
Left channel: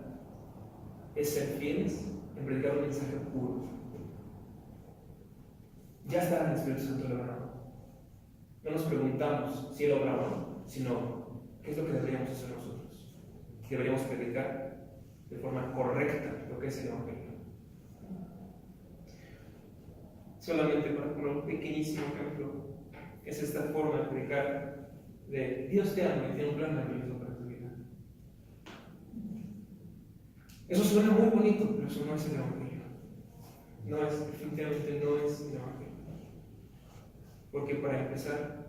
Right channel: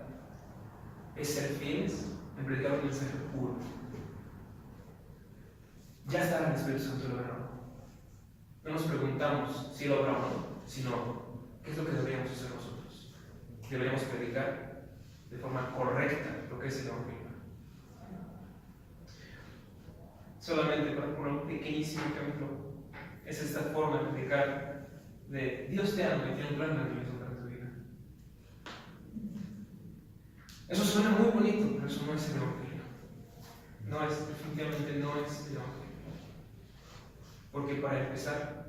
es ser fieles en predicar un mensaje puro. Ya está el Espíritu Santo logrado. No nos preguntamos si lo logramos o no, sino qué es lo que deberíamos hacer nosotros. Deberíamos predicar de forma correcta lo que es el Evangelio. Solamente para poner un pequeñísimo ejemplo, es esta forma de predicar de Dios te ama y tiene un plan maravilloso para tu vida. Eso suena muy bonito, pero eso no es el Evangelio. No es, definitivamente no es el Evangelio. Porque para empezar,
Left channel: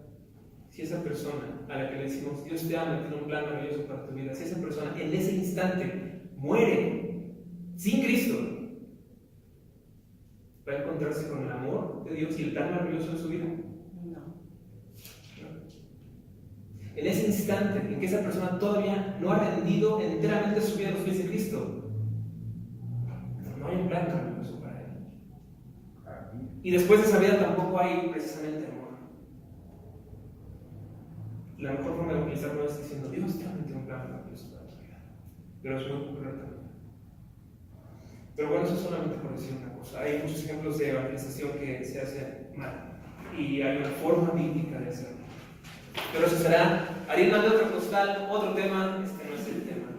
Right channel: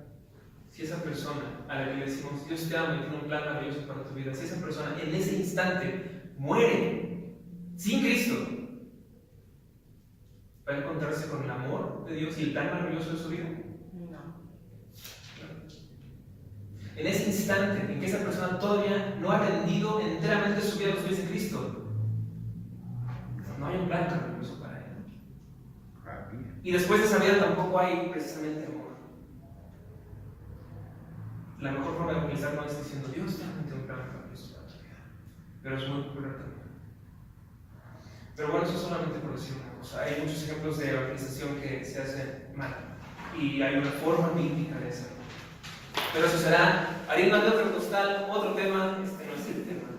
si esa persona a la que le decimos Dios te ama y tiene un plan maravilloso para tu vida, si esa persona en ese instante muere sin Cristo, ¿va a encontrarse con el amor de Dios y el plan maravilloso de su vida? No. En ese instante en que esa persona todavía no ha rendido enteramente su vida a los pies de Cristo, no hay un plan maravilloso para él. Y después de esa vida tampoco hay precisamente amor. La mejor forma de utilizar no es diciendo Dios tiene un plan maravilloso para tu vida, pero es muy correcto. Pero bueno, eso solamente por decir una cosa. Hay muchos ejemplos de evangelización que se hacen mal y hay una forma bíblica de hacerlo. Pero eso será harina de otro costal, otro tema, este no es el tema.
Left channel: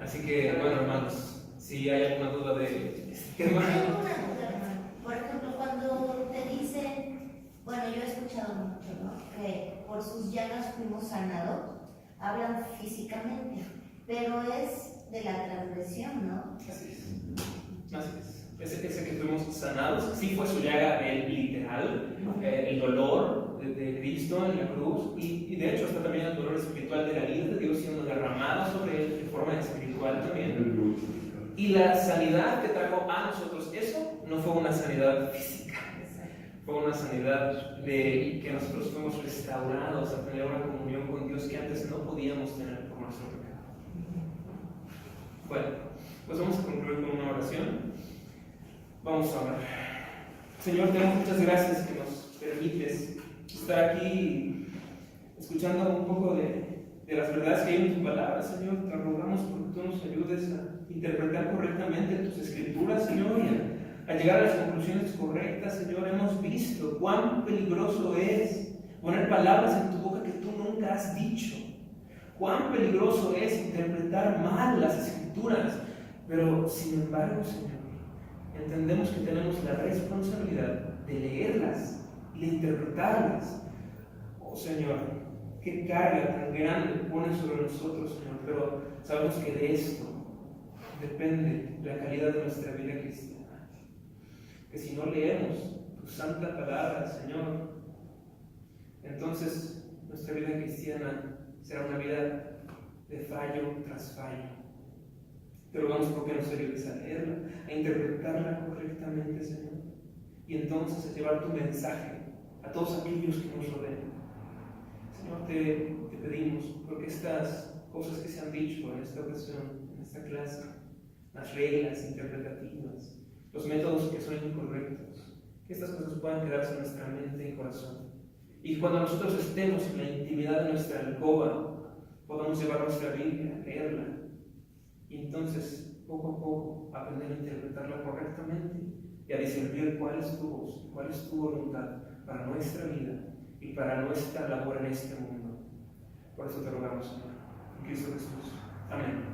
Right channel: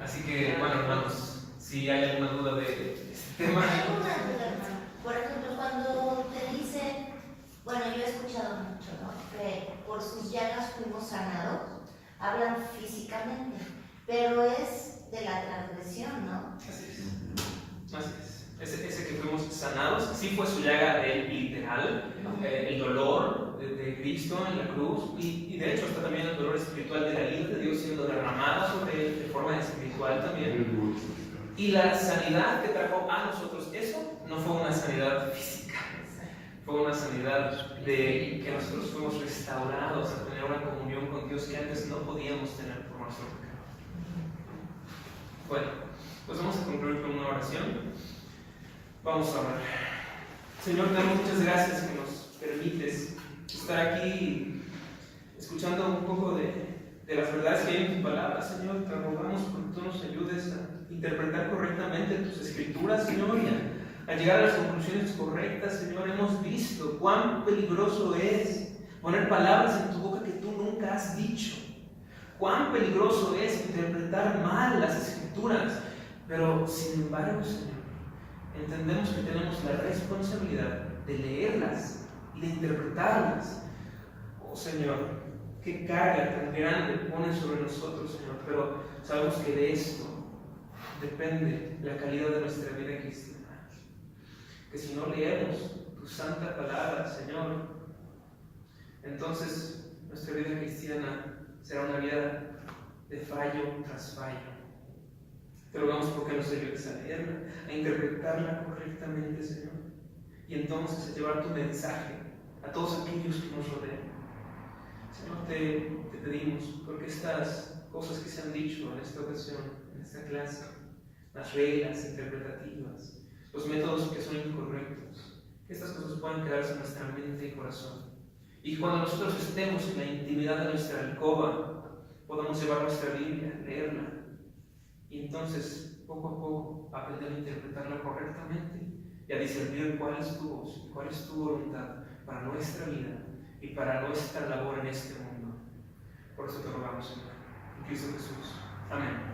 Así que, bueno, hermanos, si hay alguna duda de este tema. Hay una duda, hermano. Por ejemplo, cuando te dicen, bueno, yo he escuchado mucho, ¿no? Que por sus llagas fuimos sanados, hablan físicamente, pero es de la transgresión, ¿no? Así es. Así es. Ese que fuimos sanados, sí fue su llaga literal, el dolor de Cristo en la cruz, y de hecho está también el dolor espiritual de la ira de Dios siendo derramada sobre él de forma espiritual también. Y la sanidad que trajo a nosotros, eso no fue una sanidad física, fue una sanidad de que nosotros fuimos restaurados a tener una comunión con Dios que antes no podíamos tener por nuestro pecado. Bueno, pues vamos a concluir con una oración. Vamos a orar. Señor, te damos muchas gracias que nos permites estar aquí escuchando un poco de las verdades que hay en tu palabra, Señor. Te rogamos que tú nos ayudes a interpretar correctamente tus escrituras, Señor, y a llegar a las conclusiones correctas, Señor. Hemos visto cuán peligroso es poner palabras en tu boca que tú nunca has dicho. Cuán peligroso es interpretar mal las escrituras. Pero, sin embargo, Señor, entendemos que tenemos la responsabilidad de leerlas y de interpretarlas. Oh, Señor, qué carga tan grande pones sobre nosotros, Señor, pero sabemos que de esto depende la calidad de nuestra vida cristiana. Que si no leemos tu santa palabra, Señor, entonces nuestra vida cristiana será una vida de fallo tras fallo. Te rogamos porque nos ayudes a leerla, a interpretarla correctamente, Señor, y entonces a llevar tu mensaje a todos aquellos que nos rodean. Señor, te pedimos, porque estas cosas que se han dicho en esta ocasión, en esta clase, las reglas interpretativas, los métodos que son incorrectos, que estas cosas puedan quedarse en nuestra mente y corazón. Y cuando nosotros estemos en la intimidad de nuestra alcoba, podamos llevar nuestra Biblia, leerla, y entonces, poco a poco, aprender a interpretarla correctamente y a discernir cuál es tu voz, cuál es tu voluntad para nuestra vida y para nuestra labor en este mundo. Por eso te rogamos, Señor, en Cristo Jesús. Amén.